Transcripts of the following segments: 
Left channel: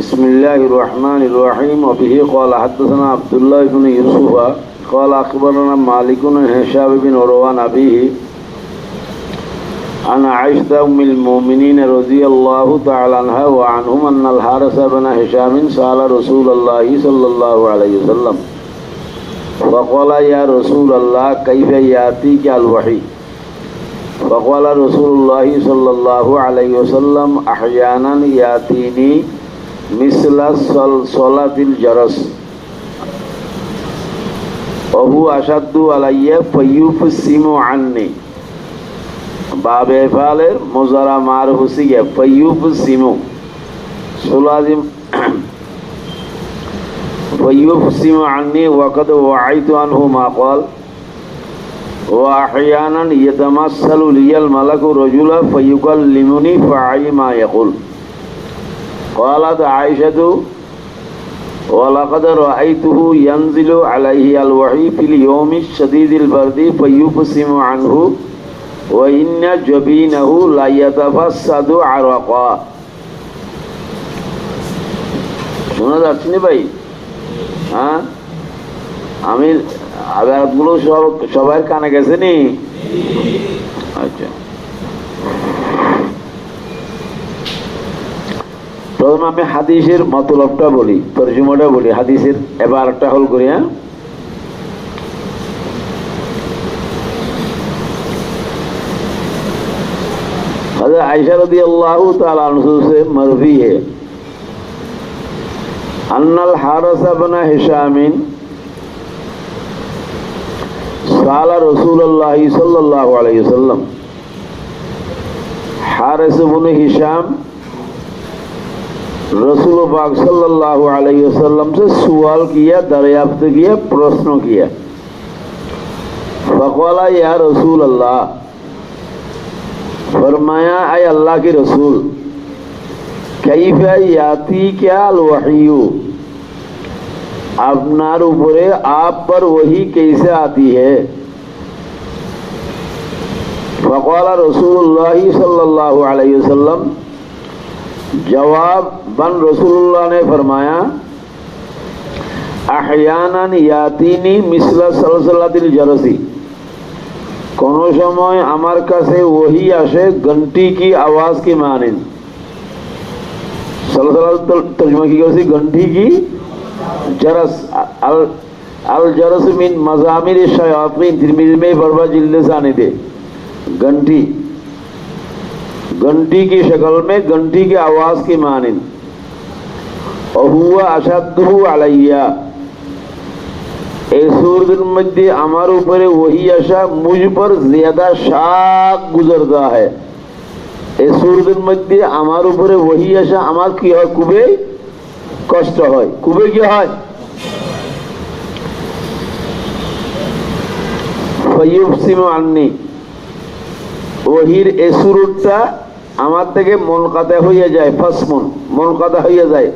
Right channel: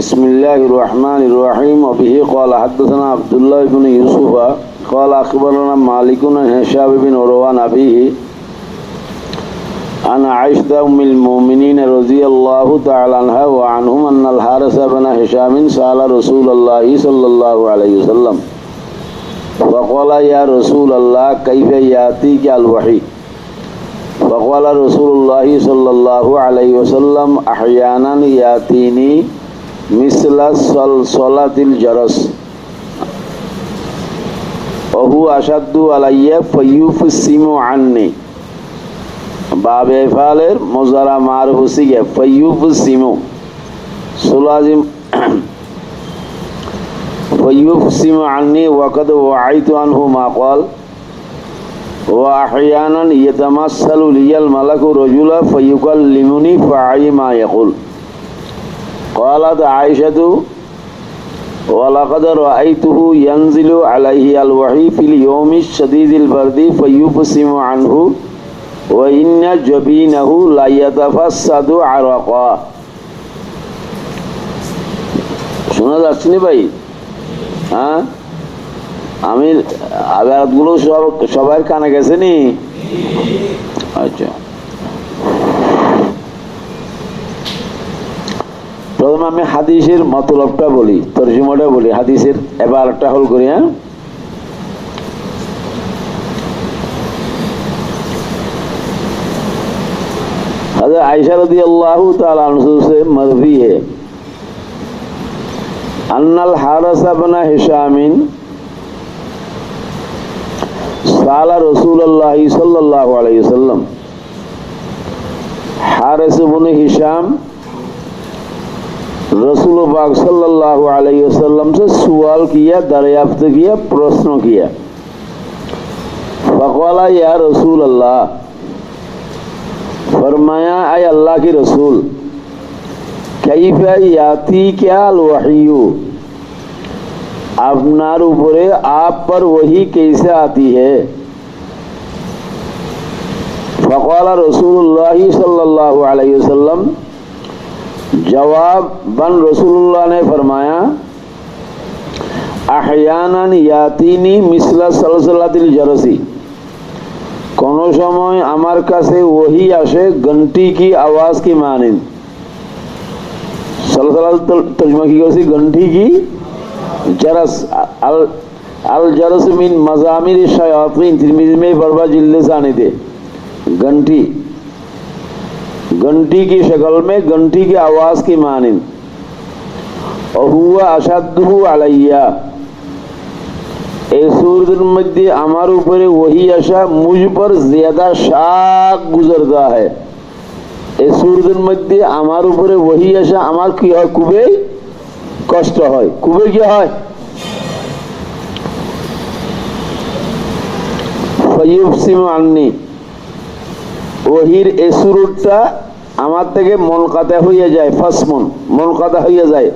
बिस्मिल्लाहिर रहमानिर रहीम वबिही क़ाल हद्दसना अब्दुल्लाह इब्न यूसुफ क़ाल अख़बरना मालिक अन हिशाम बिन उरवा अन अबीही अन आइशा उम्मुल मोमिनीन रज़ियल्लाहु तआला अन्हा व अन्हुम अन्नल हारिस बिन हिशाम सअला रसूलल्लाह सल्लल्लाहु अलैहि वसल्लम फ़क़ाल या रसूलल्लाह कैफ़ यातीका अल वही फ़क़ाल रसूलुल्लाह सल्लल्लाहु अलैहि वसल्लम अहयानन यातीनी मिसला सलातिल जरस अहु अशद्दु अलैया फयुफसिमु अन्नी बाब एफालेर मुज़ारा मारहुसी है फयुफसिमु सुलाजिम फयुफसिमु अन्नी वक़द वअइतु अन्हु मा क़ाल व अहयानन यतमस्सलु लियल मलकु रजुला फयुकल्लिमुनी फ़अई मा यक़ुल क़ालत आइशतु वलक़द रअयतुहु यंज़िलु अलैहि अल-वही फ़िल यौमि शदीदिल बर्दि फ़युफ़सिमु अन्हु व इन्न जबीनहु ला यतफ़स्सदु अरक़ा। শোনা যাচ্ছে না ভাই? হ্যাঁ, আমি আয়াতগুলো সবার কানে গেছে নি? আচ্ছা, প্রথমে আমি হাদিসের মতলবটা বলি, তরজমাটা বলি, হাদিসের এবারটা হল করি। হ্যাঁ, हज़रत आयशा रज़ियल्लाहु ताला अन्हा से मरवी है अन्नल हारिस बिन हिशाम साला रसूलुल्लाह सल्लल्लाहु अलैहि वसल्लम हारिस बिन हिशाम रसूल पाक सल्लल्लाहु अलैहि वसल्लम से सवाल किया, दरियाफ्त किया, प्रश्न किया। फ़क़ाला या रसूल अल्लाह, फरमाया ऐ अल्लाह के रसूल, कैफ़ यातीका अल-वही, আপনার উপরে आप पर वही कैसे आती है। फ़क़ाला रसूलुल्लाह सल्लल्लाहु अलैहि वसल्लम, जवाब बन रसूलुल्लाह ने फरमाया अहयानन यातीनी मिसला सलसलातिल जरसी, कोनो समय আমার কাছে वही আসে घंटी की आवाज की मानिंद। सलसला तर्जुमा की करছি घंटी की जरस अल जरस मिन मजामिर शयातीन, तिरमिज़ी में बरबा जिल्द सानी दे घंटी, घंटी की शक्ल में घंटी की आवाज की मानिंद। और हुआ अशद्दु अलैया, सूरत मध्य हमारे ऊपर वही आशा मुझ पर ज्यादा शाक गुजरता है। सूरत मध्य हमारे ऊपर वही आशा हमार की है कुबे कष्ट है, कुबे क्या है फयुफसिमु अन्नी, वहीर ए सूरतটা আমার থেকে মুনকাতা হয়ে যায়, ফাসমুন মুনকাতা হয়ে যায়,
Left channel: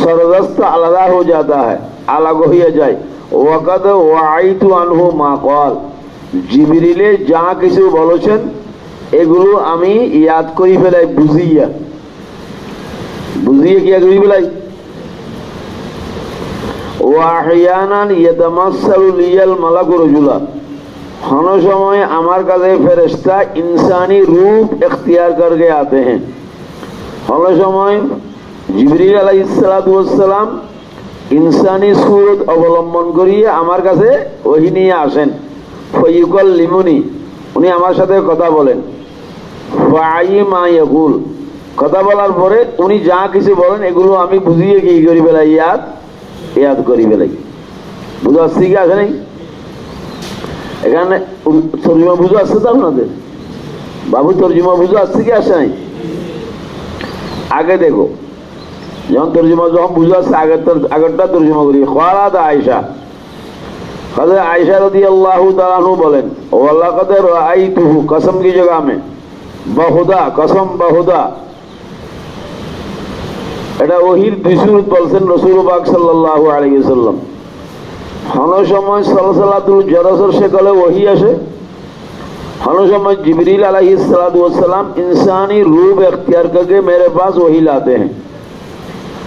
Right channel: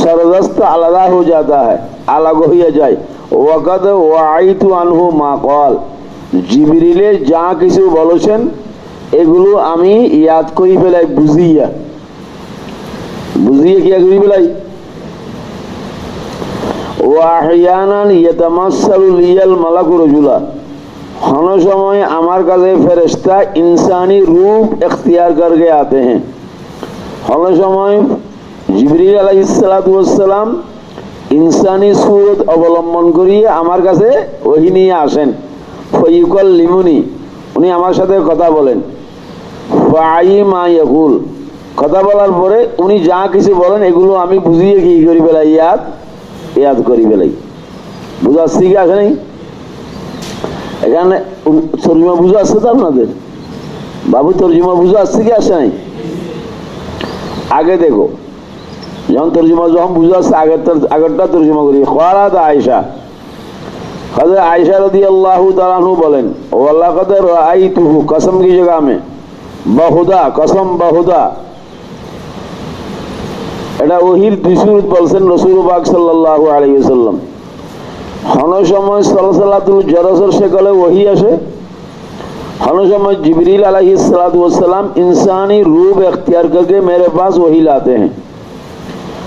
सरगस्त আলাদা हो जाता है, अलग हो जाए। ওয়াকাদ ওয়াইতু আনহু মা ক্বাল, জিবরিলে যা কিছু বলেছেন এগুলো আমি ইয়াদ করি ফেলাই, বুঝিয়ে কি করি ফেলাই। ওয়া আহয়ানান ইয়াতামাসসালু লিয়াল মালাকু রাজুলা, हर समय আমার কাছে ফেরেশতা इंसानी रूप इख्तियार करके आते हैं। हर समय जिब्रील अलैहिस्सलातु वस्सलाम इंसानी सूरत अवलम्बन करिए আমার কাছে ওহী নিয়ে আসেন। ফায়ুকাল্লিমুনি, উনি আমার সাথে কথা বলেন। ফাআই মা ইয়াকুল, কথা বলার পরে উনি যা কিছু বলেন এগুলো আমি বুঝিয়ে কি করি ফেলাই, ইয়াদ করি ফেলাই। বুঝা শিখে আসে নাই? এখানে তর্জমা বুঝে আসছে তো আপনাদের? বাবু তর্জমা বুঝে আসছে কি আসে নাই? আগে দেখো, যখন তর্জমা যখন বুঝে আসছে আগেরটা তর্জমা করি। क़ालत आयशा, हज़रत आयशा रज़ियल्लाहु ताला अन्हा बोलेन वलक़द रअयतुहु, कसम की जगह में बहुदा, कसम बहुदा, এটা ওহীর দুই সুরত বলছেন রাসূল পাক সাল্লাল্লাহু আলাইহি ওয়াসাল্লাম। हर समय सलसलातुल जरसर शक्ल वही আসে, हर समय जिब्रील अलैहिस्सलातु वस्सलाम इंसानी रूप इख्तियार करके मेरे पास वही लाते हैं।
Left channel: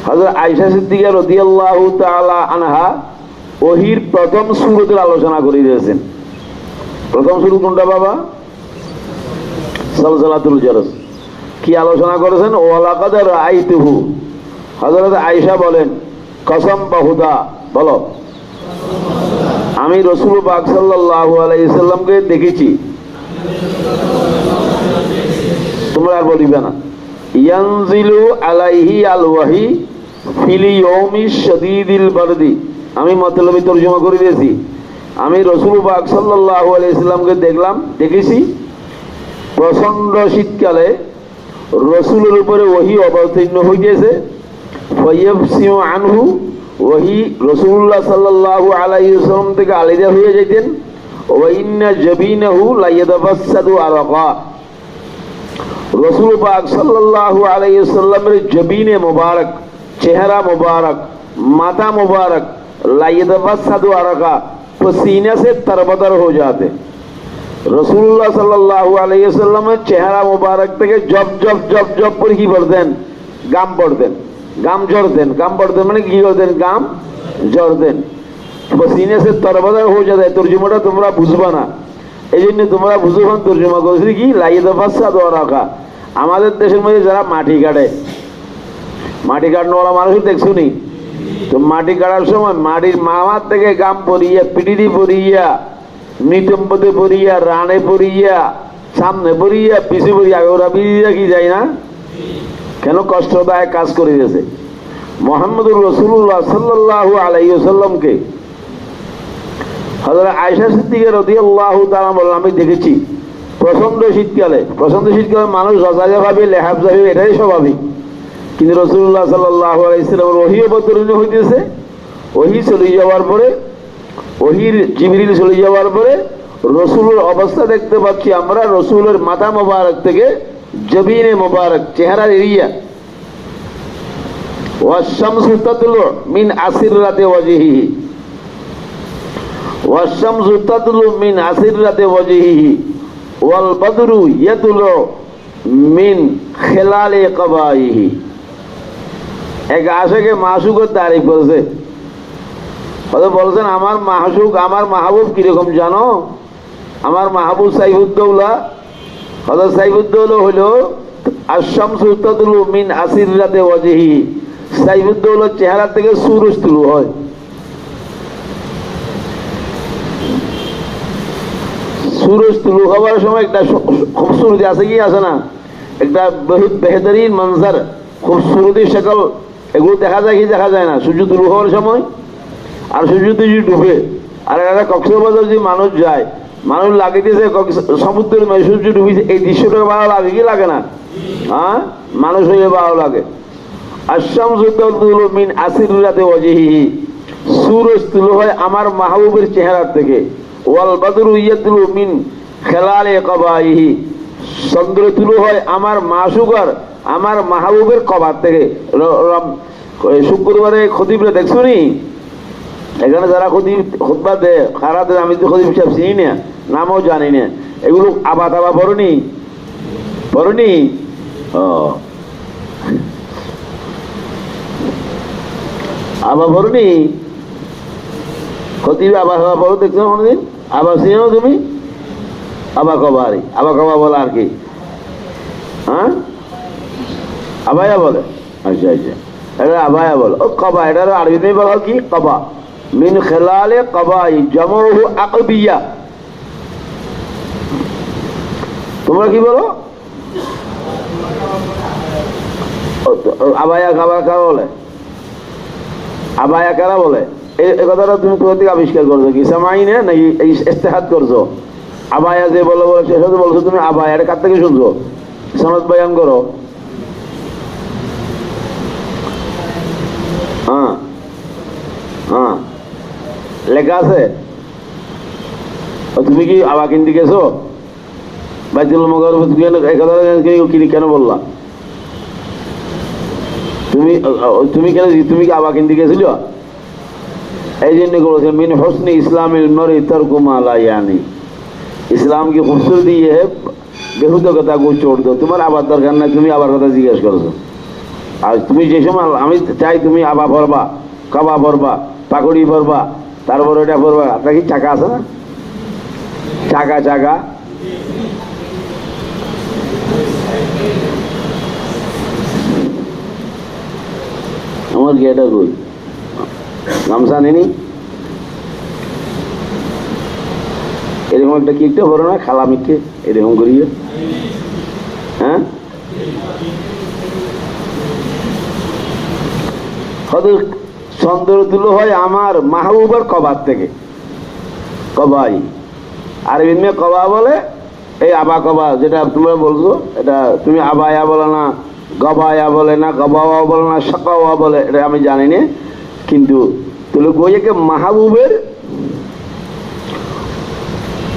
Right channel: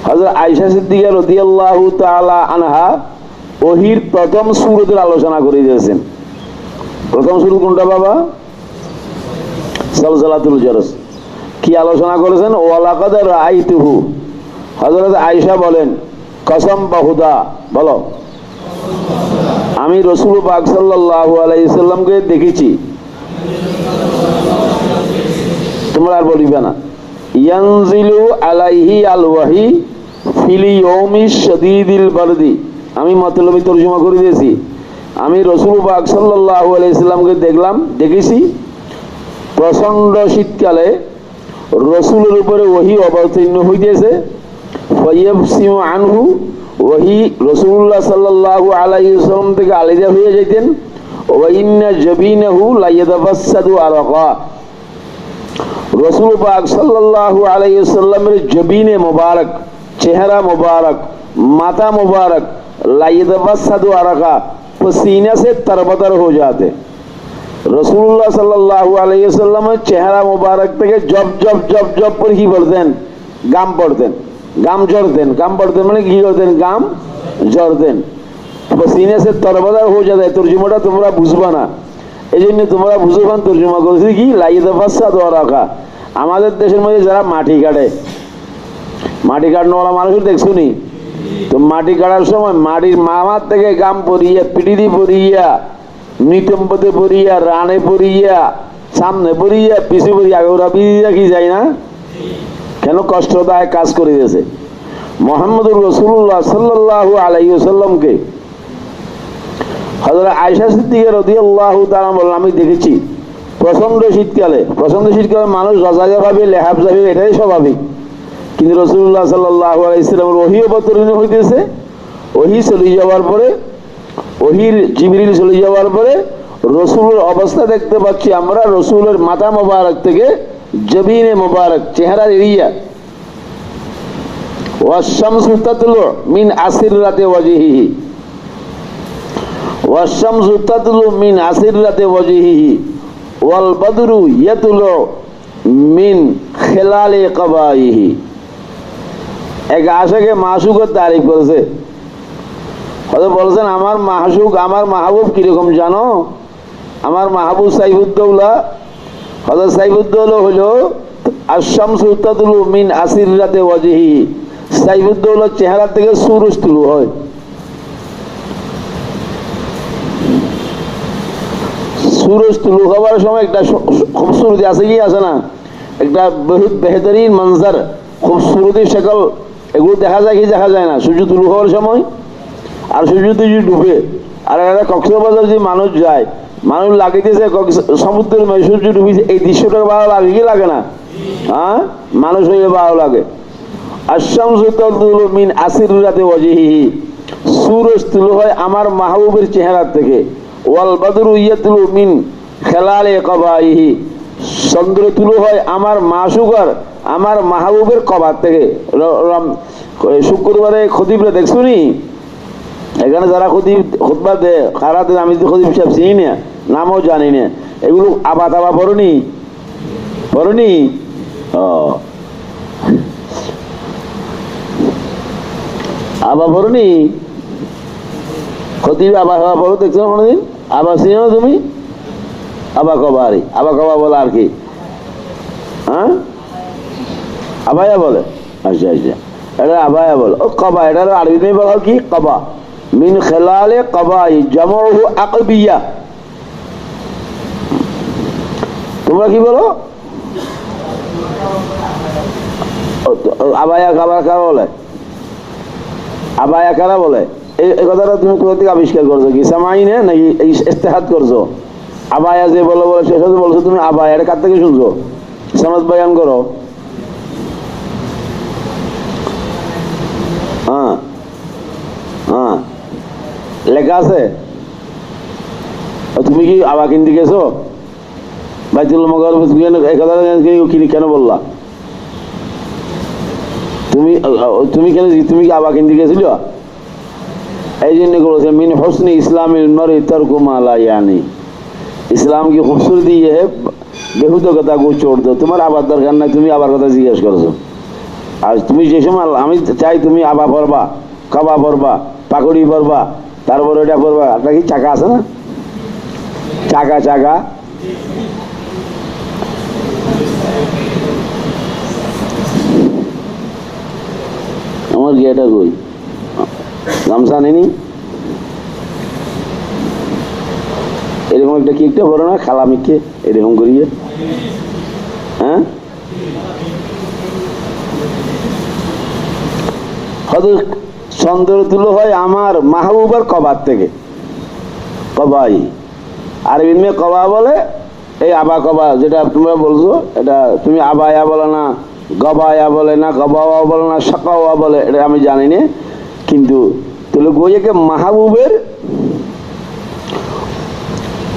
হযরত আয়েশা সিদ্দিকা রাদিয়াল্লাহু তাআলা আনহা ওহির প্রথম সূরতের আলোচনা করে দিয়েছেন। প্রথম সূরা কোনটা বাবা? সালসালাতুল জারস। কি আলোচনা করেছেন? ওয়ালাকাদ রাআইতুহু। হযরত আয়েশা বলেন, কসম বহুদা, বলো, আমি রাসূল পাক সাল্লাল্লাহু আলাইহি সাল্লামকে দেখেছি। তোমরা আর বলিবে না। ইয়ানজিলু আলাইহি আল ওয়াহি ফিল ইয়াউমিশ শাদীদিল বারদি। আমি মতলবি তরজমা করে দিয়েছি। আমি রাসূল পাক সাল্লাল্লাহু আলাইহি সাল্লামকে দেখেছি প্রচন্ড শীতকালে রাসূলের উপরে ওহী অবতীর্ণ হইতেছে। ফায়াবসিমু আনহু, ওহী রাসূলুল্লাহ সাল্লাল্লাহু আলাইহি ওয়াসাল্লাম থেকে আলাদা হয়ে যেতেন। ওয়া ইন্না জাবিনাহু লা ইয়াতাবাসসাদু আরাকা। রাসূল পাক সাল্লাল্লাহু আলাইহি ওয়াসাল্লামের জবিনে মুবারক, চেহারা মুবারক, माथा मुबारक ला यतबस्सदु अरका, पसीने से तरबतर हो जाते। रसूलुल्लाह सल्लल्लाहु अलैहि वसल्लम चेहरा मुबारक থেকে জব জব জব জব করে কি বলতেন? গাম পড়তেন, গাম ঝরতেন। গাম পড়তেন মানে কি করতেন? গাম ঝরতেন। পসিনে সে তরবতার হয়ে যায়। তর্জমাটা তোমরা বুঝবা না, এই জন্য তোমরা বুঝবান তর্জমা করেছি কি লা ইয়াতাবাসসাদু আরাকা। আমাদের দেশের মধ্যে যারা মাটি কাটে, মাটি কাটনেওয়ালা মানুষ দেখছো নি? তো মাটি কাটার সময় মাটির মামার থেকে গাম পরিয়া, পিটিদি পরিয়া, নিতম্বতে পরিয়া, রানে পরিয়া, সামনে পরিয়া, পিছু পরিয়া, ওরা বিধি রাখি যায় না? কেন? কষ্টদায়ক কাজ করে গেছে। মুহাম্মদুর রাসূলুল্লাহ সাল্লাল্লাহু আলাইহি ওয়াসাল্লামকে হযরত আয়েশা সিদ্দিকা রাদিয়াল্লাহু তাআলা বলেন, আমি দেখেছি প্রচন্ড শীতকালে। প্রচন্ড শীতকালে মানুষ রাজাজা ভাবে, লেহাব যাবে, এটাই স্বাভাবিক। কিন্তু রাসূলুল্লাহ সাল্লাল্লাহু আলাইহি ওয়াসাল্লামের ওহী অবতীর্ণ হইতেছে। ওহী চলে যাওয়ার পরে, ওহীর জিবরিল চলে যাওয়ার পরে রাসূলের অবস্থা দেখতে পাচ্ছি আমরা। রাসূলের মাথা মোবারক থেকে জবিনে মোবারক, চেহারার এরিয়া, ওয়াশ-শামসু তাতলু মিন আসিররাতি ওয়াজহিহি, ওয়াশ-শামসু তাতলু মিন আসিররাতি ওয়াজহিহি ওয়াল বদরু ইয়াতলু মিন খিলালি কবাইহি। এক আশিকে মাসুকের তারিফ করেছে। হয়তো বলছেন আমার মাসুক, আমার মাহবুব কিরকম জানো? আমার মাহবুব সাইফুদ্দৌলা। হযরত সাইফুদ্দৌলা হলো আশ-শামসু তাতলু মিন আসিররাতি ওয়াজহিহি। সাইফুদ্দৌলার চেহারা থেকে সূরজ তুলু হয়। সূরজ তুলু হওয়ার সময় একটা খুবসুরতি আছে কি আছে না? একটা বহুত বেহতরিন মঞ্জর, খুবসুরতি শকল, এগুলো দেখা যায় কি দেখা যায় না? সূর্য তুলু হওয়ার সময় আর সূর্য যদি ডুবে। আর একটা কক্সবাজার যদি মানুষ যায়, মানুষ লাগিতেছে সমুদ্রের সূর্য ডুবিছে, এই দৃশ্যটা ভালো লাগে কি লাগে না? হ্যাঁ, মানুষ হয়ে ভালো লাগে। আশ-শামসু তাতলু মিন আসিররাতি ওয়াজহিহি, সূরজ তুলু হয় আমার মাহবুবের চেহারা থেকে। ওয়াল বদরু ইয়াতলু মিন খিলালি কবাইহি, চন্দ্র তুলু হয় আমার মাসুকার, আমার মাহবুবের কবার থেকে। শুক্রবারে খতিবরা দেখছো নি? এখানে যারা খুতবা দেয়, খারাপ, আমি তো খতিব সাহেব চিনি না, নামও জানি না। এগুলো আবা তাবা পড়নি? পড়নি? আবা পড়নি? খতিব আবা খাওয়া পড়ো দেখছো কোনোদিন? আবা চিনো তুমি? আবা কবারি, আবা কবা বলে আর কি? হ্যাঁ, আবায়া বলে। আচ্ছা আচ্ছা, এটা আবায়া বলে। ও কবা, এটা আরবিতে বলা কি? কবা মিন খিলালি কবাই, জামউহু আকবিয়া। তোমরা কি বলো? আবায়া খাবার কারা বলে? আবায়া কারা বলে? এই কথাটা তুমি কোথা থেকে আবিষ্কার করছো? কি সামাই না নাকি ইস্তেহাদ করছো? আবায়া যে বলো বলো শেষ হতে বলছো তুমি আবায়া, এটা কার থেকে শুনছো? সনদ বয়ান করো। হ্যাঁ হ্যাঁ, লেখা আছে। তুমি কি আবা কিনতে গেছো? বাইতুল মুকাররম তুমি কেন বললা? তুমি কেন, তুমি কি আবা কিনতে গেছিল? এই জন্য বলেছে মিন হুসনি ইসলামিল মারই তারকু মা লা ইয়ানি। इस्लाम की खूबसूरती ये है बेहुदा कथा को छोड़ दो। तुम्हारा आबाद दरकार नहीं, तुम्हें आबाद कथा जिज्ञास करो। আর তুমি যে সময় আমি চাই তুমি আবা পড়বা, কাবা পড়বা, পাকড়ি পড়বা, তারপর ওটা পড়বা, আপনার কি চাকা আছে না? চাকা চাকা আমার গিয়েটা কই, গামছা নেনি, এরকম একটা কি একটা বড় না খালা মিটে এরকম করিয়ে, হ্যাঁ হয়তো চন্দ্র তুলো হয় আমার মাহবুবার কবার থেকে, কবাই আর এমনি কবা বলে এই আবা কবা, যেটা তোমরা বলছো এটা তুমি আবায়া বলে না, গবায়া বলে না, গবাওয়া বলে না, সকাওয়া বলে, এটা আমি জানি না। কিন্তু তুলো গোয়েকে মাহবুবের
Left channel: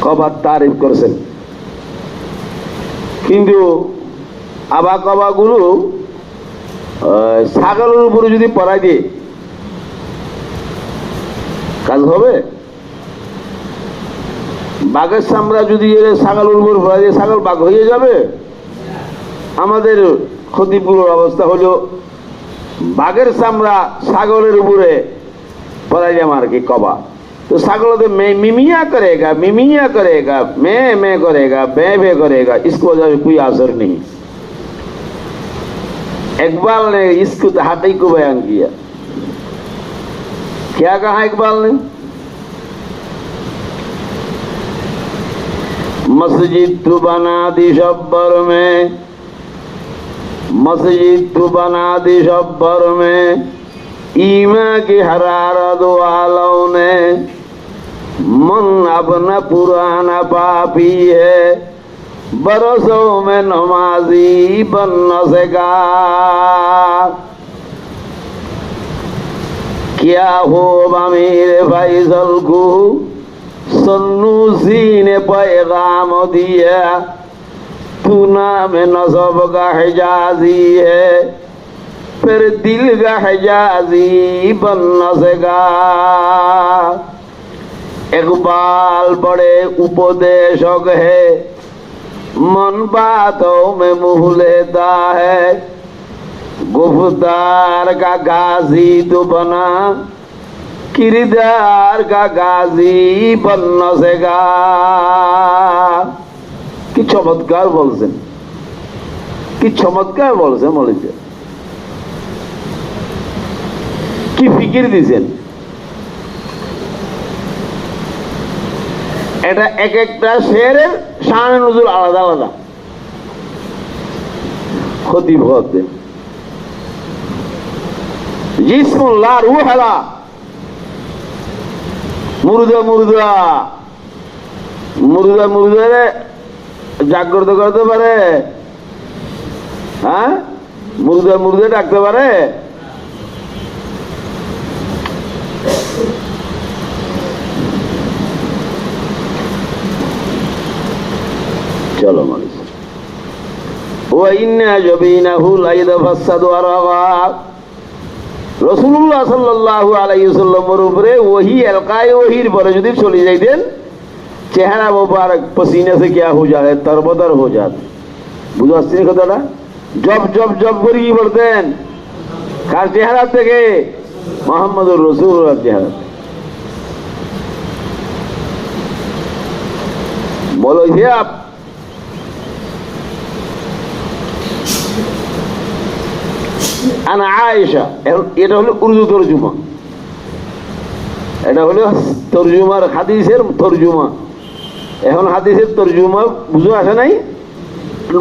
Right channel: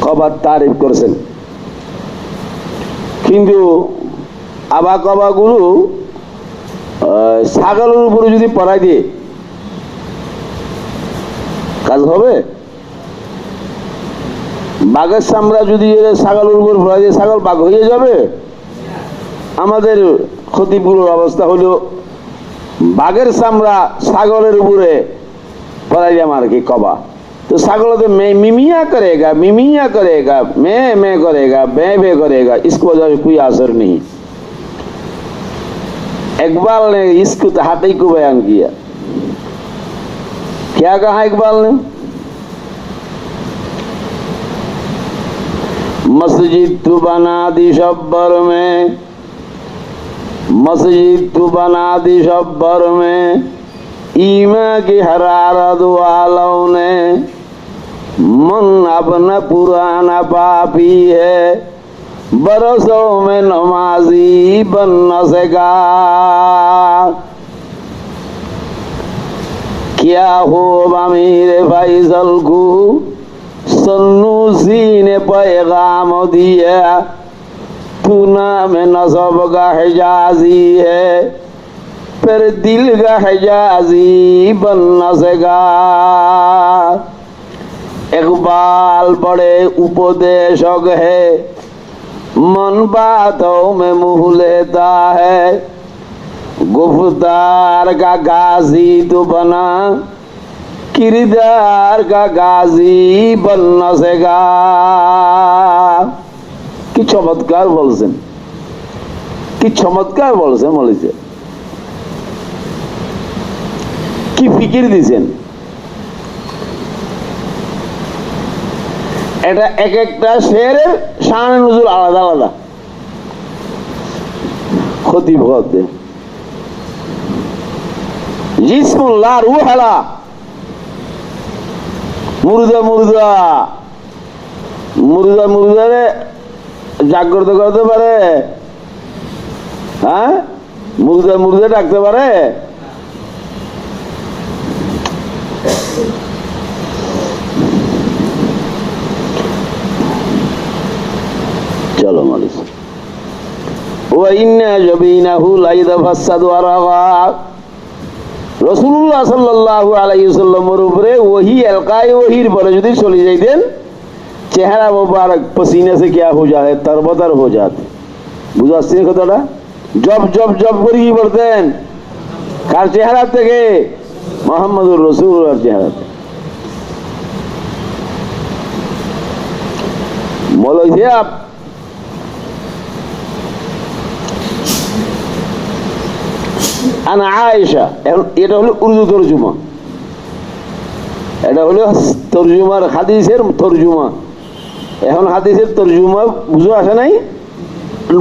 কবার তারিফ করেছেন। কিন্তু আবা কবা গুলো ছাগলের উপরে যদি পড়াই দিয়ে কাজ হবে? বাঘের চামড়া যদি ছাগলের উপর পড়াই দিয়ে ছাগল বাঘ হয়ে যাবে? আমাদের খতিবগুলোর অবস্থা হলো বাঘের চামড়া ছাগলের উপরে পড়াই যাম আর কি কবা, तो ছাগল तो मिमिया करेगा, मिमिया करेगा, मैं करेगा, बे करेगा, इसको कोई असर नहीं। इकबाल ने इसको तहाती को बयान किया। क्या कहा इकबाल ने? मस्जिद तो बना दी शब्बर में, मस्जिद तो बना दी शब्बर में, ईमा की हरारत वालों ने, मन अपना पुराना पापी है, बरसों में नमाजी बन न सका। क्या हो अमीर फैसल को सन्नूसी ने पैगाम दिया, तू नाम नसब का हिजाजी है, फिर दिल का हिजाजी बन न सका। इकबाल बड़े उपदेशक है, मन बातों में मुँह लेता है, गुफ्तार का गाजी तो बना, किरदार का गाजी बन न सका। কি চমৎকার বলছেন, কি চমৎকার বলছেন, বলেছে কি ফিকির দিছেন। এটা এক একটা শেরের শান নজুল আলাদা আলাদা খতিব হতে। জিসমুল্লাহ রুহালা, মুর্দা মুর্দা মুর্দা মুর্দারে জাগ্রত করতে পারে, হ্যাঁ মুর্দা মুর্দা ডাকতে পারে। চলো মানুষ ও ইন্না জবিনাহু লাইদাফাসাদু আরাগা। রাসূলুল্লাহ সাল্লাল্লাহু আলাইহি ওয়াসাল্লামের উপরে ওহী এলকায়ে ওহীর পরে যদি চলে যাইতেন, চেহারা মুবারক পসিনে সে क्या हो जाए, तरबतर हो जाते। বুঝতে পারছেন কথাটা? জব জব জব করে কি বলতেন? কার চেহারা থেকে? মুহাম্মদুর রাসূলুল্লাহর চেহারা থেকে। বলো যে আপ আনা আয়েশা, এটা হলো উর্দু তরজমা, এটা হলো তরজমার হাদিসের তরজমা। এখন হাদিসের তরজমা বুঝো আসে নাই,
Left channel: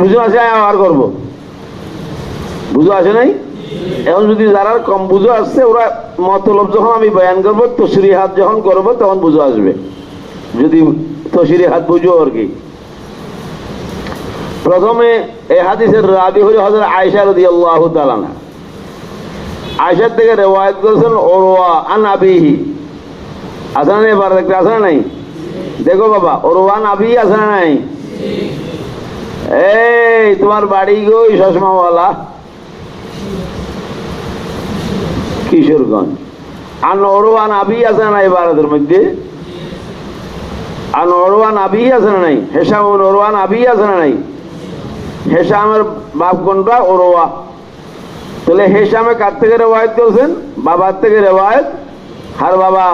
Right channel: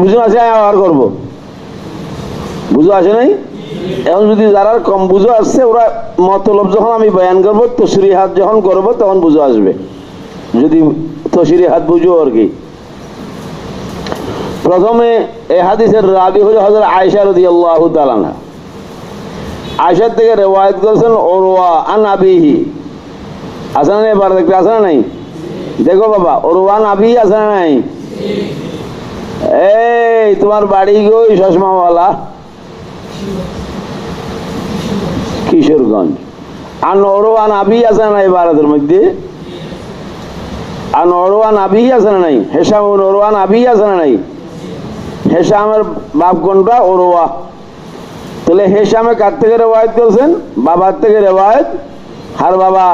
বুঝো আসে আর করবো, বুঝো আসে নাই। এখন যদি যারা কম বুঝো আসছে ওরা মতলব যখন আমি বয়ান করবো, তশরিহাত যখন করবো তখন বুঝো আসবে, যদি তশরিহাত বুঝো আর কি। প্রথমে এই হাদিসের রাবি হলো হযরত আয়েশা রাদিয়াল্লাহু তাআলা আনহা। আয়েশা থেকে রিওয়ায়াত করেছেন উরওয়া আন আবিহি। আছে না এবার দেখতে আছে না নাই? দেখো বাবা, উরওয়া আন আবিহি আছে না নাই? এই তোমার বাড়ি গই চশমাওয়ালা কিশোরগঞ্জ। আন উরওয়া আন আবিহি আছে না নাই ভারতের মধ্যে? আন উরওয়া আন আবিহি আছে না নাই? হিশাম উরওয়া আন আবিহি আছে না নাই? হিশামের বাপ কোনটা? উরওয়া। তাহলে হেশামে কার থেকে রেওয়ায়ত করছেন? বাবার থেকে রেওয়ায়ত। হার বাবা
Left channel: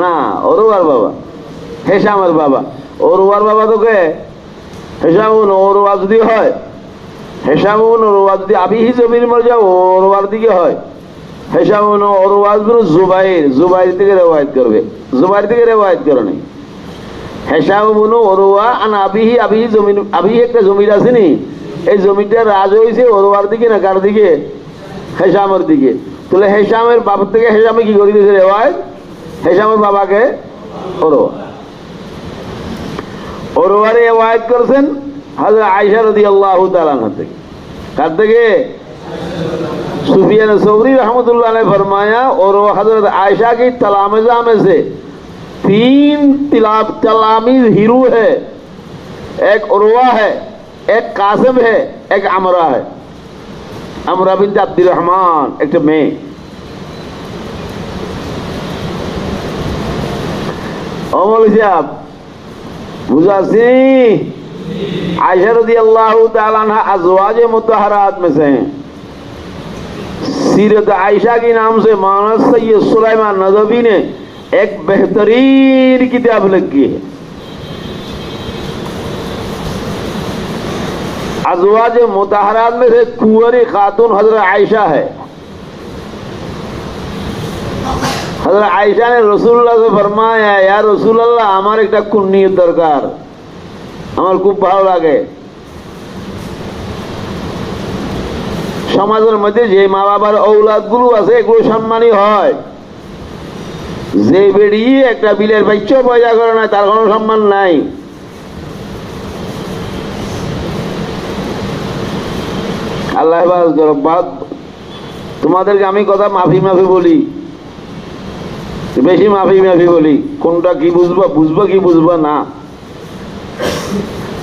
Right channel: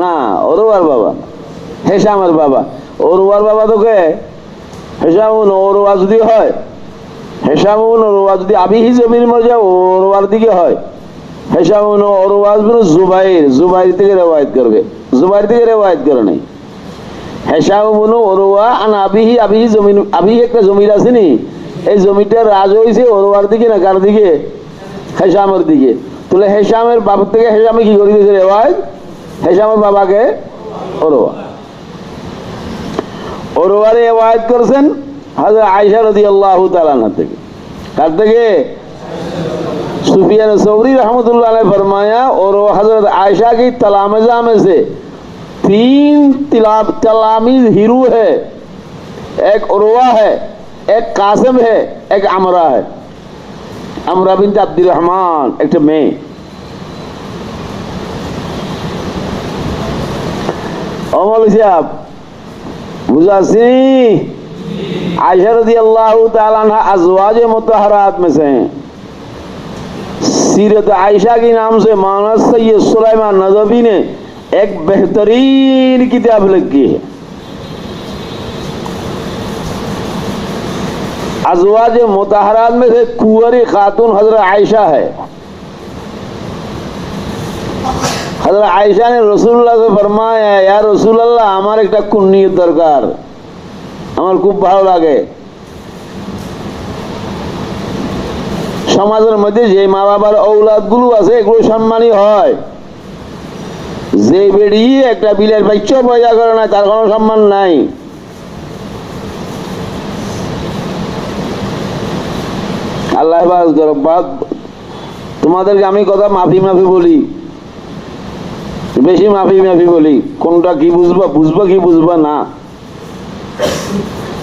না, ওরওয়ার বাবা, হেশামের বাবা। ওরওয়ার বাবা তো কে? হেশাম ওরওয়া যদি হয়, হেশাম ওরওয়া যদি আবিহি জমির মর্যাদা ওরওয়ার দিকে হয়, হেশাম ওরওয়া জুবাইর, জুবাইর থেকে রেওয়ায়ত করবে, জুবাইর থেকে রেওয়ায়ত করে নাই। হেশাম ওরওয়া আন আবিহি, আবিহি জমিন, আবিহি একটা জমির আছে নি, এই জমিটা রাজ হয়েছে ওরওয়ার দিকে না কার দিকে? হেশামের দিকে। তাহলে হেশামের বাবার থেকে হেশামে কি করে দিয়েছে রেওয়ায়ত? হেশামের বাবাকে ওরওয়া, ওরওয়ারে রেওয়ায়ত করেছেন হযরত আয়েশা রাদিয়াল্লাহু তাআলা আনহা থেকে। কার থেকে? सुफियान सौरी रहमतुल्लाह ने फरमाया और हजरत आयशा की तलामजा में से 3 तलामीज हीरू है, एक उर्वा है, एक कासिम है, एक अमरा है। अमरा बिन्त अब्दुल रहमान एक मेये। मौलवी साहब बुझासी आयशा रज़ियल्लाहु ताला अन्हा अज़वाज मुतहहरात में से हैं। सीरत आयशा के नाम से मौलाना सैयद सुलेमान नदवी ने एक बेहतरीन किताब लिखी है। अज़वाज मुतहहरात में से कुंवारी खातून हज़रत आयशा है। हज़रत आयशा ने रसूलुल्लाह से फरमाया, या रसूलुल्लाह हमारे एक कुन्नियत दरकार, हमारे खूब भालो लागे। সমাজের মধ্যে যে মা বাবার ঔলাদ গুলো আছে এগুলো সম্মানী হয়, যে বেরিয়ে একটা বিলের বাচ্চা পয়দা করে না তার কোনো সম্মান নাই। আল্লাহ হেফাজত করো। তোমাদেরকে আমি কথা মাফি মাফি বলি, বেশি মাফি মাফি বলি, কোনটা কি বুঝবা বুঝবা কি বুঝবা না।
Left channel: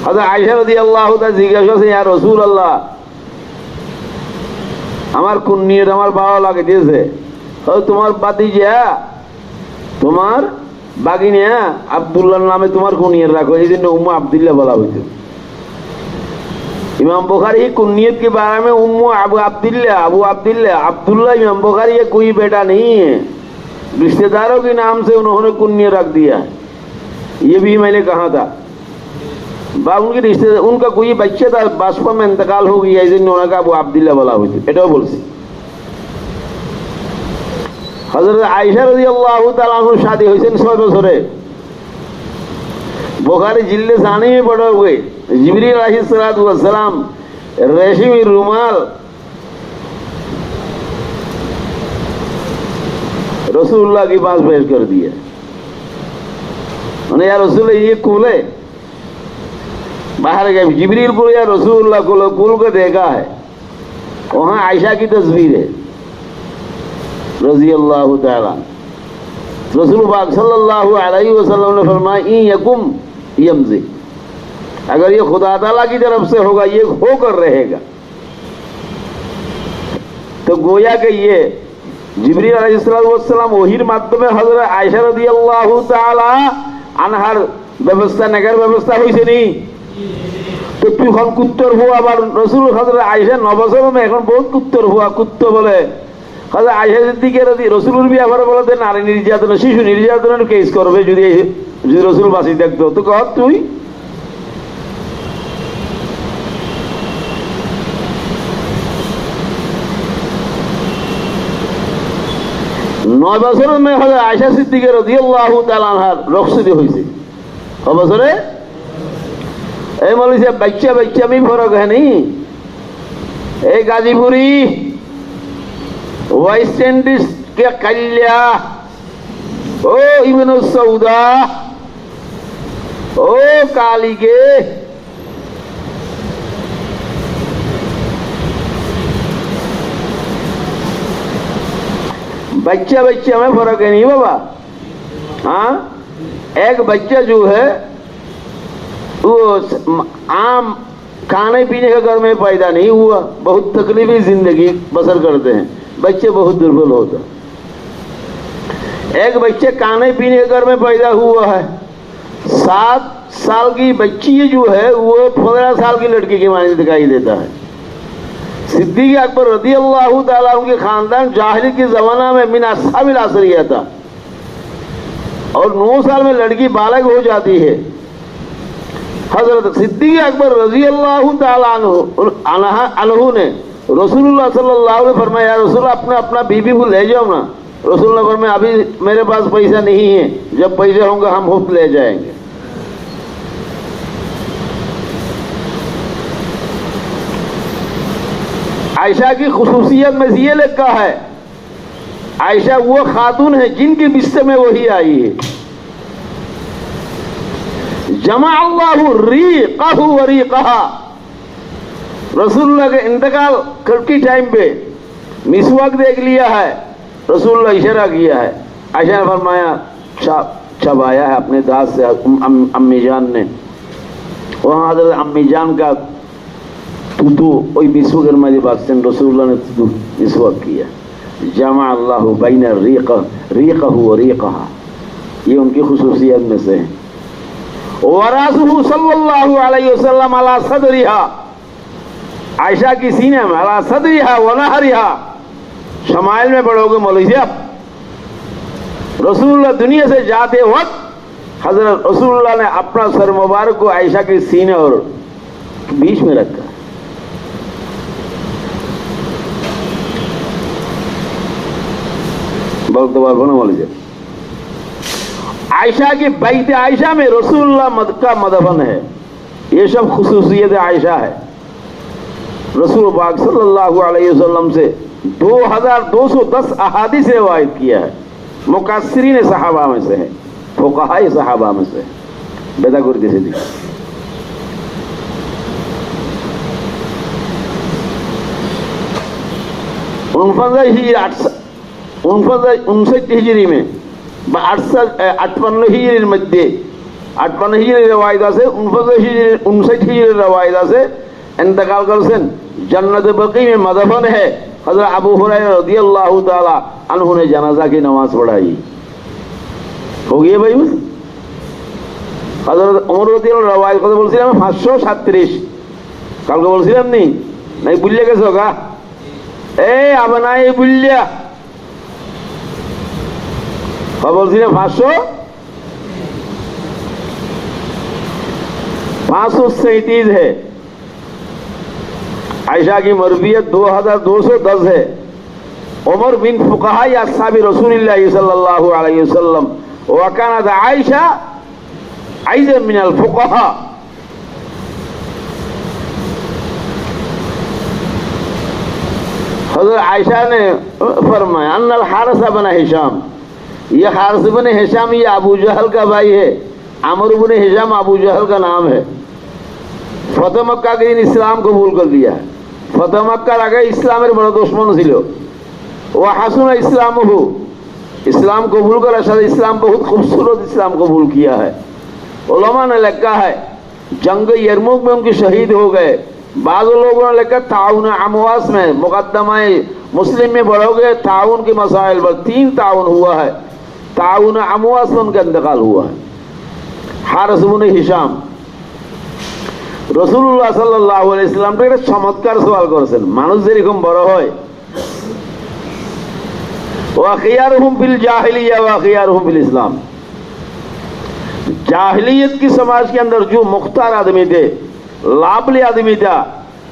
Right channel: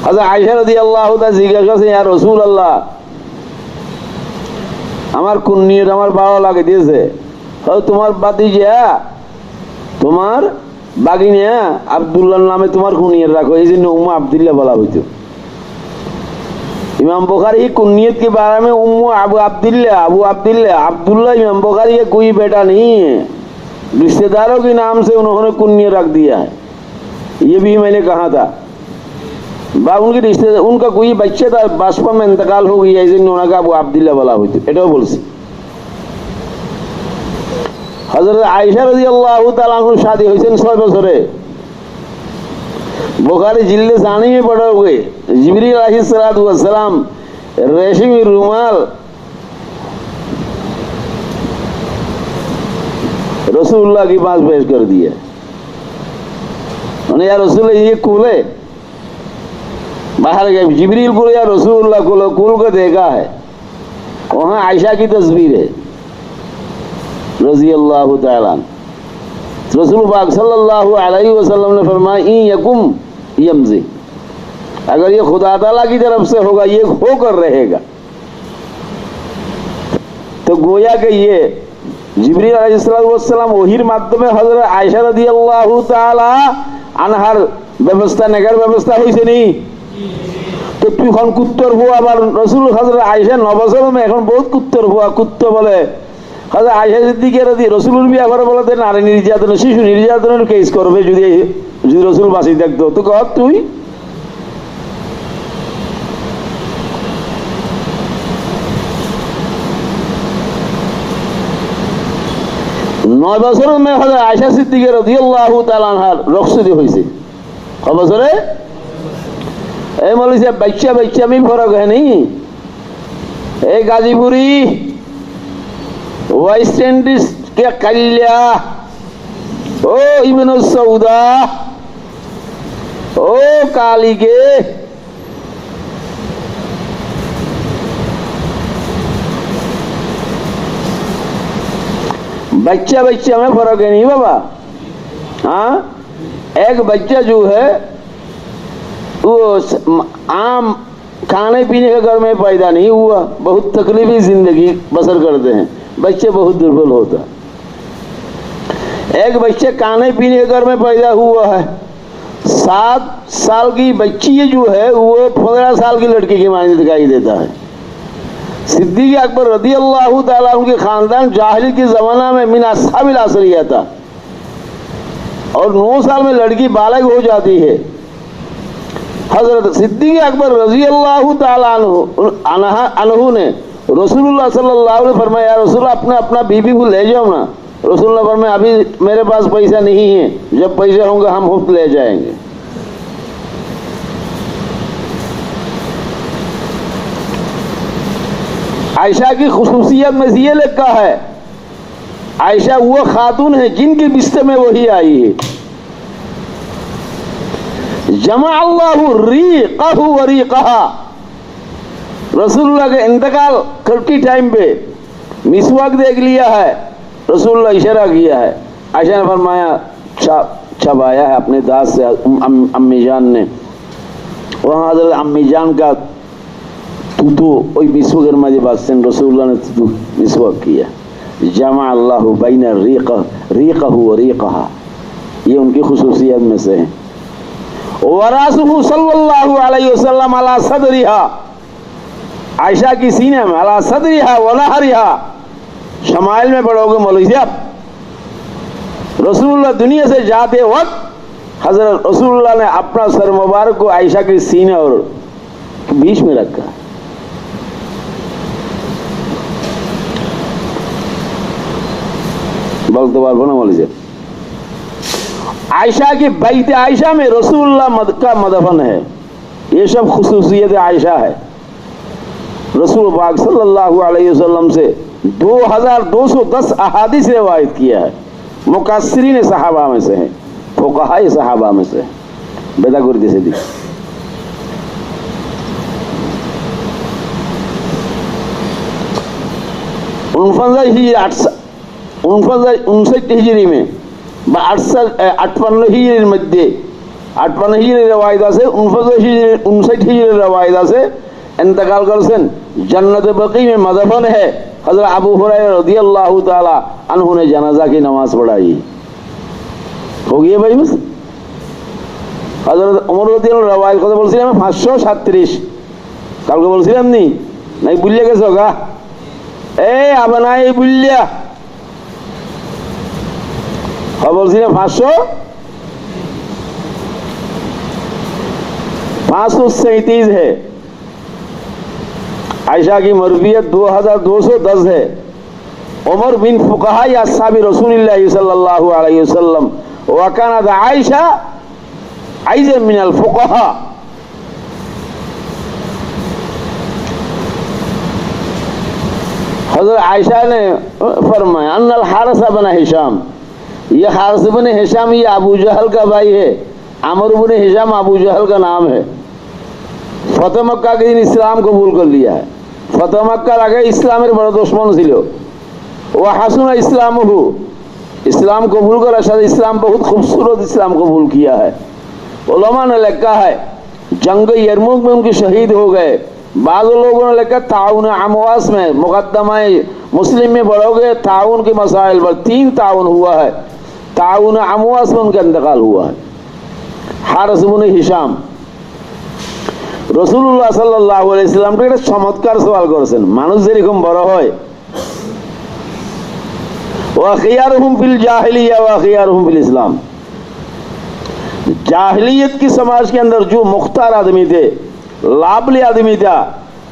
আচ্ছা, আয়েশা রাদিয়াল্লাহু তাআলা জিজ্ঞাসা করছেন, ইয়া রাসূলুল্লাহ আমার কুন্নিয়ত আমার ভালো লাগে দিয়েছে, তোমার বাতিজা তোমার বাগিনা আব্দুল্লাহর নামে তোমার কুনিয়ত রাখো, এই জন্য উম্মু আব্দুল্লাহ বলা হইতো। इमाम बुखारी की कुन्नियत के बारे में उम्मु अबू अब्दुल्लाह, अबू अब्दुल्लाह, अब्दुल्लाह इमाम बुखारी का कोई बेटा नहीं है, रिश्तेदारों के नाम से उन्होंने कुन्नियत रख दिया है। ये भी मैंने कहा था। उनके रिश्तेदार, उनका कोई बच्चे था बासपा में इंतकाल हो गया, इस उन्होंने अबू अब्दुल्लाह बोला हुई थी। एटाও বলছি। হযরত আয়েশা রাদিয়াল্লাহু তাআলা আনহা शादी হয়েছেন 6 বছরে। बुखारी जिल्द सानी में पड़े हुए जिब्रील अलैहिस्सलातु वस्सलाम रेशमी रुमाल रसूलुल्लाह के पास पेश कर दिया। उन्हें, या रसूलुल्लाह ये कुल है, बाहर गए जिब्रील को, या रसूलुल्लाह कुल को देखा है, वहां आयशा की तस्वीर है रज़ियल्लाहु ताला। रसूल पाक सल्लल्लाहु अलैहि वसल्लम ने फरमाया, इन यकुम यमज़ी, अगर ये खुदा ताला की तरफ से होगा ये होकर रहेगा। तो गोया कि ये जिब्रील अलैहिस्सलाम वहीर माध्यमे हजरत आयशा রাদিয়াল্লাহু তাআলা আনহার ব্যবস্থা নেগার ব্যবস্থা হয়েছে নি। তো এখন কুত্তর হওয়া আবার রসুল হজরত আয়েশা 9 বছর में এখন বহুত কুত্তর হওয়া, কুত্ত বলে হজরত আয়েশা সিদ্দিকা রসুলের ব্যাপারে বলে নারী নির্যাতন, শিশু নির্যাতনের কেস করবে যদি রসুল বাঁচি দেখতো। তো কহ তুই 9 বছরের মেয়ে হযরত আয়েশা সিদ্দিকা রাদিয়াল্লাহু তাআলা আনহার রুখসতি হয়েছে। কত বছরে? এই মৌলভী সাহেব বাচ্চা में फर्क है नहीं। এই গাজীপুরি वेस्ट इंडीज के कल्या, ओ इब्न सऊदा, ओ काली के बच्चा में फर्क है नहीं बाबा। हाँ, एक बच्चा जो है वो आम खाने पीने का घर में पैदा नहीं हुआ, बहुत तकलीफी जिंदगी बसर करते हैं, बच्चे बहुत दुर्बल होता है। एक बच्चे खाने पीने के घर में पैदा हुआ है, 7 साल की बच्ची जो है वो 15 साल की लड़की की मानी दिखाई देता है। सिद्दीक अकबर रदी अल्लाह ताला उनके खानदान जाहिली के जमाना में मिन अस्हाबिल असरिया था और 9 साल में लड़की बालग हो जाती है। हजरत सिद्दीक अकबर रजी अल्लाह ताला अन्हु ने रसूलुल्लाह सल्लल्लाहु अलैहि वसल्लम फरमाया, रसूल अपना अपना बीबी को ले जाओ ना। रसूलुल्लाह फरमाया अभी मेरे पास पैसा नहीं है, जब पैसा होगा हम खुद ले जाएंगे। आयशा की खुसूसियत में ये लिखा है, आयशा वो खातून है जिनके बिस्तर में वही आई है। जमा अल्लाहु रीक़हु व रीक़हा, रसूलुल्लाह के इंतकाल करती टाइम पे मिसवाक देख लिया है, रसूलुल्लाह इशारा किया है। आयशा ने फरमाया छबाया है अपने दांत से अम्मी जान ने। वहां हजरत अम्मी जान का तूतू ওই মিসওয়াকের মাঝে বাসছেন, রাসূলুল্লাহ ने तूतू मिसवाक किया। जमा अल्लाहु बैन रीक़हु व रीक़हा, ये उनकी खुसूसियत में से है। वरासुहु सल्लल्लाहु अलैहि वसल्लम अला सदरिहा, आयशा की सीने में अला सदरिहा व नहरिहा, शमाइल में पढ़ोगे मौलवी साहब, रसूलुल्लाह दुनिया से जाते वक्त हजरत रसूलुल्लाह ने अपना सर मुबारक को आयशा के सीने और बीच में रखा। बोलते पारबो ना मौलवी साहब। आयशा की बैत आयशा में रसूलुल्लाह का मदफन है। ये सब खुसूसियत आयशा है। रसूल पाक सल्लल्लाहु अलैहि वसल्लम से 2210 अहादीस रिवायत किया है। मुकस्सिरीन सहाबा में से है, फुक़हा सहाबा में से है। बेदागुर्दी से दी 59 हिजरी में 58 हिजरीর মধ্যে 58 হিজরি রওয়ায়েত আছে, 59 হিজরি রওয়ায়েত আছে इंतकाल करছেন। जन्नत बकी में मदफन है। हजरत अबू हुरैरा रदियल्लाहु ताला अन्हु ने जनाजा की नमाज पढ़ाई। हो गया भाई बस। हजरत उमर रदियल्लाहु रवायत কথা বলছিলাম 537 কালকে বলছিলাম নি নাই ভুলে গেছো গা? আবার নাই ভুলিয়া বলছিলাম 537 है। आयशा की मरवियत 2210 है। उमर बिन फुक़हा अस्हाबी रसूलिल्लाह सल्लल्लाहु अलैहि वसल्लम व कानत आयशा अयज़न मिनल फुक़हा। हज़रत आयशा ने फरमाया अन्नल हारिस बिन हिशाम, ये हारिस बिन हिशाम ये अबू जहल का भाई है। अमर बिन हिशाम अबू जहल का नाम है। फतह मक्का के दिन इस्लाम कबूल कर लिया है। फतह मक्कार आगे इस्लामेर बड़ दुश्मन ছিল। ও হাসুনা इस्लामहु, इस्लाम कबूल करार साथ इस्लाम बहुत खूबसूरत इस्लाम कबूल किया है। उलमा ने लिखा है जंग यरमुक में उनके शहीद हो गए। बाज़ लोगों ने लिखा ताउन अमवास में मुकद्दमा मुस्लिम में पढ़ोगे ताउन के मसाइल पर 3 ताउन हुआ है। ताउन अमवास में उनका इंतकाल हुआ है। हारिस बिन हिशाम रसूलुल्लाह सल्लल्लाहु अलैहि वसल्लम के एक चमत्कार सवाल करेছেন, মানুষ যেরকম বড় হয় ওয়া খিয়ারুহুম ফিল জাহিলিয়া ওয়া খিয়ারুহুম ফিল इस्लाम, जाहिलियत की समाज के अंदर जो मुख्तार आदमी थे, लाभले आदमी था,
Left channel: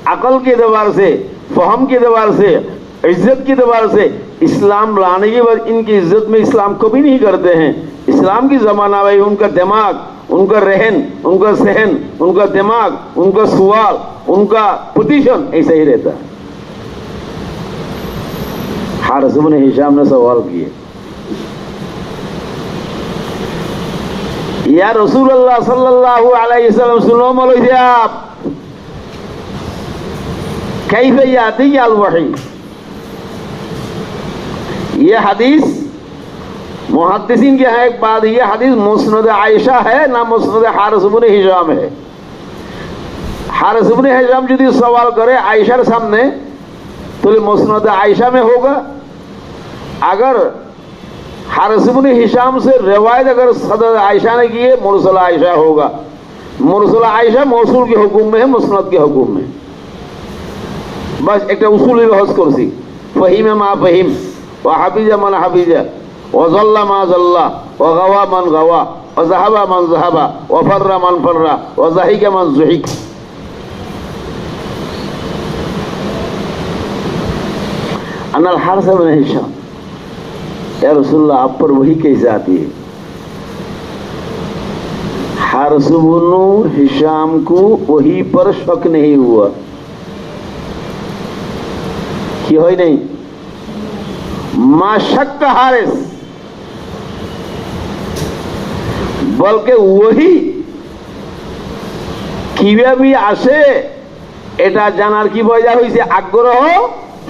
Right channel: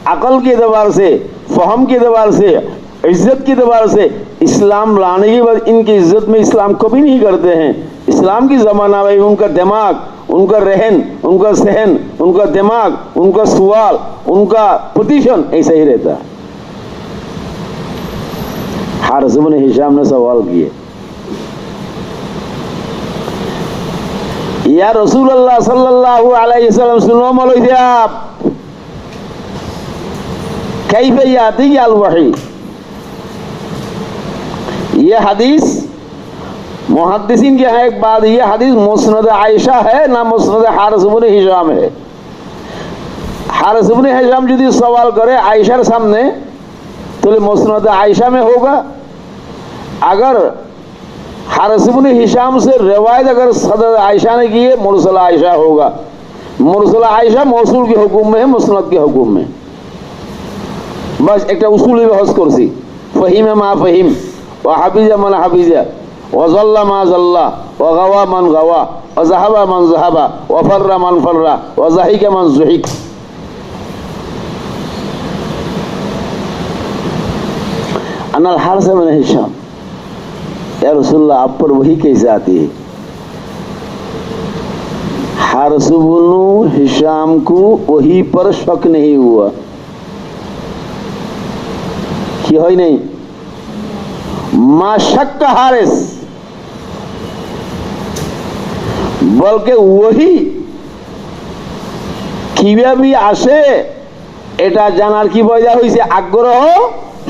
अकल के एतबार से, फहम के एतबार से, इज्जत के एतबार से इस्लाम लाने के बाद इनकी इज्जत में इस्लाम कभी नहीं करते हैं। इस्लाम की जमाना में उनका दिमाग, उनका रहन, उनका सहन, उनका दिमाग, उनका सवाल, उनका पोजीशन ऐसा ही रहता है। हारिस बिन हिशाम ने सवाल किए, या रसूलुल्लाह सल्लल्लाहु अलैहि वसल्लम, सुनो मौलवी साहब, कैफ याती अल वही। ये हदीस मुहद्दिसीन के यहाँ एक बात, ये हदीस मुस्नद आयशा है ना मुस्नद हारिस बिन हिशाम है। हारिस बिन हिशाम यदि सवाल करे आयशार सामने तो मुस्नद आयशा में होगा। अगर हारिस बिन हिशाम से रिवायत अगर सदर आयशा ने की है मुरसल आयशा होगा। मुरसल आयशा मौसूल के हुक्म में है, मुस्नद के हुक्म में। বাস একটা উসুলি বহস করছি, ফহিমে মা ফহিম, ও হাফিজা মান হাফিজা, ও জল্লা মা জল্লা, ও গাওয়া মান গাওয়া, ও জাহাবা মান জাহাবা, ও ফাররা মান ফাররা, ও জাহিকা মান জহিক। अनल हारस बिन हिशाम, या रसूलल्लाह आप पर वही कैसे आती है? हारस बिन हिशाम को वही पर शक नहीं हुआ कि है नहीं, मा शक हारिस, বলকে ওহি কিভাবে আসে এটা জানার কি পয়দা হয়েছে, আগ্রহ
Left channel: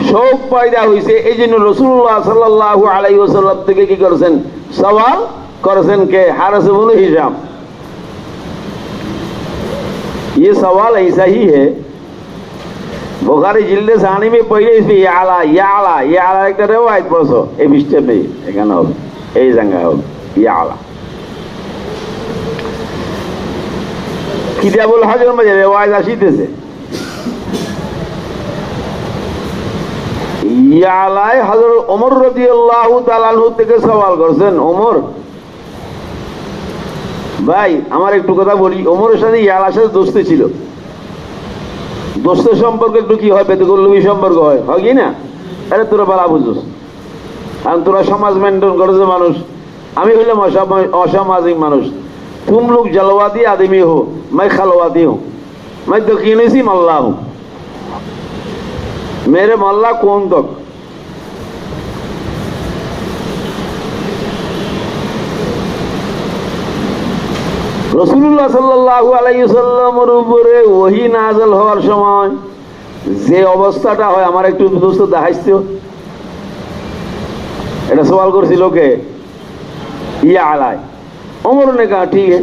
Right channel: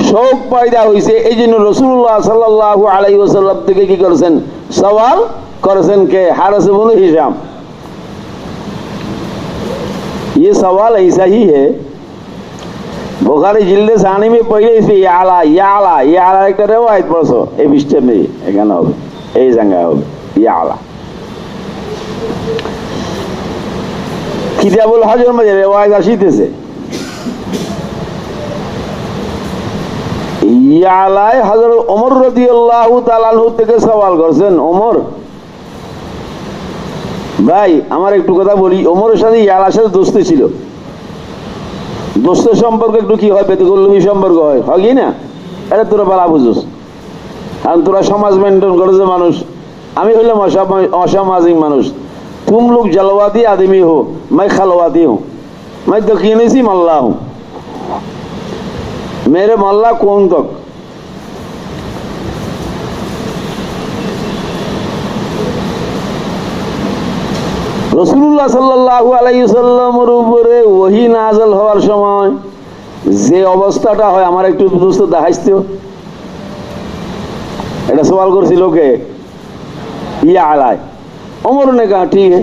শোক পয়দা হয়েছে। এই জন্য রাসূলুল্লাহ সাল্লাল্লাহু আলাইহি ওয়াসাল্লাম থেকে কি করেছেন, সওয়াল করেছেন কে, हारिस बिन हिशाम। ये सवाल ऐसा ही है, बुखारी जिल्दे सानी में पहले इस याला याला याला एक रिवायत पढ़ो, ए बिस्टर नहीं এখানে হবে, এই জায়গা হবে याला। কিতাবুল হজের মধ্যে রিওয়ায়াত আসিতেছে, ইয়ালায় হযরত ওমর রাদিয়াল্লাহু তাআলা আনহু থেকে সওয়াল করেছেন, ওমর ভাই আমার একটু কথা বলি, ওমরের সাথে ইয়ালার সাথে দোস্তি ছিল, দোস্তের সম্পর্ক একটু কি হয়, বেতকল্লবী সম্পর্ক হয়, হয় কি না? এটা তোরা বালা বুঝোস, কারণ তোরা সমাজ মেনটেন করেছে মানুষ, আমি হইলাম অসামাজিক মানুষ। तुम लोग जलवादी आदमी हो, मैं खलवादी हूं, मैं दकीनी सी मल्ला हूं, मेरे मल्ला कौन तक। রাসূলুল্লাহ সাল্লাল্লাহু আলাইহি ওয়াসাল্লামের উপরে ওহী নাযিল হওয়ার সময় যে অবস্থাটা হয়, আমার একটু দোস্ত দেখাইছো, এটা সওয়াল করছিল কে, ইয়া আলায়। उमर ने कहा ठीक है।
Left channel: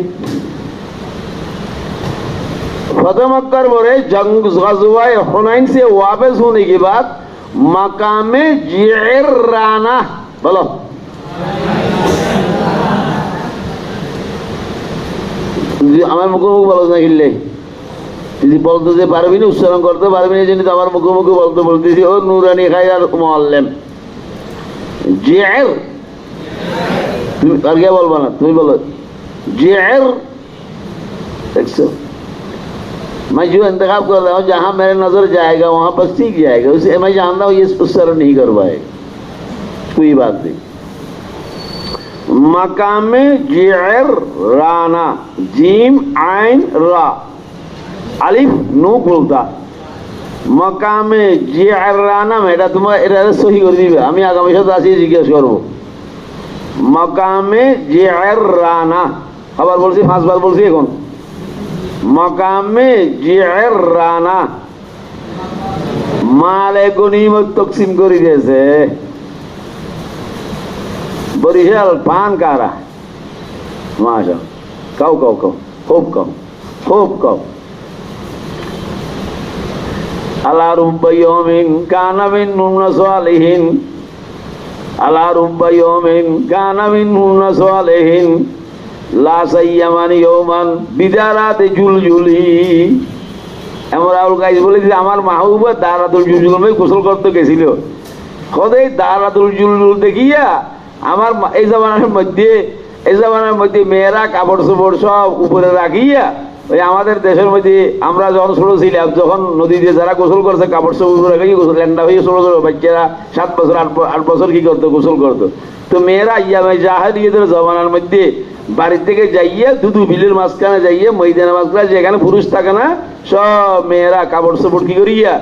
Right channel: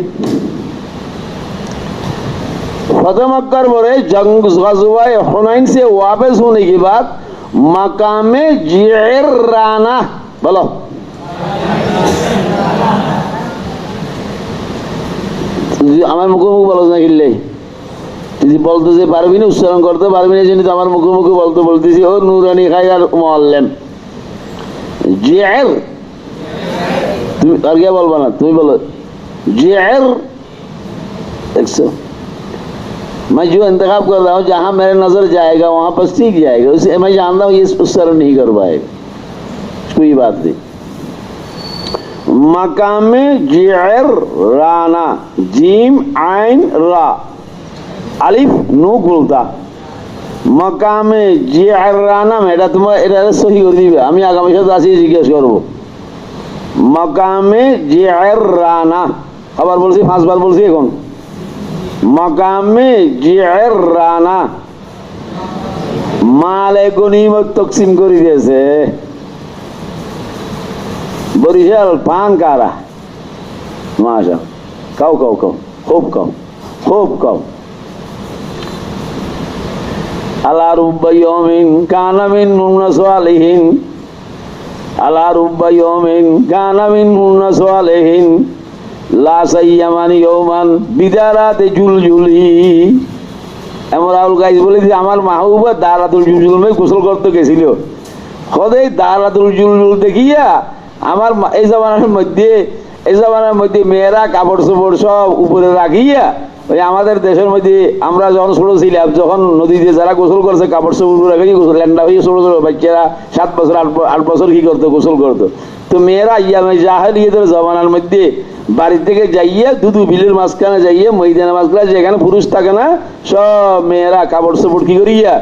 फतह मक्का पर जंग गज़वा हुनैन से वापस होने के बाद मकामे जि'राना, बोलो আমার মুখোমুখি বলো না, কিনলে তুই বলতে যে পারবি না, উচ্চারণ করতে পারবি না, জন্য আমার মুখোমুখি বলতে বলতেছি, ও নুরানি খাই আর মুআল্লিম জি'র, তুমি আর কে বলবা না, তুমি বলো जि'र। देखो मैं जो इंतखाब कर रहा हूँ, जहां मेरे नजर जाएगा वहां पर सीख जाएगा, उसे मैं जानता हूँ ये उच्चारण नहीं कर पाएगा, कोई बात नहीं। मकामे जि'र राना, जीम आइन रा, अलिफ नू बोलता, मकामे जि'र राना में এটা তোমার এটা সহি করে দিবে, আমি আগামী সপ্তাহে আসি জিজ্ঞেস করব। मकामे जि'र राना, আবার বলছি, 5 বার বলছি এখন, মাকামে জি'র রানা, মালে গনিমত তকসিম করে দিয়েছে। বরিশাল পান কারা, মাশা কাউ কাউ কাউ খুব কাউ খুব কাউ। আলা রুব্বা ইয়াউমিন কানা মিনহুম সালিহিন, আলা রুব্বা ইয়াউমিন কানা মিনহুম সালিহিন, লা সাইয়ামান ইয়াওমান বিদারাতে জুলজুলি। এমন রাহুল গাইজ বলে যে আমার মাহবুবা দারাতুল জুলজুলে গোসল করতে গেছিল, খোদাই দারাতুল জুলজুল দেখিয়া আমার এই জামানার মধ্যে মেয়েরা কাপড় চোপড় সব উপরে রাখিয়া, ওই আমাদের দেশের মধ্যে আমরা যখন ছোট ছিলাম, যখন নদীতে যারা গোসল করছে কাপড় চোপড় রাখি, ল্যান্ডা হয়ে ছোট ছোট বাচ্চারা 7 বছর 8 বছর কি করতো, গোসল করতো। তো মেয়েরা ইয়ামে জাহেলিয়াতের জামানার মধ্যে বাড়ি থেকে যাইয়া দুদু বিলের মাঝখানে যাইয়া ময়দানের মাঝখানে, যেখানে পুরুষ থাকে না, সব মেয়েরা কাপড় চোপড় কি করিয়া,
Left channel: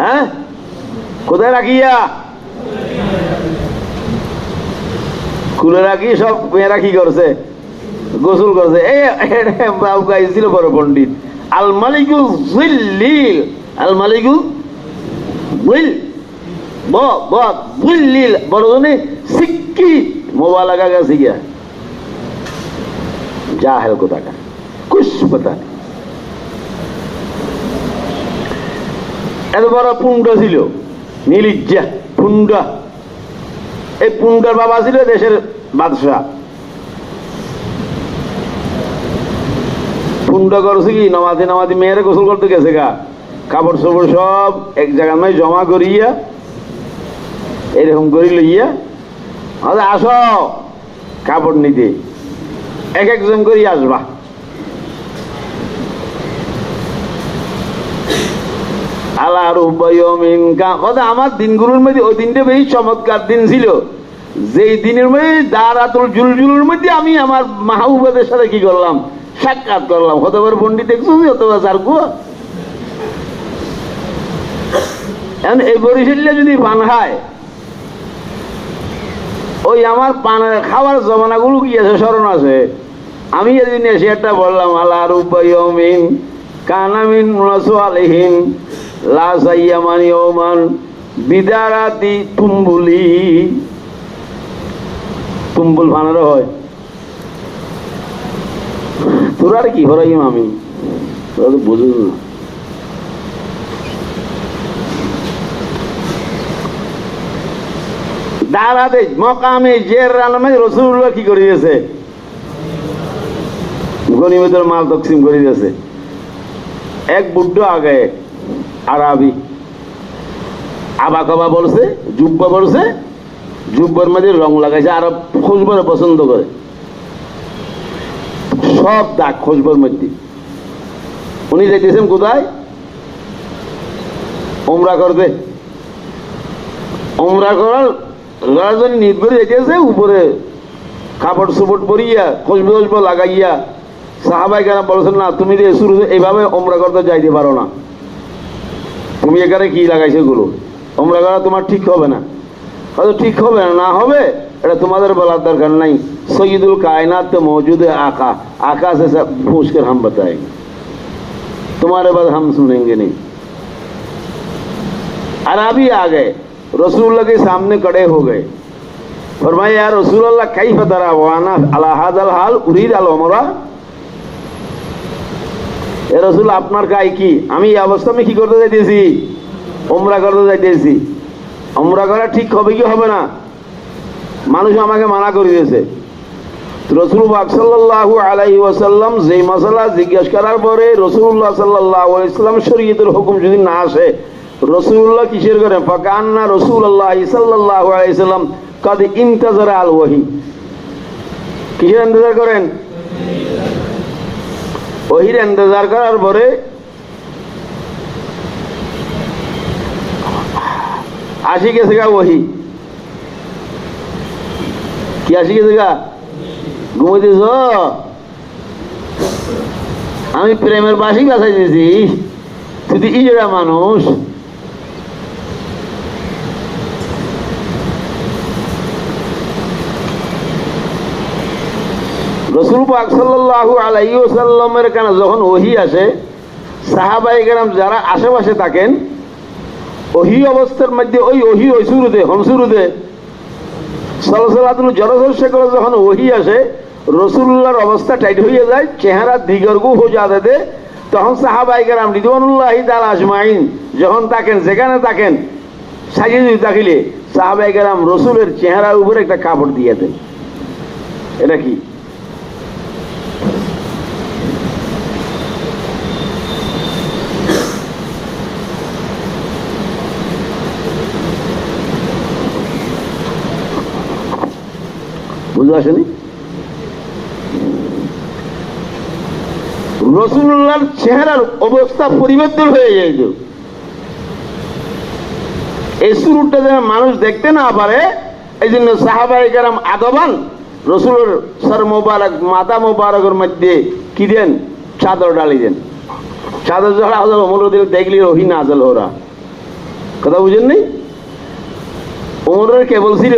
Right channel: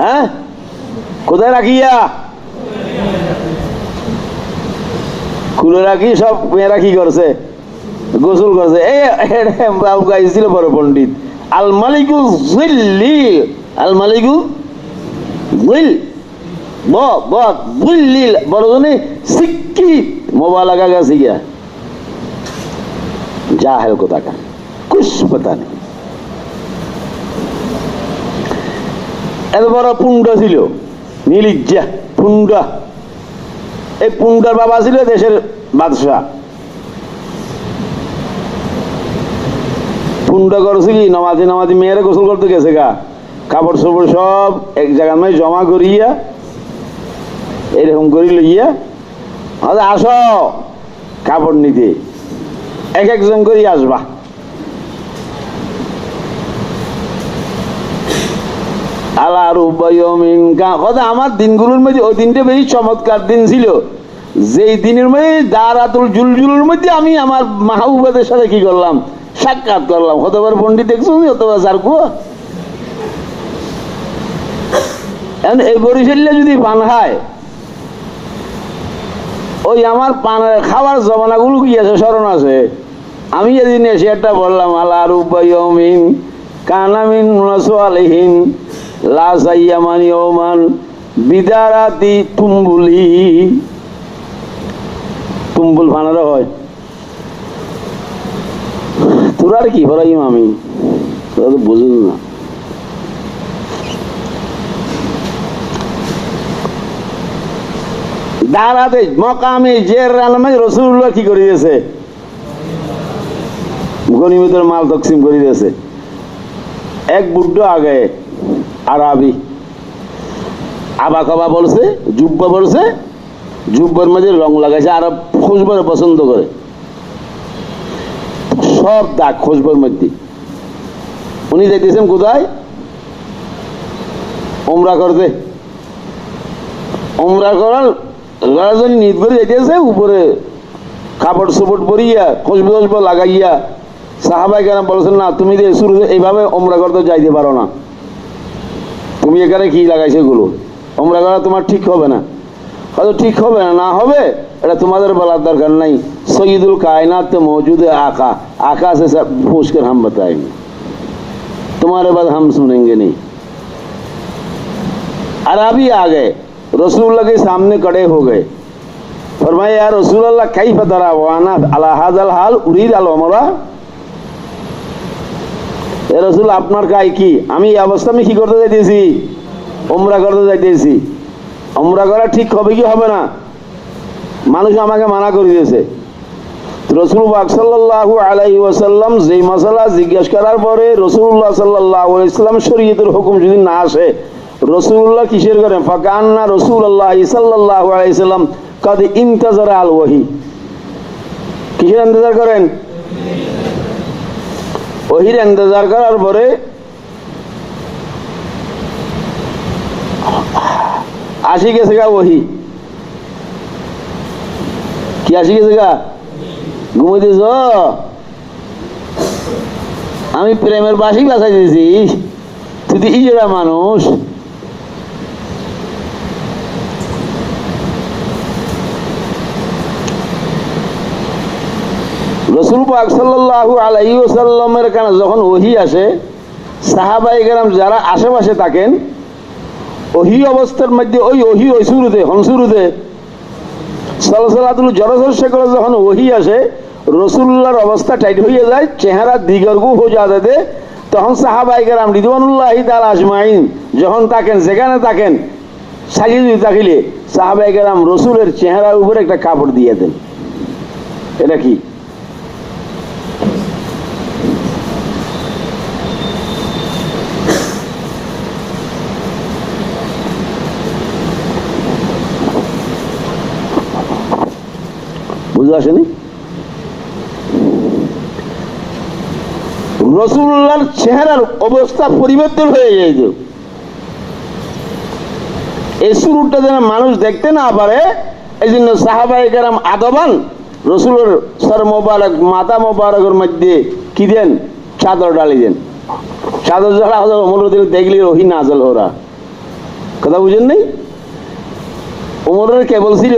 হ্যাঁ কোথায় রাখিয়া, খুলে রাখি, সব মেয়েরা কি করছে, গোসল করছে। ছিল বড় পণ্ডিত, আল মালিকু জিল্লিল, আল মালিকু জিল বুল্লিল, বড়জনে সিক্কি মোবালাকা গেছে গিয়া, জাহেল কোথাকার, কুছ পতা নেই। এত বড় পুণ্ড ছিল, নীলিজ্জা পুণ্ডা, এই পুণ্ডার বাবা ছিল দেশের বাদশাহ। পুণ্ড করছে কি, নামাজি মেয়েরা গোসল করতে গেছে গা, কাপড় চোপড় সব এক জায়গায় জমা করিয়া এরকম করি লইয়া আরে আসো কাপড় নিতে, এক একজন করি আসবা। আমার দিনগুলোর মধ্যে ওই দিনটা বেশি চমৎকার দিন ছিল, যে দিনের মধ্যে দারাতুল জুলজুলের মধ্যে আমি আমার মাহবুবাদের সাথে কি করলাম, সাক্ষাৎ করলাম। হতবার পন্ডিত দেখছো, হতবার সারকুয়া। এখন এই বরিশালে যদি পান খায়, ওই আমার পান খাওয়ার জমানাগুলো কি আছে, স্মরণ আছে। আমি এদিন এসে একটা বললাম, আল্লাহ রুবাইমিন কানামিন মুনাসওয়ালিহিম লা সাইয়ামান ইয়ামান বিদারাতি তুম্বুলি। তুম্বুল বানানো হয়, তোর আর কি হরাইম আমি বুঝুন না। দাঁড়াতে মকামে জের রানামে রসুল্লাহ কি করিয়েছে, গনিমতের মাল তকসিম করে দিয়েছে। এক বুদ্ধ আগে আরবি আবা খাবা বলছে, জুব্বা বলছে, জুব্বার মাঝে রং লাগাইছে, আরব খুশবর পছন্দ করে, সব দাগ খুশবর মধ্যে। উনি যাইতেছেন কোথায়, ওমরা করতে। ওমরা করার জন্য নিত করে যাইতেছে, উপরে কাপড় চোপড় পরিয়া খুশবু খুশবু লাগাইয়া। সাহাবাই কেন বলছেন, না তুমি যে শুরু এইভাবে ওমরা করতে যাইতে পারো না, তুমি এখানে কি লাগাইছো এগুলো, ওমরা করা তোমার ঠিক হবে না। হয়তো ঠিক হবে না, না হবে এটা তোমাদের বলার দরকার নাই। সৈয়দুল কায়নাত তো মौजूद है, आका आका से सब पूछ कर हम बताएंगे, तुम्हारे बाद हम सुनेंगे नहीं। अरबी आ गए, रसूलुल्लाह के सामने खड़े हो गए, फरमाया या रसूलुल्लाह कैफ तरा वाना अला हादल हाल उरीद अल उमरा। এ রসুল আপনার কাজ কি, আমি এই অবস্থা আমি কি করতে যাইতেছি, ওমরা করতে যাইতেছি। ওমরা করা ঠিক হবে কি হবে না, মানুষ আমাকে মানা করে দিয়েছে। রসুল পাক সাল্লাল্লাহু আলাইহি ওয়াসাল্লাম যে মাসালা জিজ্ঞেস করার পরে রসুল্লাহ সাল্লাল্লাহু আলাইহি ওয়াসাল্লাম শরীয়তের হুকুম যদি না আসে, রসুল্লাহ কিসের করেন, ফাকান্না রাসূলুল্লাহ সাল্লাল্লাহু আলাইহি ওয়াসাল্লাম কদ ইন্তাজারা আল ওয়াহি। কিসের ইন্তজার করেন, ওহির ইন্তজার করার পরে আসি গেছে গা ওহি। কি আসি গেছে গা, ঘুমাইতেছ, আমি প্রেমের বাসি বাসাই দিয়েছি, তুই তো ইজরা মানুষ। রাসূল পাক সাল্লাল্লাহু আলাইহি ওয়াসাল্লামের কাছে যখন ওহী আসে, সাহাবায়ে কেরাম যারা আশেপাশে থাকেন, ওহী অবস্থার মধ্যে ওই ওহী ওই শুরুতে হনসুরুতে সালাসালাতুল জরসর শেখর যখন ওহী আসে, রসুল্লাহর অবস্থা টাইট হয়ে যায়, চেহারা দিগর্গু হয়ে যাতে, তখন সাহাবায়ে কেরাম রিদওয়ানুল্লাহি তাআলা আজমাইন যখন থাকেন, যেখানে থাকেন সাজিয়ে থাকিলে সাহাবায়ে কেরাম রসুলের চেহারার উপরে একটা কাপড় দিয়ে দেন। এটা কি, বুঝতে আসেনি? রসুল্লাহর চেহারার অবস্থা পরিবর্তন হয়ে যায়। এই শুরুটা যেন মানুষ দেখতে না পারে, এই জন্য সাহাবায়ে কেরাম আদবান রসুলের সর মোবারক মাথা মোবারকের মধ্যে কি দেন, চাদর ডালি দেন। চাদর যখন ওমর দেখলি ওহি নাজল ওরা, কথা বুঝেন নেই? ওমরের কে বলছিল,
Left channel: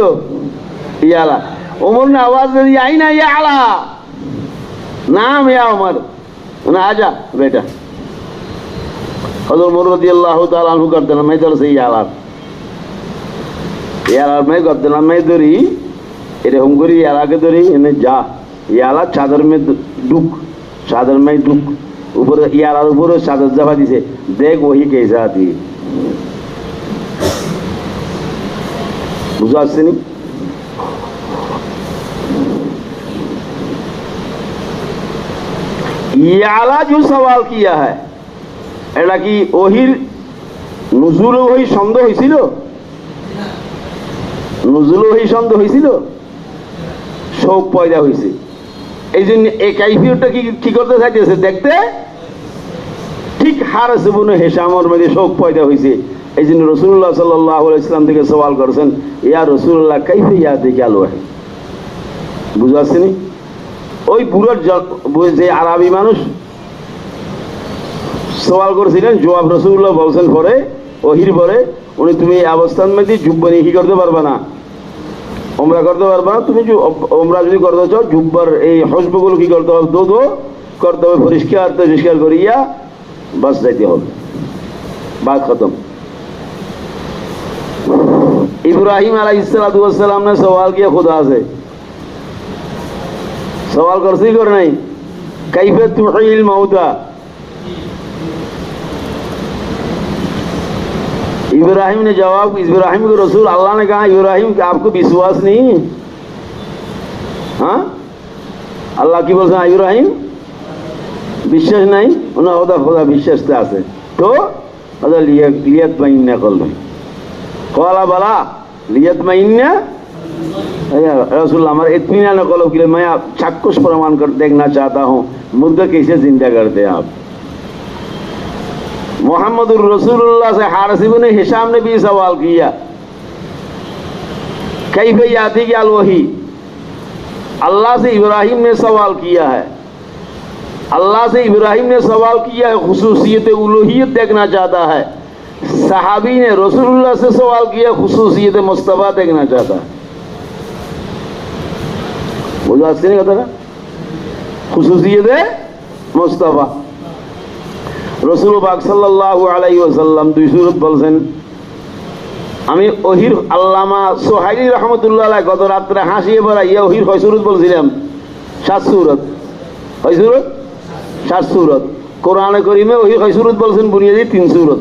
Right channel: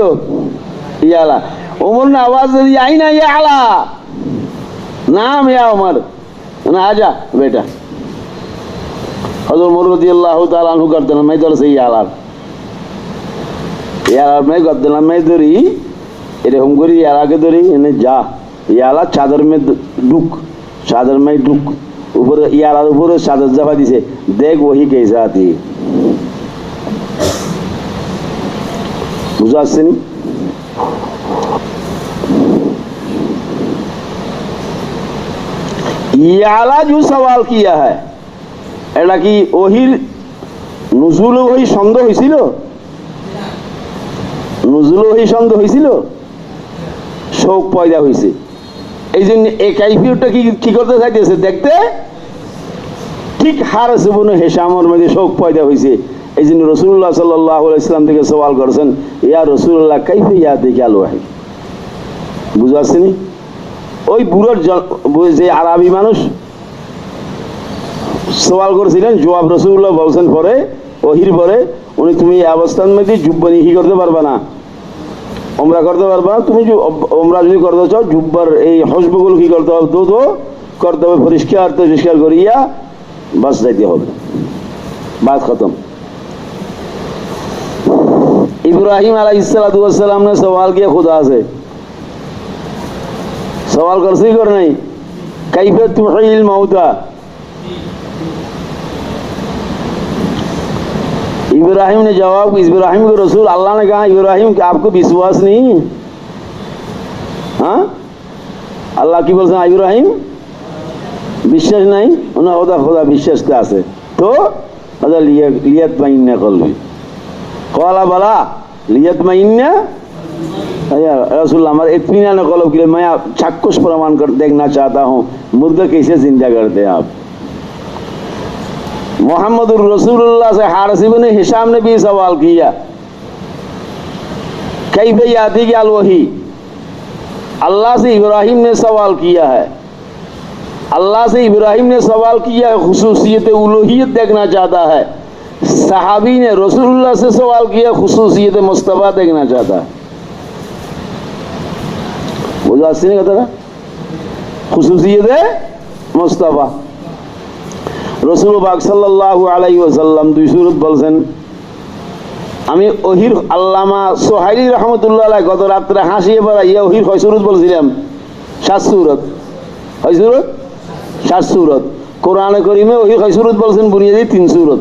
ইয়ালা उमर ने आवाज दे दी, आई ना ये आला नाम या उमर ना, आजा बेटा। हज़रत उमर रज़ियल्लाहु ताला अन्हु करते ना, मैं इधर से याला मैं करते ना, मैं इधर ही इधर हम करी याला के इधर ही इन्हें जा याला चादर में डुक, चादर में डुक, ऊपर याला ऊपर चादर जमा दिसे, देख वही कैसा थी। बुझा से नहीं? याला जो सवाल किया है, এটা কি ওহির নুজুল ওহি সন্দেহ হয়েছিল? নুজুল ওহি সন্দেহ হয়েছিল, শোক পয়দা হয়েছে। এই জন্য এই কাইফিয়তটা কি করতে চাইতেছে দেখতে, ঠিক হারেস ইবনে হিশামের মধ্যে শোক পয়দা হয়েছে। এই জন্য রাসূলুল্লাহ সাল্লাল্লাহু আলাইহি ওয়াসাল্লাম থেকে সওয়াল করেছেন, ইয়া রাসূলুল্লাহ কাইফা ইয়াতিকা আল ওয়াহি। বুঝা আসেনি? ওই বুড়োর যে আরবি মানুষ সওয়াল করেছিলেন, জবাব রাসূলুল্লাহ বলছেন পরে ওহির পরে, উনি তুমি এই অবস্থান মধ্যে জুব্বানি কি করতে পারবা না, ওমরা করতে পারবা না। তুমি ওমরা যদি করতে চাও জুব্বার এই হসবগুলো কি করতে হবে, দো করতে হবে, পরিষ্কার পরিষ্কার করিয়া বাস যাইতে হবে, বাস খতম। ইব্রাহিম আলাইহিস সালাতু ওয়াস সালাম ने सवाल किया खुदा से, सवाल कर सही कर नहीं, कैफे तुहील मौता। इब्राहिम ने जवाब, इब्राहिम को रसूल अल्लाह ने कहा, इब्राहिम आपको विश्वास नहीं है? हाँ, अल्लाह की बोलते हैं इब्राहिम বিশ্বাস নাই, ওনার ওদা খোদা বিশ্বাসটা আছে তো ওদা লিয়াত মাইন্না করবে। কলা বলা লিয়াত মাইন্না रसूल हमारा इत्मीनान कलो कि मैं चाक्षुष प्रमाण कर देखना चाहता हूँ मुर्दा कैसे जिंदा करते हैं आप। मोहम्मदुर रसूलुल्लाह से हारिस इब्ने हिशाम ने भी सवाल किया, कैफे याती अल वही। अल्लाह से इब्राहिम ने सवाल किया है, अल्लाह से इब्राहिम ने सवाल किया है, खुसूसियत उलूहियत देखना चाहता है। सहाबी ने रसूलुल्लाह से सवाल किया, खुसूसियत मुस्तफा देखना चाहता है। बोला नहीं होता ना, खुसूसियत मुस्तफा। रसूल पाक सल्लल्लाहु अलैहि वसल्लम दुई सूरत বলছেন, আমি ওহির আল্লামা সোহাইলি রহমতুল্লাহ আলাইহি গত রাত্রে হাসিয়ে বেড়াইয়া ওহির কয় সূরত বলছিলাম, 7 সূরত। কয় সূরত? 7 সূরত। কোরআনে কারীমে ওহির কয় সূরত বলছেন, বুনিয়াদি 3 সূরত।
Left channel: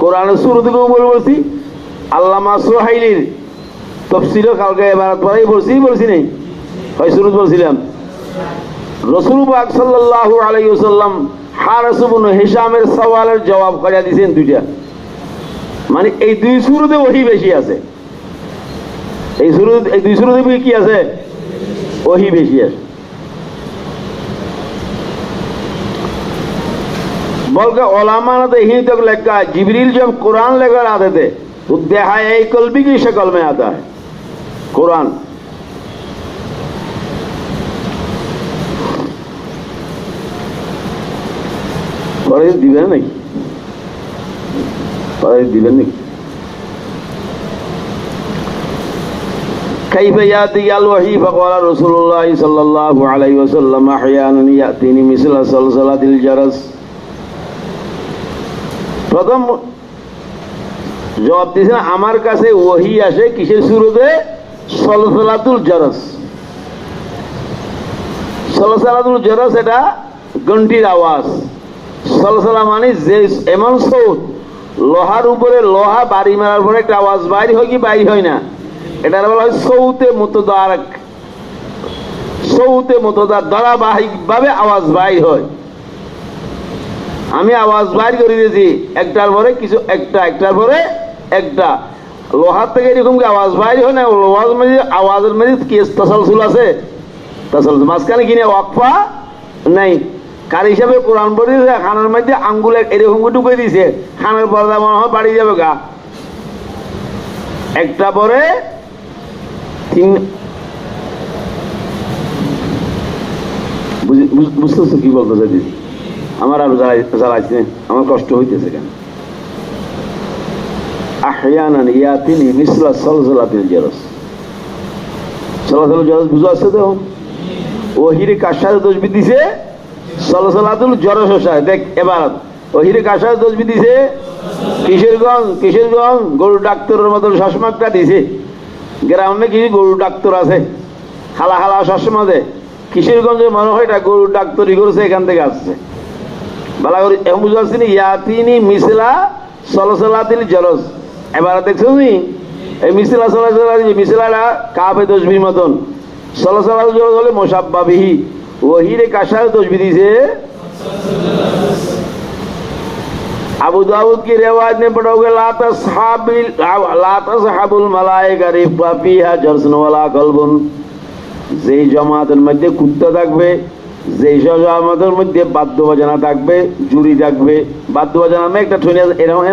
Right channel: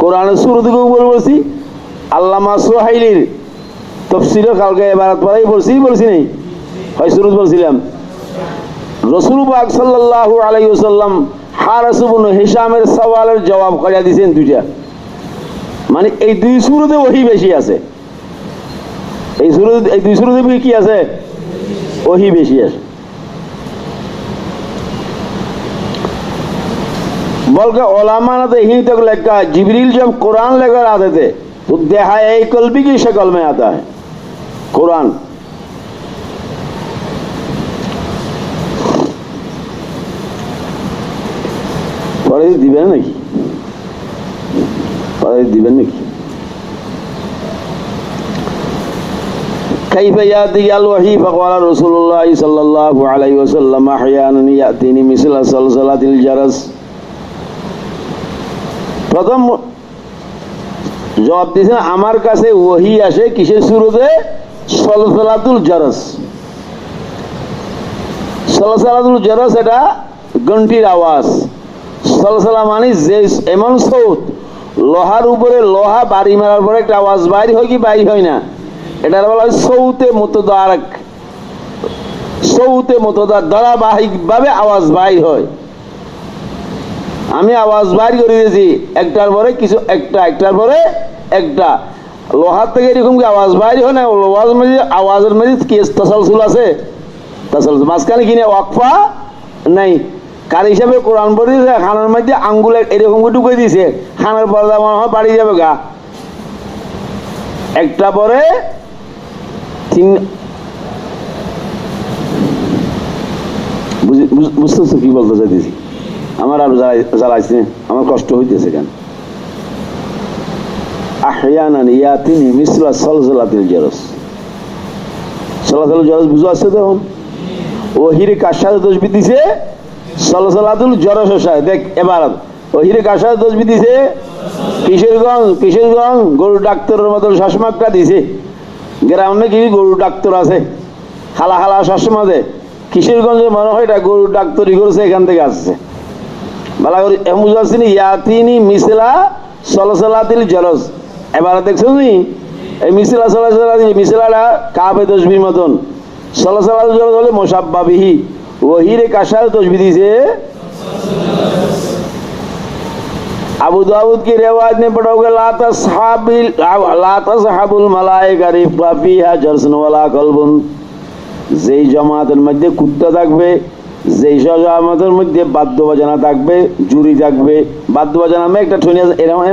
কোরআনের সূরতগুলো বলছি, আল্লামা সোহাইলির তাফসীরে কালকে ইবারত পড়াই বলছি নাই, কয় সূরত বলছিলাম। রাসূল পাক সাল্লাল্লাহু আলাইহি ওয়াসাল্লাম হারিস ইবনে হিশামের সওয়ালের জবাব কইয়া দিয়েছেন দুইটা, মানে এই দুই সূরতে ওহী বেশি আছে। এই দুই সূরতে কি আছে? ওহী বেশি আছে। बल्कि उलमा ने तो यही तक लिखा है, जिब्रील जब कुरान लेकर आते थे तो देहाए कल्बी की शक्ल में आता है कुरान। पढ़े दिबेन नाकि? पढ़े दिबेन नाकि? कैफ याती अल वही फक़ाल रसूलुल्लाह सल्लल्लाहु अलैहि वसल्लम अहयानन यातीनी मिसला सलसलातिल जरस। প্রথম জবাব দিয়েছেন, আমার কাছে ওহী আসে কিসের সূরতে? সলসলাতুল জরস। সলসলাতুল জরস এটা ঘন্টির আওয়াজ। সলসলা মানে যে এমন সৌত, লোহার উপরে লোহা বাড়ি মারার পরে একটা আওয়াজ বাইর হয় কি বাইর হয় না, এটার বলা হয় সৌতে মুতদারক। সৌতে মুতদার ধারাবাহিক ভাবে আওয়াজ বাইর হয়। আমি আওয়াজ বাইর করে দিয়েছি একটার পরে কিছু, একটার পরে একটা। লোহার থেকে এরকম কি আওয়াজ বাইর হয় না? লোহার মধ্যে আওয়াজের মধ্যে কি তাসালসুল আছে? তাসালসুল মাঝখানে কিনে ওয়াকফা নাই। কার হিসাবে কোরআন পড়িয়েছে, খানার মধ্যে আঙ্গুল এরকম ঢুকে দিয়েছে, খানার পর্দা মনে হয় বাড়ি যাবে গা। একটা পরে তিন। বুঝতেছো কি বলতে চাইতেছি? আমার আর জ্বালাইছে, আমার কষ্ট হইতেছে কেন? আহয়ানান ইয়াতিনি মিসলা সলসলাতিল জরস। সলসলাতুল জরস বুঝা আছে? দেখুন ওহিরে কার সাথে তসবিহ দিছে? সলসলাতুল জরস সাথে। দেখ এবার ওহিরে কার সাথে তসবিহ দিছে? কিশোরগঞ্জ গরু ডাক্তারের মতন চশমাটা দিছে। গ্রামে কি গরু ডাক্তার আছে, খালা খালা চশমা দে। কিশোরগঞ্জে মনে হয় এটা গরু ডাক্তারি করেছে, এখান থেকে আসছে। ভালো করে বুঝতে পারছি না? ইয়াতিনি মিসলা সলসলাতিল জরস। এবার দেখছো নি এই মিসলা সলসলাতিল, মিসলাটা কাফে তসবির মতন। সলসলাতিল জরস হলে মুসাব্বা বিহি। ওহিরে কার সাথে তসবিহ দিছে? अबू दाऊद की रिवायत में पढ़ोगे ला तसहाबुल मलाइका रिफा फीहा जरसुन वला कल्बुन, যেই জামাতের মধ্যে কুত্তা থাকবে, যেই জামাতের মধ্যে বাদ্য বাজানা থাকবে, জুরি থাকবে, বাদ্য বাজানা আমি একটা ঠনে এরকম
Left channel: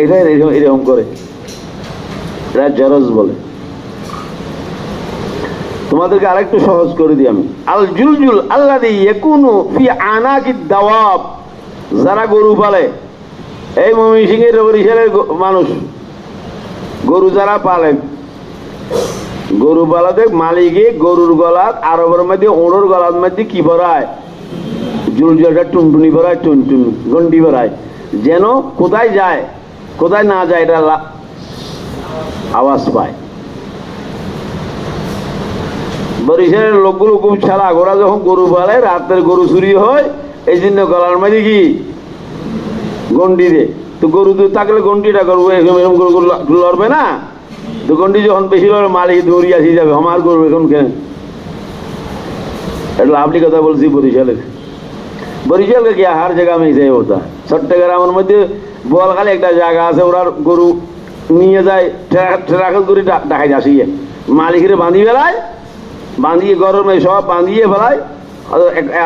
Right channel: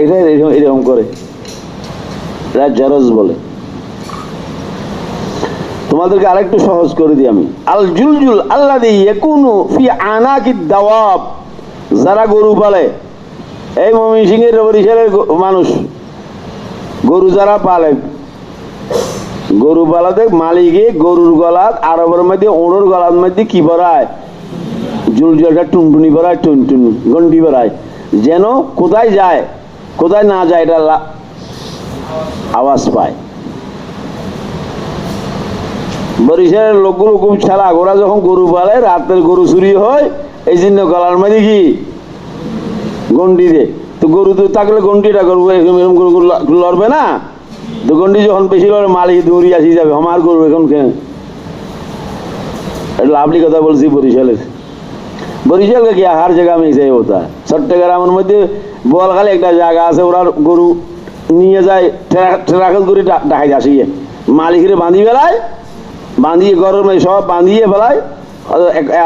এটা এরকম করে এরা জারজ বলে। তোমাদেরকে আরেকটু সহজ করে দিই আমি। আল জুলজুল আল্লাযী ইয়াকুনু ফি আনাকিদ দাওয়াব, যারা গরু পালে, এই ময়মনসিংহের বরিশালের মানুষ গরু যারা পালে, গরু পালাতে মালিকে গরুর গলাত আরবের মধ্যে ওড়োর গলার মধ্যে কি ভরায়, জুলজুলটা টুনটুনি ভরায়, টুনটুন গন্ডি ভরায়, যেন কোথায় যায় কোথায় না যায় এটা আওয়াজ পায়। বরিশালের লোকগুলো খুব ছাড়া, ওরা যখন গরু পালে রাতের গরু চুরি হয়, এই জন্য গলার মধ্যে কি গন্ডি দে। তো গরু তো থাকলে গন্ডিটা করবো, এরকম গরু লড়বে না, তো গন্ডি যখন বেশি লড়বে মালিক দৌড়ি আসি যাবে, আমার গরু এখন কেন। এটা লাভলি কথা বলছি বরিশালের। বরিশাল কি হার জায়গা में ऐसे होता है। চট্টগ্রামের মধ্যে বোয়ালখালী একটা জায়গা আছে, ওরা গরু নিয়ে যায় ট্রাকল করে ঢাকায় আসিয়ে মালিকের বাঁধি বেলায়, বাঁধিয়ে গরমে সব বাঁধিয়ে ফেলায়,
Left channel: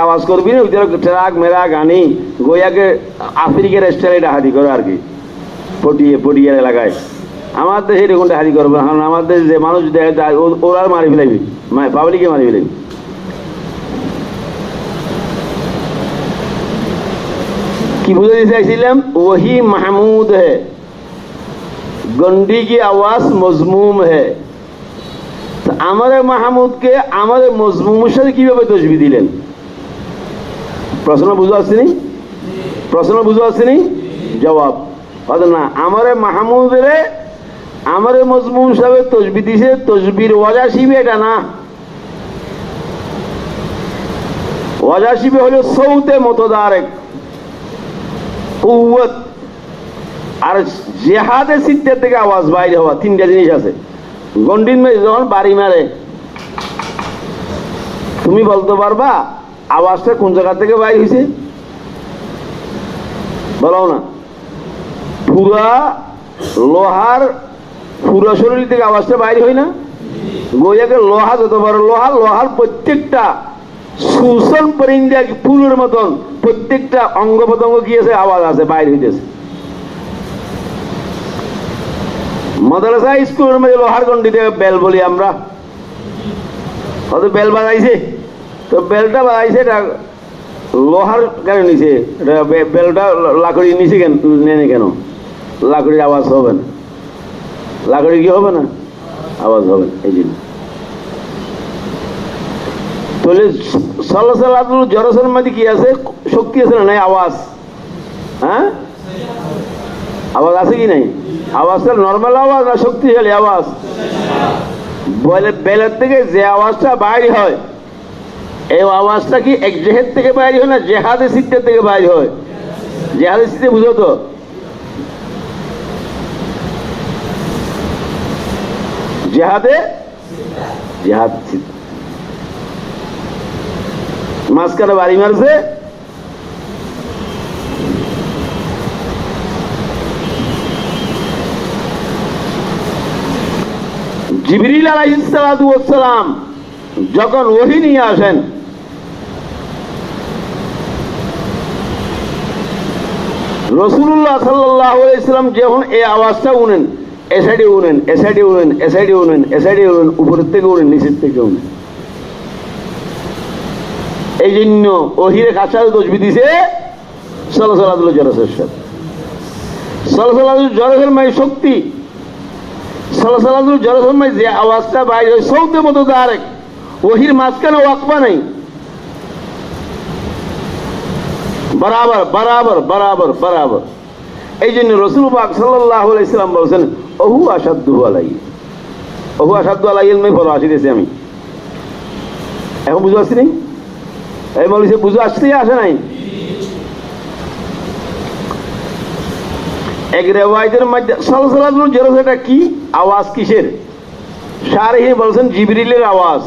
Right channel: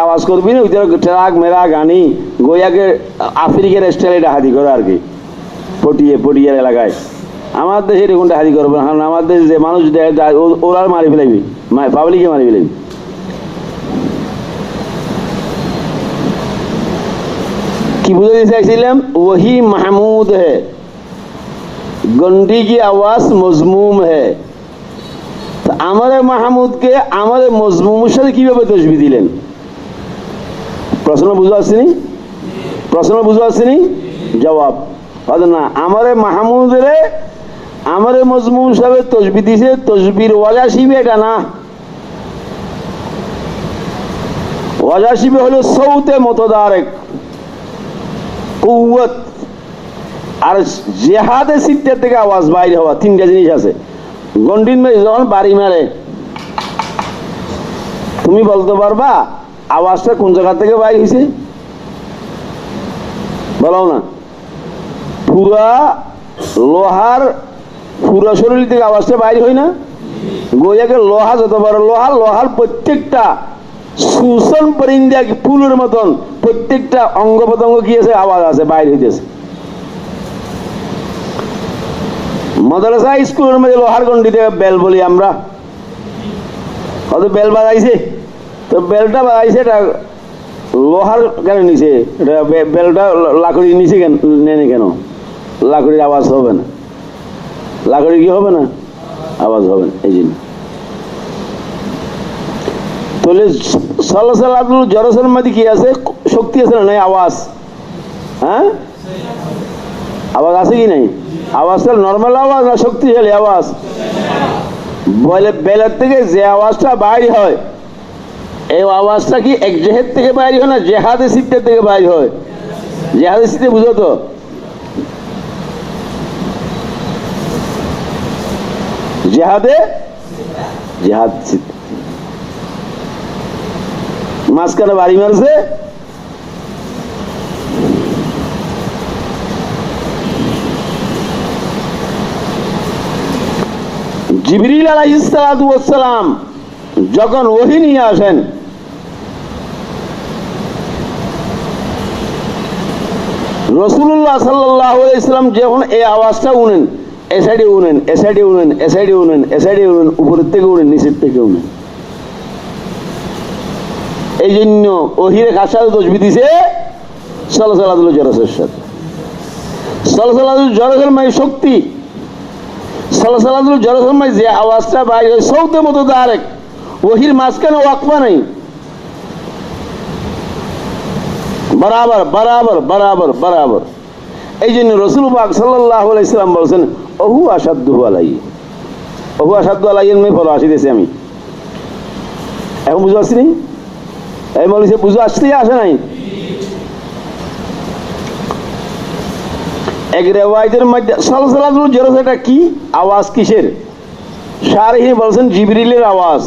আওয়াজ করবি না, ট্রাক মেরা গানি গোয়াকে আফ্রিকার স্টাইলে ডাহাতি করে আর কি, পটিয়ার এলাকায়। আমার দেশে এরকম ডাহাতি করবে না, আমার দেশে যে মানুষ ওরা মারি ফেলাবি, পাবলিকে মারি ফেলাবি। কি বুঝাতে চাইছিলাম, वही महमूद है, गंडी की आवाज मजमूम है। তো আমাদের মাহমুদকে আমাদের মজমুমের সাথে কিভাবে তসবি দিলেন? প্রশ্ন বুঝতে পারছিনি? প্রশ্ন বুঝতে পারছিনি? জবাব হয়তো না। আমাদের মাহমুদের আমাদের মজমুম হিসাবে তসবি দিছে, তসবির ওয়াজা শিবে এটা না। ওয়াজা শিবে হলো সৌতে মতদারেক কুওয়াত, আর জেহাদে সিদ্ধার থেকে আওয়াজ বাইরে হওয়া, তিনটা জিনিস আছে। গন্ডিন মে যখন বাড়ি মারে, তুমি বলতে পারবা আওয়াজটা কোন জায়গা থেকে বাইর হয়েছে? বলো না। পুরা লোহার পুরা শরীর থেকে আওয়াজটা বাইর হয় না? গোয়াকে লোহা যত বড় লোহা, লোহার প্রত্যেকটা সুসন পরিন্দা ফুলের মতন প্রত্যেকটা অঙ্গ প্রত্যঙ্গ কি আছে, আওয়াজ আছে, বাইর হইতেছে। মাদ্রাসা স্কুলের মধ্যে লোহার গন্ডিতে বেল বলি আমরা, হয়তো বেল বাজাইছে, তো বেলটা বাজাইছে এটা লোহার কেন নিছে, বেলটা লাকড়ি নিচে কেন নেই, কেন লাকড়ির আওয়াজ হবে না? লাকড়ি কি হবে না, আওয়াজ হবে না, এই জন্য। তাহলে সাল্লাল্লাহু জরসের মধ্যে কি আছে, শক্তি আছে না নাই? আওয়াজ, হ্যাঁ আওয়াজ আছে কি নাই? আওয়াজটা নর্মাল আওয়াজ না শক্তিশালী আওয়াজ? বেলের থেকে যে আওয়াজটা বাইরে হয়, এই আওয়াজটা কি এক জেহেদ থেকে বাইরে হয় না জেহাদে সিদ্ধের থেকে বাইরে হয়? জেহাদে সিদ্ধে বুঝো তো, জেহাদে জেহাদ সিদ্ধ মাঝখানে বাড়ি মারছে, জিবরিল আলাইহিস সালাতু ওয়াস সালাম যখন ওহী নিয়ে আসেন, রাসূলুল্লাহ সাল্লাল্লাহু আলাইহি সাল্লাম যখন এই আওয়াজটা উনেন, এ সাইডে উনেন, এ সাইডে উনেন, এ সাইডে উনেন, এ সাইডে উনেন, উপরের থেকে উনেন, নিচের থেকে উনেন। এই জন্য ওহীর কাছাকাছি তসবিহ দিছে সালাতুল জরসের সাথে। সালাতুল জরসের মানে শক্তি, সালাতুল জরসের মানে যে আওয়াজটা বাইরে হয় সৌতে মতো দারেক, ওহীর মাঝখানে ওয়াকফা নেই, বরাবর বরাবর বরাবর বরাবর। এই জন্য রাসূল পাক সাল্লাল্লাহু আলাইহি সাল্লাম বলেছেন ওহু আশাদ্দু আলাইহি, ওহু আশাদ্দু আলাইহি আমি বলা আসিতেছি আমি এখন বুঝতে পারছি নি? এই মৌলভী বুঝে আসছে আসে নাই? এক রিওয়ায়াতের মধ্যে সালাতুল জরস এটা কি আওয়াজ, কিসের? শারহি বলছেন জিবরিলের আওয়াজ।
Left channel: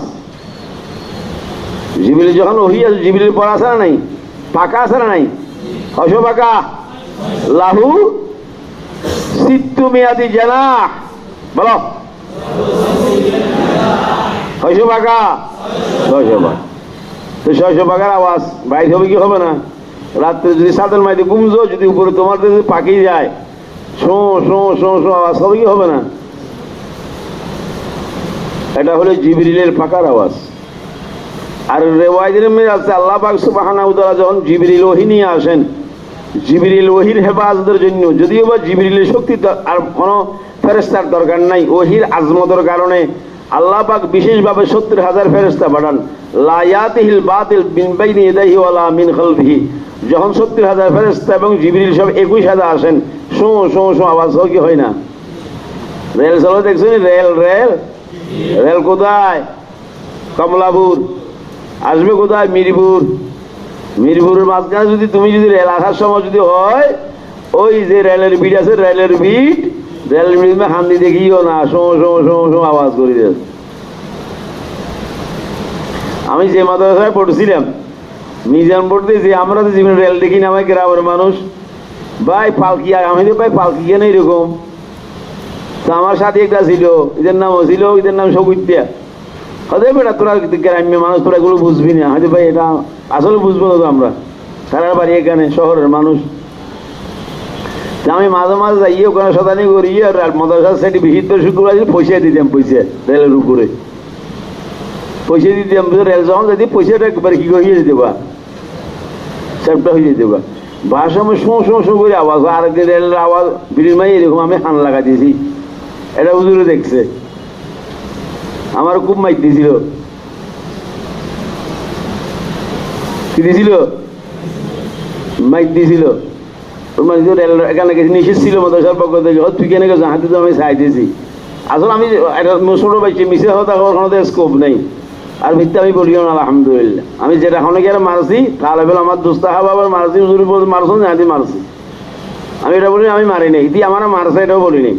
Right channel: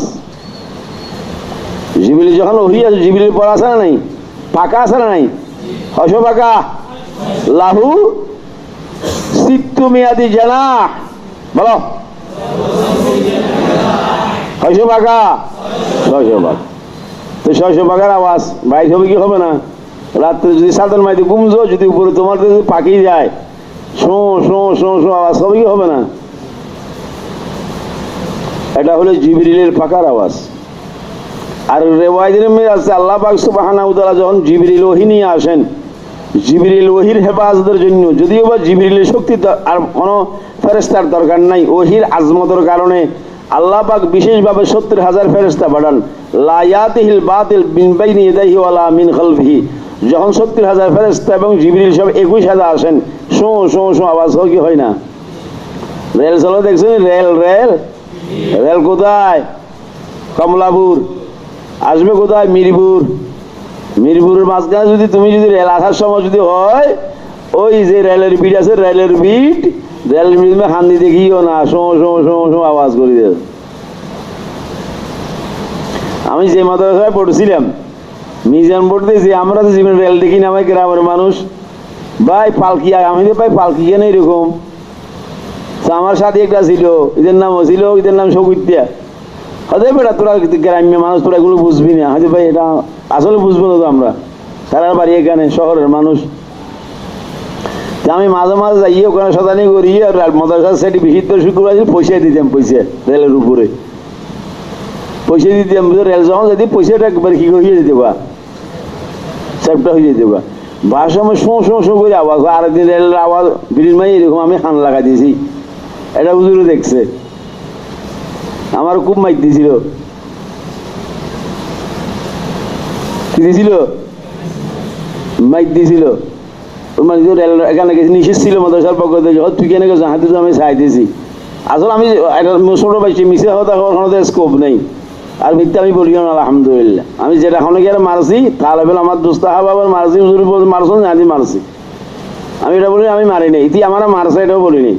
জিবরিল যখন ওহী আছে, জিবরিল পড়া আছে না নাই, ফাঁকা আছে না নাই, কয়শো পাখা? লাহু সিত্তু মিয়াদি জানাহ। বলো কয়শো পাখা? 600 পাখা। তো 600 পাখার আওয়াজ বাইর হবে কি হবে না? রাত্রে যদি সাতের মাইতে ঘুমছো, যদি উপরে তোমার যদি পাখি যায়, শো শো শো শো আওয়াজ হবে কি হবে না? এটা হলো জিবরিলের পাখার আওয়াজ। আর রেওয়ায়েতের মধ্যে আছে আল্লাহ পাক সুবহানাহু ওয়া তাআলা যখন জিবরিল ওহী নিয়ে আসেন, জিবরিল ওহীর হেফাজতের জন্য, যদিও বা জিবরিলের শক্তি আর কোনো ফেরেশতার দরকার নাই, ওহীর আজমতের কারণে আল্লাহ পাক বিশেষভাবে 70,000 ফেরেশতা পাঠান। লা ইয়াতিহিল বাতিল মিন বাইনি ইয়াদাইহি ওয়ালা মিন খালফিহি। যখন 70,000 ফেরেশতা এবং জিবরিল সব 21,000 আসেন, শো শো শো আওয়াজ হয় কি হয় না? রেল চলো দেখছেন? রেল রেল রেল কোথায়? কমলাপুর। আসবে কোথায়? মিরপুর। মিরপুরের মাঝখানে যদি তুমি যদি রেল আসার সময় যদি হয়, ওই যে রেলের বিট আছে, রেলের বিট, রেলের বিট হান্দি দেখিও না, শো শো শো শো আওয়াজ করে দেয়। আমি যে মাদ্রাসায় পড়ছিলাম মিজান পড়তে, যে আমরা তো জীবনে রেল দেখি না, আমার গ্রামের মানুষ ভাই পালকি, আমি তো ভাই পালকি কেন এরকম। আমার সাথে একটা ছিল, এদের নাম ছিল, এদের নাম সবুদ্দিয়া। হয়তো বেটা তোরা গ্রাম্য মানুষ, তোরা এগুলো বুঝবি না, হয়তো ভাই এটা আসলে বুঝবো না তো আমরা, তারা বাড়ি এখানে শহরের মানুষ। আমি মাঝে মাঝে যাইয়ে ওখানে শতানি করি, আর মাদ্রাসার সাইডে বিশিষ্ট শুক্রবার পয়সা দিতাম, পয়সা রেলের উপরে পয়সা দিতাম। রেল যখন যদি পয়সাটা একবার কি হয়ে যেতে বা চ্যাপটা হয়ে যেতে বা ভাষাময় শো শো শো করে আওয়াজ, আরেকদিন রেলের আওয়াজ বিড়ির মাই এরকম আমি হান লাগা দিয়েছি, এটা হুজুরে দেখছে, আমার খুব মাইক দিয়েছিল। কি দিয়েছিল? মাইক দিয়েছিল। এখানে গেছি, নিষেধ ছিল মাদ্রাসার পক্ষ থেকে, তুই কেন গেছো? হাতে তো আমি চাই দিয়েছি। আসলে আমি ছোট পাইছি, মিশে হতে কোনো স্কোপ নেই, আর মিথ্যা আমি বলিও না। আলহামদুলিল্লাহ আমি যেটা এখন গিয়ে মারছি, তাহলে বেলা আমার দোস্ত আবার মারছি, হুজুর মারছো না, আমি মারছি। আমি এটা বলি আমি মারি নাই, ইতি আমার মারছে এটাও বলিনি,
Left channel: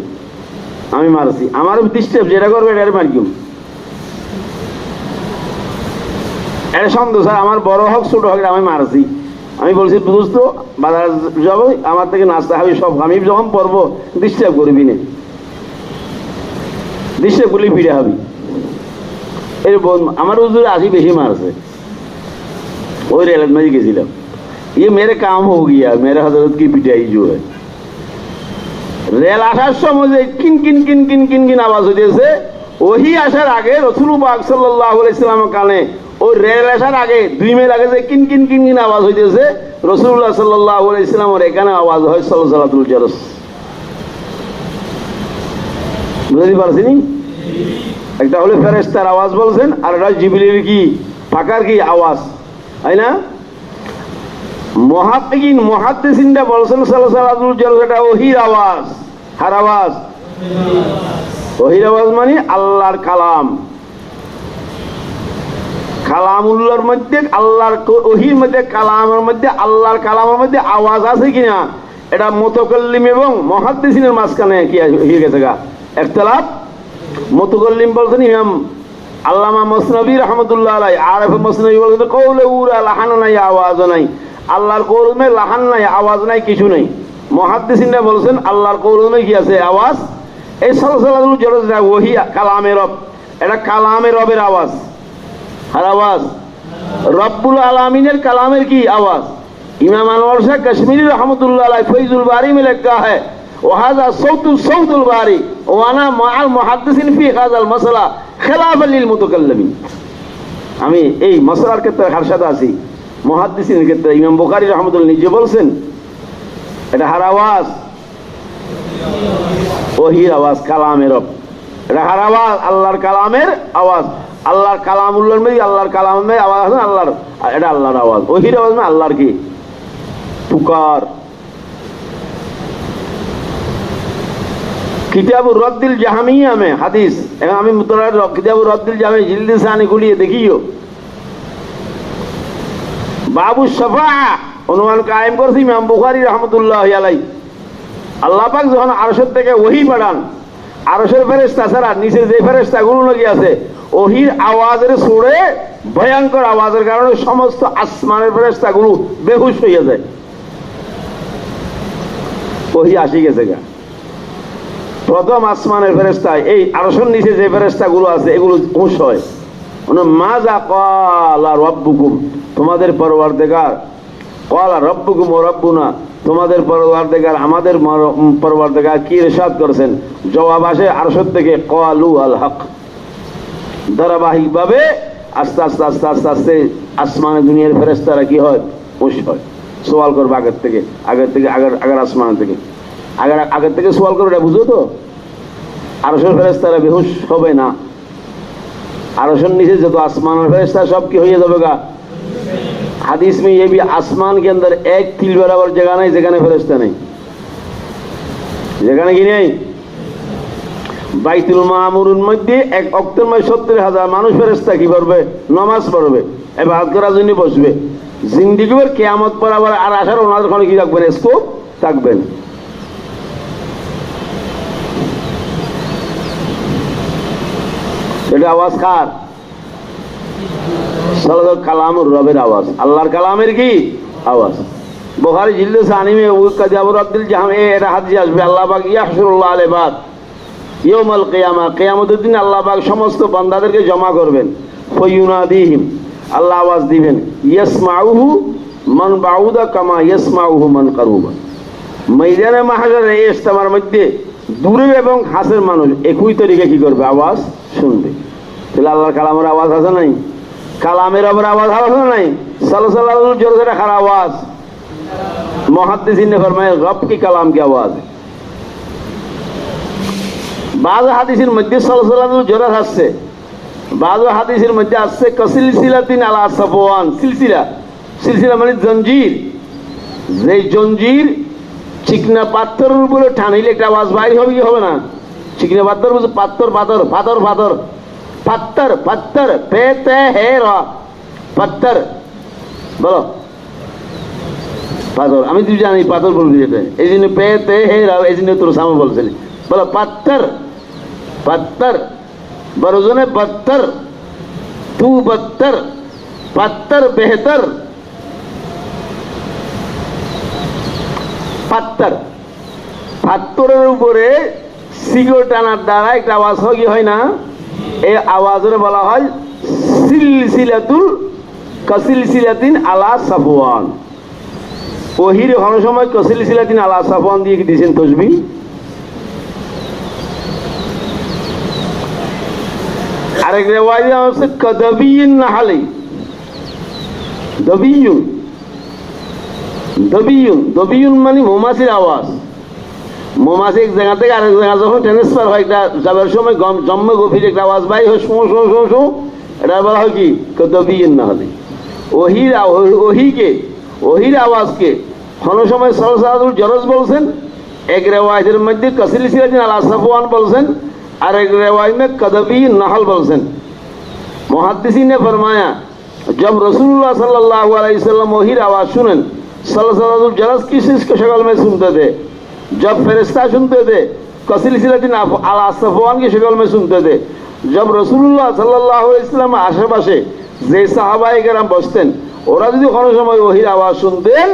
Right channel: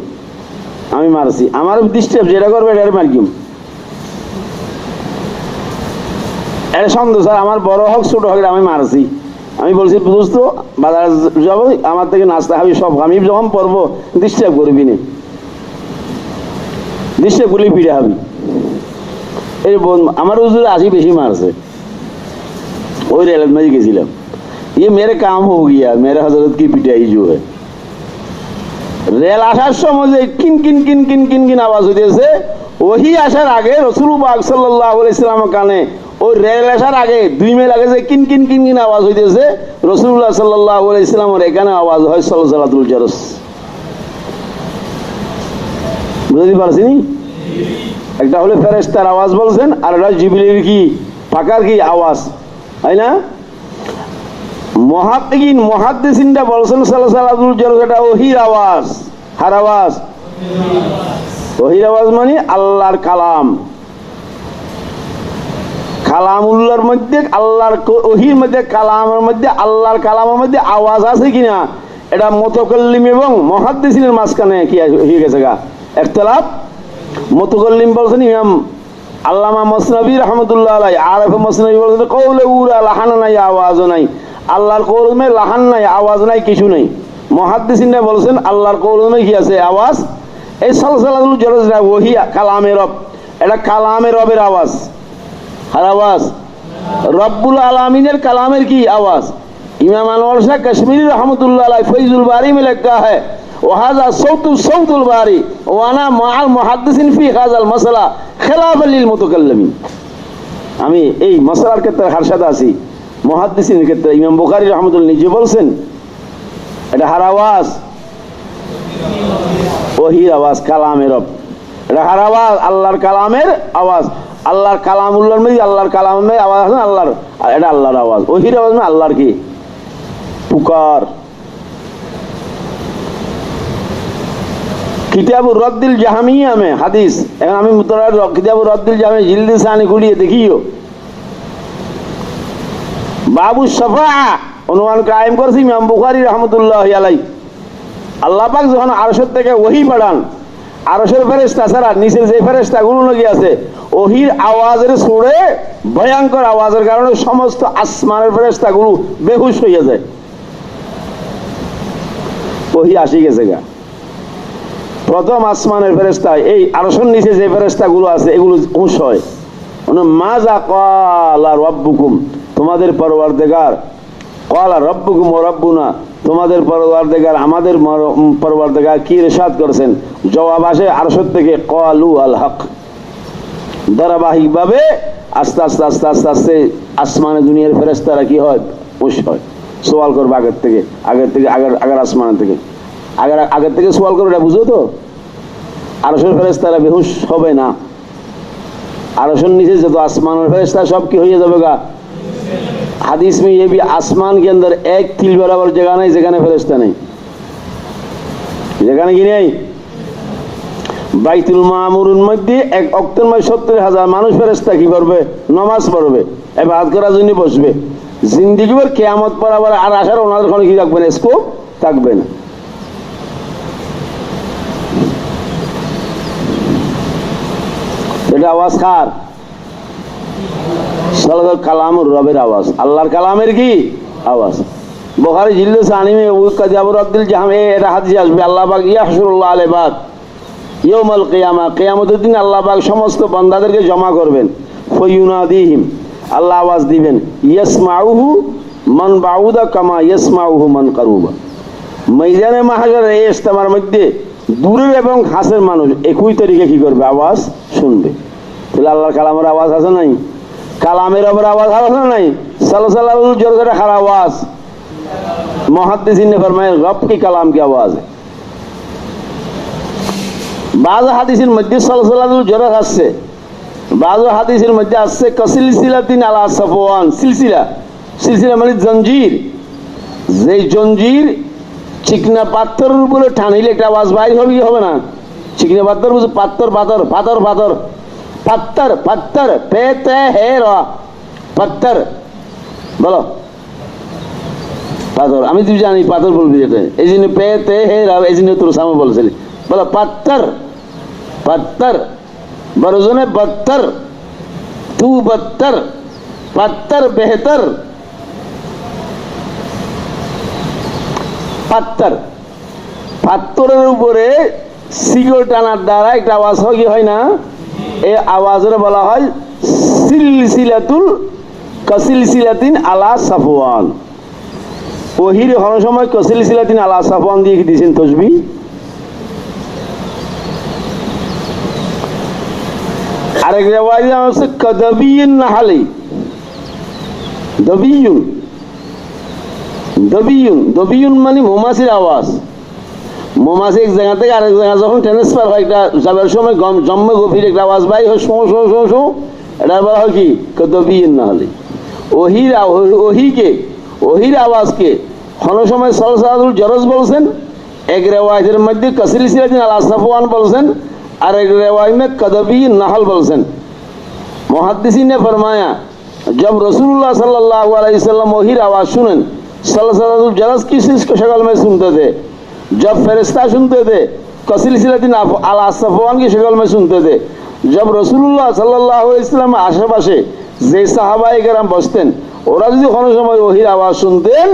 আমি মারছি। আমার ডিস্টার্ব যেটা করবে এটা মারিম, এটা সন্দেহ স্যার, আমার বড় হোক ছোট হোক আমি মারছি। আমি বলছি দোস্ত বাজার যাবো, আমার থেকে নাস্তা খাবি সব, আমি যখন পড়বো ডিস্টার্ব করবি না, ডিস্টার্ব করলে ফিরে হবি। এই আমার হুজুরে আসি বেশি মারছে, ওই রেলের মাঝে গেছিলাম, ये मेरे काम हो गया, मेरे हजरत की पिटाई जो है। রেল আসার সময় যে কিন কিন কিন কিন কিন কিন আওয়াজ হইতেছে, ওহি আসার আগে রাসূল পাক সাল্লাল্লাহু আলাইহি সাল্লামের কানে, ওই রেল আসার আগে 2 মিনিট আগে যে কিন কিন কিন কিন আওয়াজ হইতেছে, রাসূলুল্লাহ সাল্লাল্লাহু আলাইহি সাল্লামের এখানে আওয়াজ হয় সালাতুল জারস। বুঝতে পারছেন? একটা হলো ফেরেশতার আওয়াজ বলছেন, আর একটা জিবরিলের কি পাখার কি আওয়াজ, তাই না? মুহাদ্দিসিনরা বলছেন সালাতুল জারস এটা ওহির আওয়াজ। কার আওয়াজ? ওহির আওয়াজ মানে আল্লাহর কালাম। কালামুল্লাহর মধ্যে আল্লাহর ওহির মধ্যে কালামের মধ্যে আল্লাহর কালামের মধ্যে আওয়াজ আছে কিনা, এটা মুতাকাল্লিম এবং মুহাদ্দিসিনের মাঝখানে কি হয়ে গেছে গা ইখতিলাফ। মুতাকাল্লিম বলছেন ইমাম আল্লামা মসনবী রাহমাতুল্লাহ আলাইহি, আরেফ মসনবী বলছেন কওলে উরা লাহান নাই, আওয়াজ নাই, আল্লাহর কওলমে লাহান নাই, আওয়াজ নাই, কিছু নাই। মুহাদ্দিসিনরা বলছেন আল্লাহর কওলমে কি আছে? আওয়াজ। এই সালাতুল জারস ওহি কালামে রব, এটা কালামে রবের আওয়াজ। আর আওয়াজ রব্বুল আলামিনের কালামের কি আওয়াজ। ইমাম আনোয়ার শাহ কাশ্মীরি রহমতুল্লাহ আলাইহি ফৈজুল বারি में लिखा है वहाजा सौतुल बारी वाना माल मुहद्दिसिन फी हाजाल मसला खिलाफा लिल मुतकल्लिमिन। আমি এই মশলার ক্ষেত্রে হার সাথে আছি, মুহাদ্দিসিনের ক্ষেত্রে ইমাম বুখারী রহমতুল্লাহ নিজে বলছেন এটা হার আওয়াজ, ওহির আওয়াজ, কালামের রব, এটা হার আওয়াজ, আল্লাহর কালামের আওয়াজ। আল্লাহর কালামুল্লাহর মধ্যে আল্লাহর কালামের আওয়াজ আছে, আল্লাহর, এটা আল্লাহর আওয়াজ। ওহির আওয়াজ মানে আল্লাহর কি পুকার। কিতাবুর রদ্দিল জাহামিয়া में হাদিস, এখন আমি মুতলার কিতাবুর রদ্দিল জাহামিয়া জিলদে সানি খুলিয়ে দেখিও, বাবু শাফাআ অনুমান কায়েম করেছি ইমাম বুখারী রাহমাতুল্লাহি আলাইহি। আল্লাহ পাক যখন আরশের থেকে ওহী পাঠান, আরশের ফেরেশতা ছাড়া নিচের যে ফেরেশতাগুলো নাকি আছে, ওহির আওয়াজের সুরে ভয়ঙ্কর আওয়াজের কারণে সমস্ত আসমানের ফেরেশতাগুলো বেহুশ হয়ে যায়। ওহি আসি গেছে গা। প্রথম আসমানের ফেরেশতা, এই আরশের নিচে যে ফেরেশতাগুলো আছে এগুলো হুঁশ হয়, মাজা ক্বালা রাব্বুকুম, তোমাদের পরওয়ারদিগার, ক্বালা রাব্বুকুম ওয়া রাব্বুনা, তোমাদের পরওয়ারদিগার আমাদের পরওয়ারদিগার কি ইরশাদ করেছেন। জবাব আসে আরশের থেকে, ক্বালু আল হক। ধারাবাহিকভাবে আস্তে আস্তে আস্তে আস্তে আস্তে আসমানে দুনিয়ার ফেরেশতারা কি হয়, হুঁশ হয়, সওয়াল করবে আগের থেকে আগের আসমান থেকে আগের থেকে সওয়াল করবে। এটা বুঝো তো, আরশের ফেরেশতারা বেহুশ হবে না। আরশের নিচে যত আসমানের ফেরেশতা सब की হয়ে যাবে গা। হাদিস में ये भी आसमान के अंदर एक तिल बराबर जगह नहीं যেখানে ফেরেশতা নেই। যেখানে কি নেই, বাইতুল মামুরের মধ্যে এক ওয়াক্তের মধ্যে 70,000 মানুষ ফেরেশতা কি করবে, নামাজ পড়বে, ইবাদত করার জন্য বসবে। জিন্দেগি ভর কিয়ামত পর আবার আর আসার ওনাদের কোনো কি থাকবে না, স্কোপ থাকবে না। এটা আওয়াজ কার? সালাত কালামুর রবের আওয়াজ, আল্লাহর কালামের কি আওয়াজ। বুখারী জিল্দ সানি में वो कजाबुर अब्दुल जहां এটা হাদিস আসবে, আল্লাহ পাক ইয়াহশুরুল্লাহ আল ইবাদ ইয়াউমাল কিয়ামা, কিয়ামতের দিন আল্লাহ পাক সমস্ত বান্দাদেরকে জমা করবেন। ফায়ুনাদিহিম, আল্লাহ আওয়াজ দিবেন, ইয়াসমাউহু মান বাউদা কামা ইয়াসমাউহু মান কারুবা। ময়দানে মাহশার এই ইজতিমার মধ্যে দূরের এবং কাছের মানুষ একই তরিকে কি করবে, আওয়াজ শুনবে। তাহলে আল্লাহর কালামের আওয়াজ আছে নাই? কালামের আওয়াজ আছে নাই? সালসালাতুল জোরে খারা आवाज। मुहद्दिसीन ने फरमाया रब की कलाम की आवाज है। बाज़ हादिसेर मध्य सालसालातुल जोरे আসছে, बाज़ हादिसेर मध्य আসছে কাসিলসিলাতিন আলা সাফওয়ান। সিলসিলা মানে জঞ্জির, যে জঞ্জির চিকনা পাথরের উপরে টানিলে একটা আওয়াজ বাইর হবে, কি হবে না? চিকনা পাথর বুঝে, পাথর পাথর পাথর পাথর পাথর পাথর পেতে হে রা পাথর, বলো পাথর। আমি তুই জানি পাথর বলবি, এটা এই জন্য পেতে হে রা, এই জন্য তোর সামনে বলছিলি, বলো পাথর পাথর, বরজনে বত্তর, তু বত্তর, পাথর বেহতর। পাথর, পাথরের উপরে শিকড় টানার দ্বারা একটা আওয়াজ হয়, কি হয় না? এই আওয়াজের বলা হয় সিলসিলাতুল কাসিলসিলাতিন আলা সাফওয়ান। ওহির হন সময় কাসিলসিলাতিন আলা সাফওয়ান দিয়ে কি দিয়েছেন তসবিহ। আরেক রিওয়ায়াতে আছে কাদাবিয়িন নাহলি, দবিয়ুন দবিয়ুন দবিয়ুন মানে মৌমাছির আওয়াজ। মৌমাছি এক জায়গা থেকে আরেক জায়গা যখন ট্রান্সফার হয়, একটা যাবার সময় জন্ম গভীর একটা আওয়াজ বাইর হয়, শো শো শো শো, এটা বলা হয় কি কাদাবিয়িন নাহলি। ওহির আওয়াজকে কোন সময় সালসালাতুল জরজ বলছেন, এক রিওয়ায়াতের মধ্যে কাসিলসিলাতিন আলা সাফওয়ান বলছেন, আর एक रिवायत में कदबी नहल बोलছেন। मुहद्दिसीन ने फरमाया जब रसूलुल्लाह सल्लल्लाहु अलैहि वसल्लम वही आवाज सुनन, सलसलातुल जरस किस के शक्ल में सुनते थे, जब फरिश्ता सुनते थे कसिलसिलातिन अला सफवान की शक्ल में सुनते थे। जब रसूलुल्लाह सल्लल्लाहु अलैहि वसल्लम आशेपाशे যে সাহাবায়ে কেরাম বসতেন, ওরা যদি কোনো সময় ওহির আওয়াজ শুনতেন,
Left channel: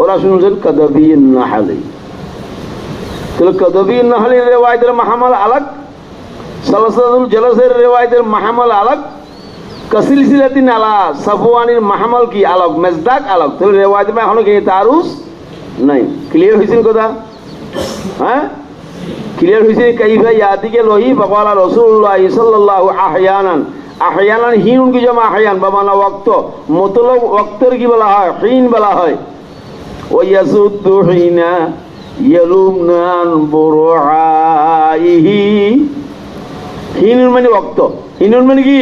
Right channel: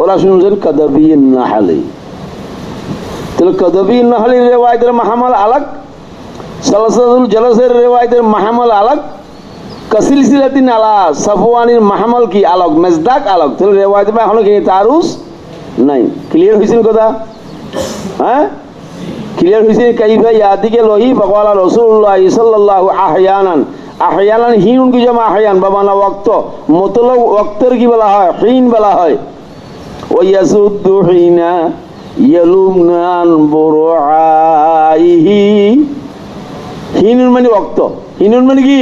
ওরা শুনতেন কদবিন নাহলি। तो कदबी नहली रिवायतेर महमल अलग, सलसलातुल जलसेर रिवायतेर महमल अलग, कसिलसिलातिन आला सफवानिर महमल की अलग, मजदाक अलग। तो रिवायत में एखोनो कि तारुस नहीं। क्लियर হইছেন কথা? হ্যাঁ ক্লিয়ার হইছে। কাইফা ইয়াতিকে লহি ফাকালা রাসূলুল্লাহ সাল্লাল্লাহু আহয়ানান, আহয়ানান হিন কি জামা আহয়ান বাবানা ওয়াক্ত, মতলব ওয়াক্তের কি বলা হয়, হিন বলা হয়। ওয়া ইয়াসুদ্দু হিনা ইয়ালুমনান বুরআইহি। হিনুন মানে ওয়াক্ত, হিনুন মানে কি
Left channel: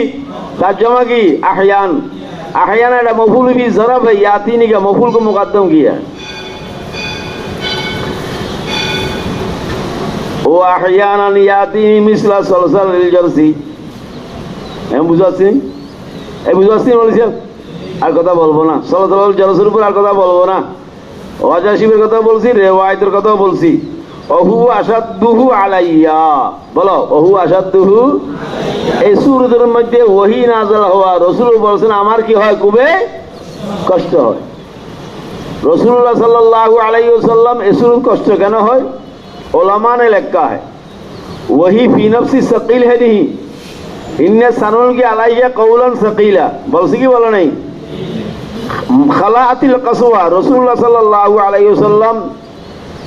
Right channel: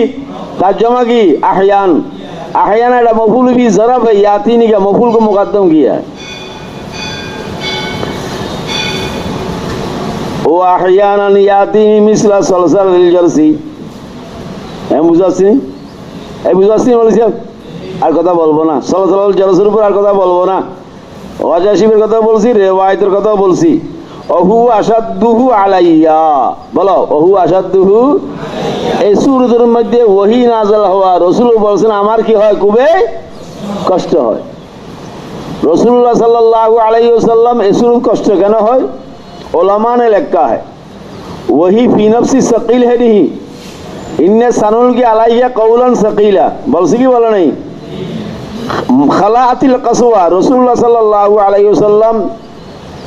তার জমা কি আহয়ান। আহয়ান এটা মফউল বি জরফ है, यातीनी का मफूल को मुकद्दम किया है। ও আহয়ানান ইয়াতিনি মিসলা সলসালিল জারসি। আমি বুঝাচ্ছি, এই বুঝাচ্ছি বলছেন, আর কথা বলবো না। সলসালিল জারসের উপর আর কথা বলবো না। ওয়াজাশিবের কথা বলছি, রিওয়ায়াতের কথা বলছি। ওহু আসাদুহু আলাইয়া, বলো ওহু আসাদুহু। এই সূরাতের মধ্যে ওহী নাযিল হওয়া, রাসূল বলেছেন আমার কি হয়, খুবই কষ্ট হয়। रसूलुल्लाह सल्लल्लाहु अलैहि वसल्लम इसमें कष्ट कहना है उलमा ने लिखा है वही फी नफ्सी सकील है नहीं इन्ने सनुल की अलैया कौलन सकीला बोलसी की बोला नहीं खलातिल कसवा रसूलुल्लाह सल्लल्लाहु अलैहि वसल्लम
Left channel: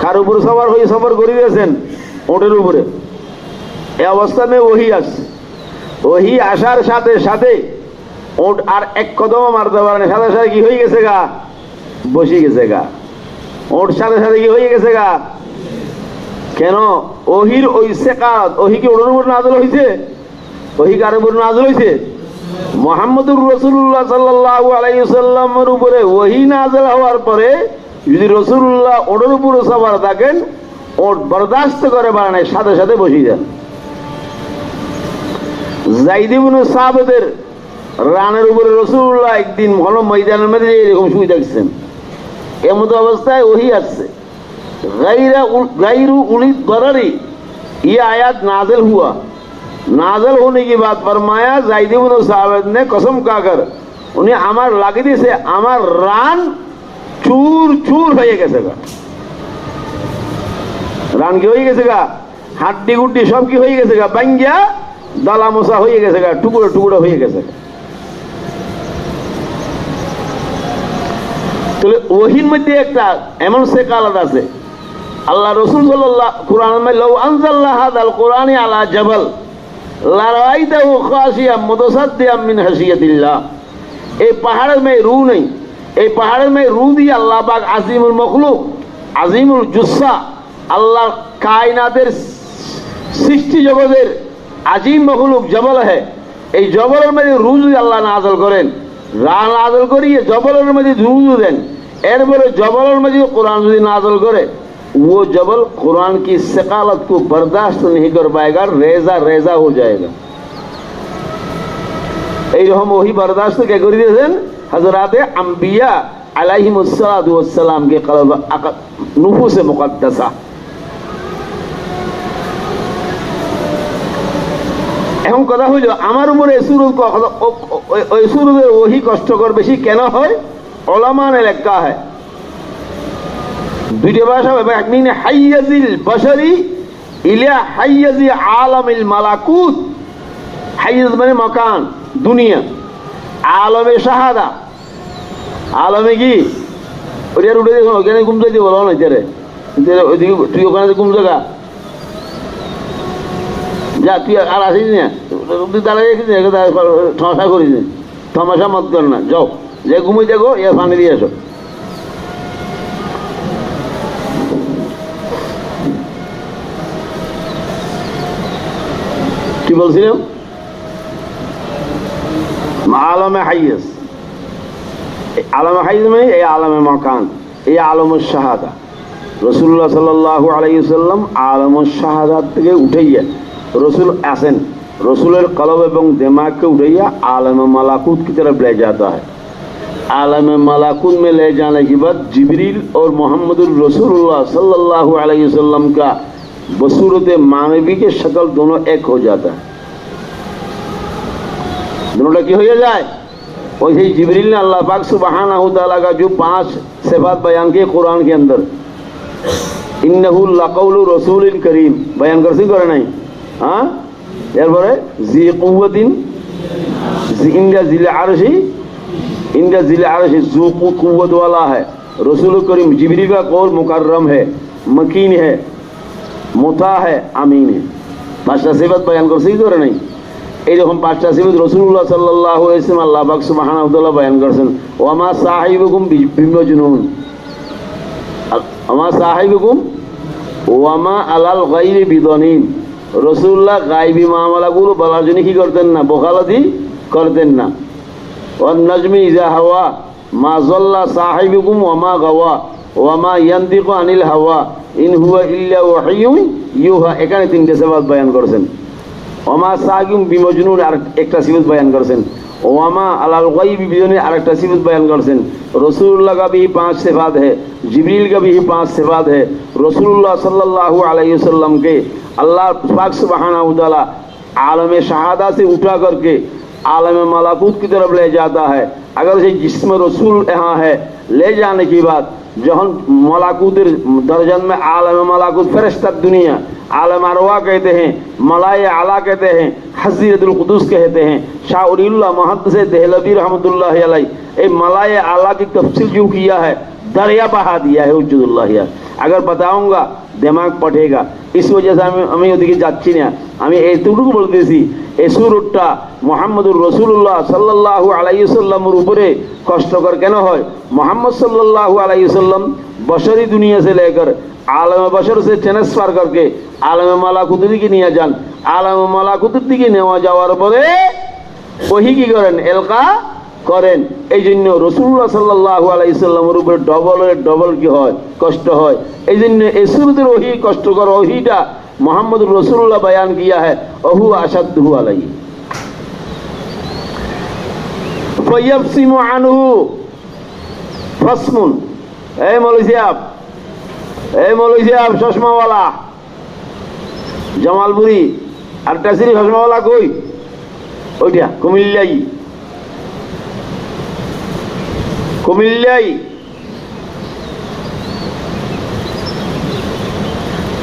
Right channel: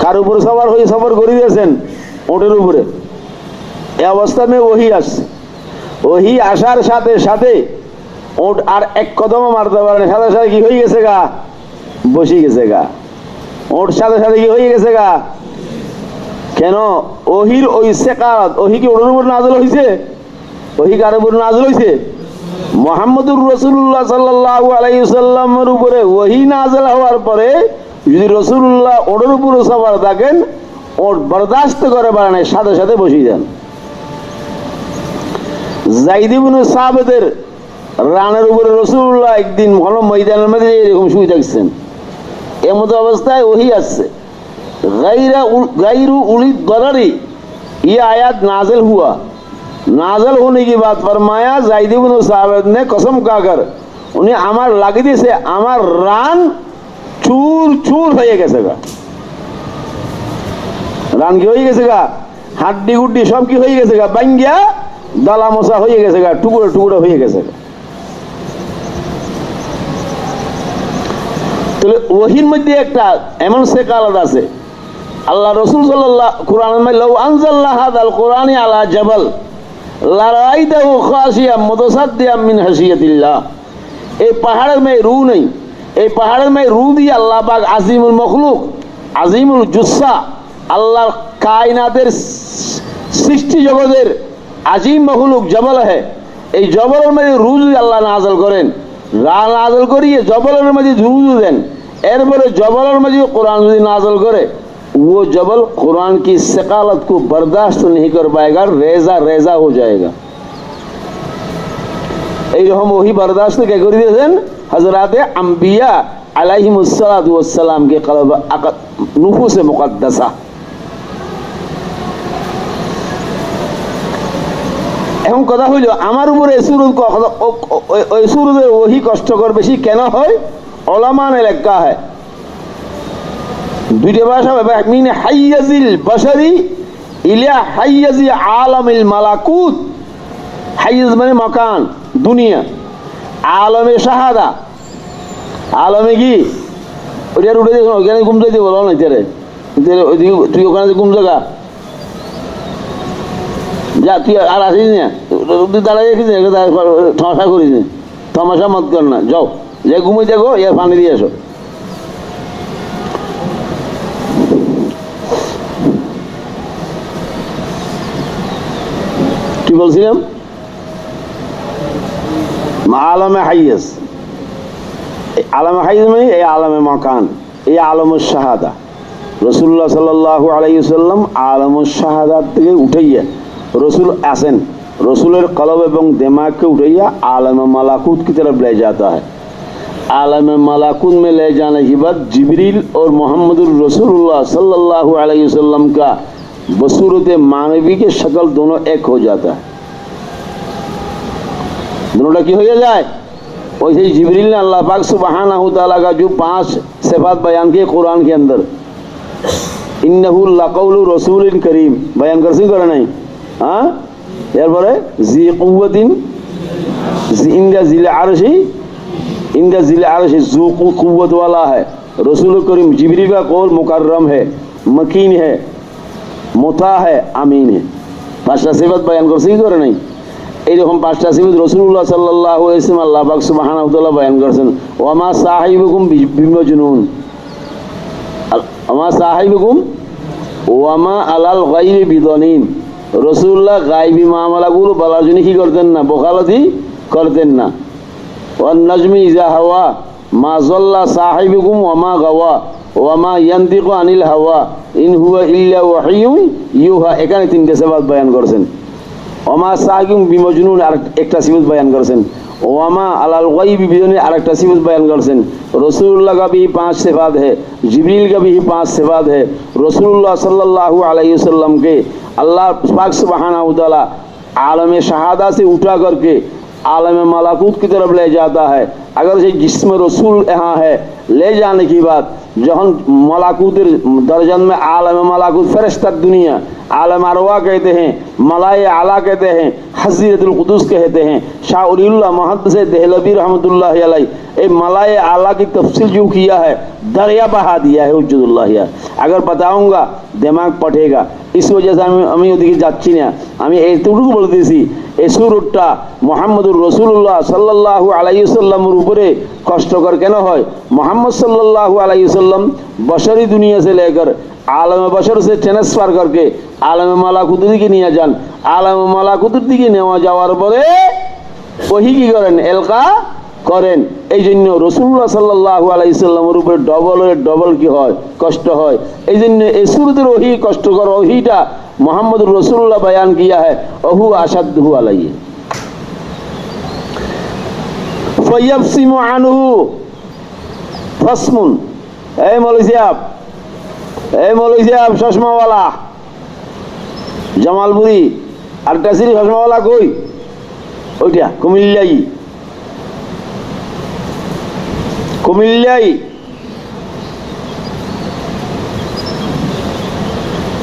কার উপর সবার হয়ে সফর করে দিয়েছেন ওটের উপরে এই অবস্থা में वही আসছে वही আসার সাথে সাথে ওট আর এক কদম মারতে পারে না সাথে সাথে কি হয়ে গেছে গা বসে গেছে গা ওট সাথে সাথে কি হয়ে গেছে গা কেন ওহির ওই সেকাত ওহি কি ওটের উপর নাযিল হইছে ওহি কার উপর নাযিল হইছে মুহাম্মদুর রাসূলুল্লাহ সাল্লাল্লাহু আলাইহি ওয়াসাল্লামের উপরে ওহি নাযিল হওয়ার পরে যদি রাসূলুল্লাহ ওটের উপর সওয়ার থাকেন ওট বরদাস্ত করে বাড়ানোর সাথে সাথে বসে যান যায়েদ ইবনে সাবিতের রানের উপরে রাসূলুল্লাহ একদিন ভালো ময়দানের মধ্যে এরকম শুয়ে থাকছেন এমন অবস্থায় ওহি আসছে গায়রু উলি দরারি ये आयत नाजिल हुआ नाजिल होने की बात फरमाया जायद इब्ने साबित ने कसम खाकर उन्हें আমার লাগি দিয়েছে আমার রান চুর চুর হয়ে গেছে গা রান কি হয়ে গেছে গা হাড্ডি গুড্ডি সব কি হয়ে গেছে গা বাঙ্গিয়া দলা মোসা হয়ে গেছে গা টুকরো টুকরো হয়ে গেছে তাহলে ওহির মধ্যে একটা এমন সেকালাত আছে আল্লাহ রাসূল সাল্লাল্লাহু কুরআনের মধ্যে লাউ আনজালনা হাদাল কুরআনি আলা জাবাল লা রাআইতাহু খাশিয়াম মুতাসাদ্দিয়াম মিন হাসিয়াতিল্লাহ এই পাহাড়ের মধ্যে রূহ নেই এই পাহাড়ের মধ্যে রূহ দিয়ে আল্লাহ পাক আজিমুল মখলুক আজিমুল জুসসা আল্লাহ কায়নাতের সৃষ্টি জগতের আজিম মখলুক জবল है এই জবলের মধ্যে রূহ দিয়ে আল্লাহ নাযিল করেন নাযিল করিয়ে জবলের মধ্যে রূহ দেন এরপরে জবলের মধ্যে কোরআন যদি নাযিল করে वो जबल कुरान की सकालत को बर्दाश्त नहीं कर पाएगा रेजा रेजा हो जाएगा এইরকম ওহি বরদাস্ত কে করে দিয়েছেন হযরতে আম্বিয়া আলাইহিমুসসালাতু ওয়াসসালাম কে কলব নুফুসে মুকদ্দাসা এখন কথা হইল আমার উপরে ওই সুরুদের ওহি কষ্টকর বেশি কেন হয় উলামায়ে লেখা হয় দুইটা ভাষা মিন হাইয়াজিল বাশারি ইলা হাইয়াজি আলামিল মালাকুত হাইয়াজ মানে মাকান দুনিয়া আলমে শাহাদা আলমে কি ওটা উঠে দেখো ওখানে ঘুম যাইতে বলো না রে তুই ওখানে ঘুম জায়গা যা তুই আর আসিস না তুই দাঁড়াই রেখিস ঠাসা করিস তামাশা মত কর না যাও যে ঘুমোই দেখো এর পানি দিয়ে আসো কি বলছিলাম আলমে হাইয়াজ আলমে হাইয়াজ মানে এই আলমে মাকান এই আলমুস শাহাদা রাসূলুল্লাহ সাল্লাল্লাহু আলাইহি ওয়াসাল্লাম আলমুস শাহাদাত থেকে উঠাইয়া रसूल आसन रसूलेर कलब एवं दिमाग के उठाइया आलम मलाकुत की तरफ ले जाता है आलम मलाकुत में ले जाने के बाद जिब्रील और मोहम्मद रसूलुल्लाह सल्लल्लाहु अलैहि वसल्लम का बसूरत मानवी के शक्ल दोनों एक हो जाता है दोनों की हो जाए वैसे जिब्रील ने अल्लाह पाक सुब्हानहू तआला का जो 5 सिफात बयान किए कुरान के अंदर इन्नहु लक़ौलु रसूलिन करीम बयान कर सी करे नहीं हाँ এরপরে জি কুওয়াতিন ইনদা জিল আরশি जो कुव्वत वाला है रसूल करीम जिब्रील का कौल मुकर्रम है मकीन है मुता है आमीन है पांचटा सिफात बयान করছে কি করে নাই এইরকম পাঁচটা সিফাত রাসূলুল্লাহ সাল্লাল্লাহু আলাইহি ওয়াসাল্লাম আল্লাহ পাক সুবহানাহু ওয়া তাআলা বয়ান করেছেন ওয়া মা সাহিবুকুম বিমজনুন আমা সাহিবুকুম ওয়া মা আলাল গায়বি বিদনিন রসুল্লাহ গায়বী মামলাগুলো বলার জন্য কি করতেন না বকালতি করতেন না ওয়ান নাজমি ইজা হাওয়া মা যাল্লা সাহিবুকুম ওয়া মা গাওয়া ওয়া মা ইয়ানতিকু আনিল হাওয়া ইন হুয়া ইল্লা ওয়াহিয়ুন ইউহা এখানে তিনটে সিফাত বয়ান করেছেন ওয়া মা সাহিবুকুম বিমজনুন আর একটা সিফাত বয়ান করেছেন ওয়া মা আলাল গায়বি বিদনিন আরেকটা সিফাত বয়ান করেছেন रसूलुल्लाह का भी 5 सिफात है जिब्रील का भी 5 सिफात है रसूलुल्लाह सल्लल्लाहु अलैहि वसल्लम के अल्लाह पाक सुब्हानहू तआला आलम शहादा से उठा करके आलम मलाकुत की तरफ ले जाता है अगर ये जिस्म रसूल यहाँ है ले जाने की बात जहन मलाकुतर दर्जन में आलम मलाकुत फरिश्ता दुनिया आलम अरवा कहते हैं, मलाए आला कहते हैं, हज़रतुल कुदुस कहते हैं। शाह उलिउल्लाह मुहद्दिस देहलवी रहमतुल्लाह अलैह ए मलाए आला की तफसील जो किया है दरिया बहा दिया है उज्जुल्लाह। अगर बताऊंगा दिमाग पटेगा, इस वजह से আমি ওদিকে যাচ্ছি না। আমি এইটুকু বলতেছি এই সুরটা মুহাম্মদুর রাসূলুল্লাহ সাল্লাল্লাহু আলাইহি ওয়াসাল্লামের উপরে কষ্টকর কেন হয়? मोहम्मद सल्लल्लाहु अलैहि वसल्लम बशरी दुनिया से लेकर आलम बशर से ट्रांसफार करके आलम मालाकुतर दिके নিয়ে যান। आलम मालाकुतर दिके নেওয়া যাওয়ার পরে ওহী কি করেন? এলকা করেন। এই জন্য রাসূলুল্লাহ সাল্লাল্লাহু আলাইহি ওয়াসাল্লামের উপরে ডবল কি হয়? কষ্ট হয়। এই জন্য এই সূরতের ওহী কষ্টকর ওহীটা মুহাম্মদুর রাসূলুল্লাহ बयान किया है ওহু আশাদহু আলাইহি ফায়াফসিমু আনহু फसमुन। ए मौलवी साहब चश्मा वाला जमालपुरी आरटासिरी चश्मा वाला कोई ओइटा कुमिल्लाई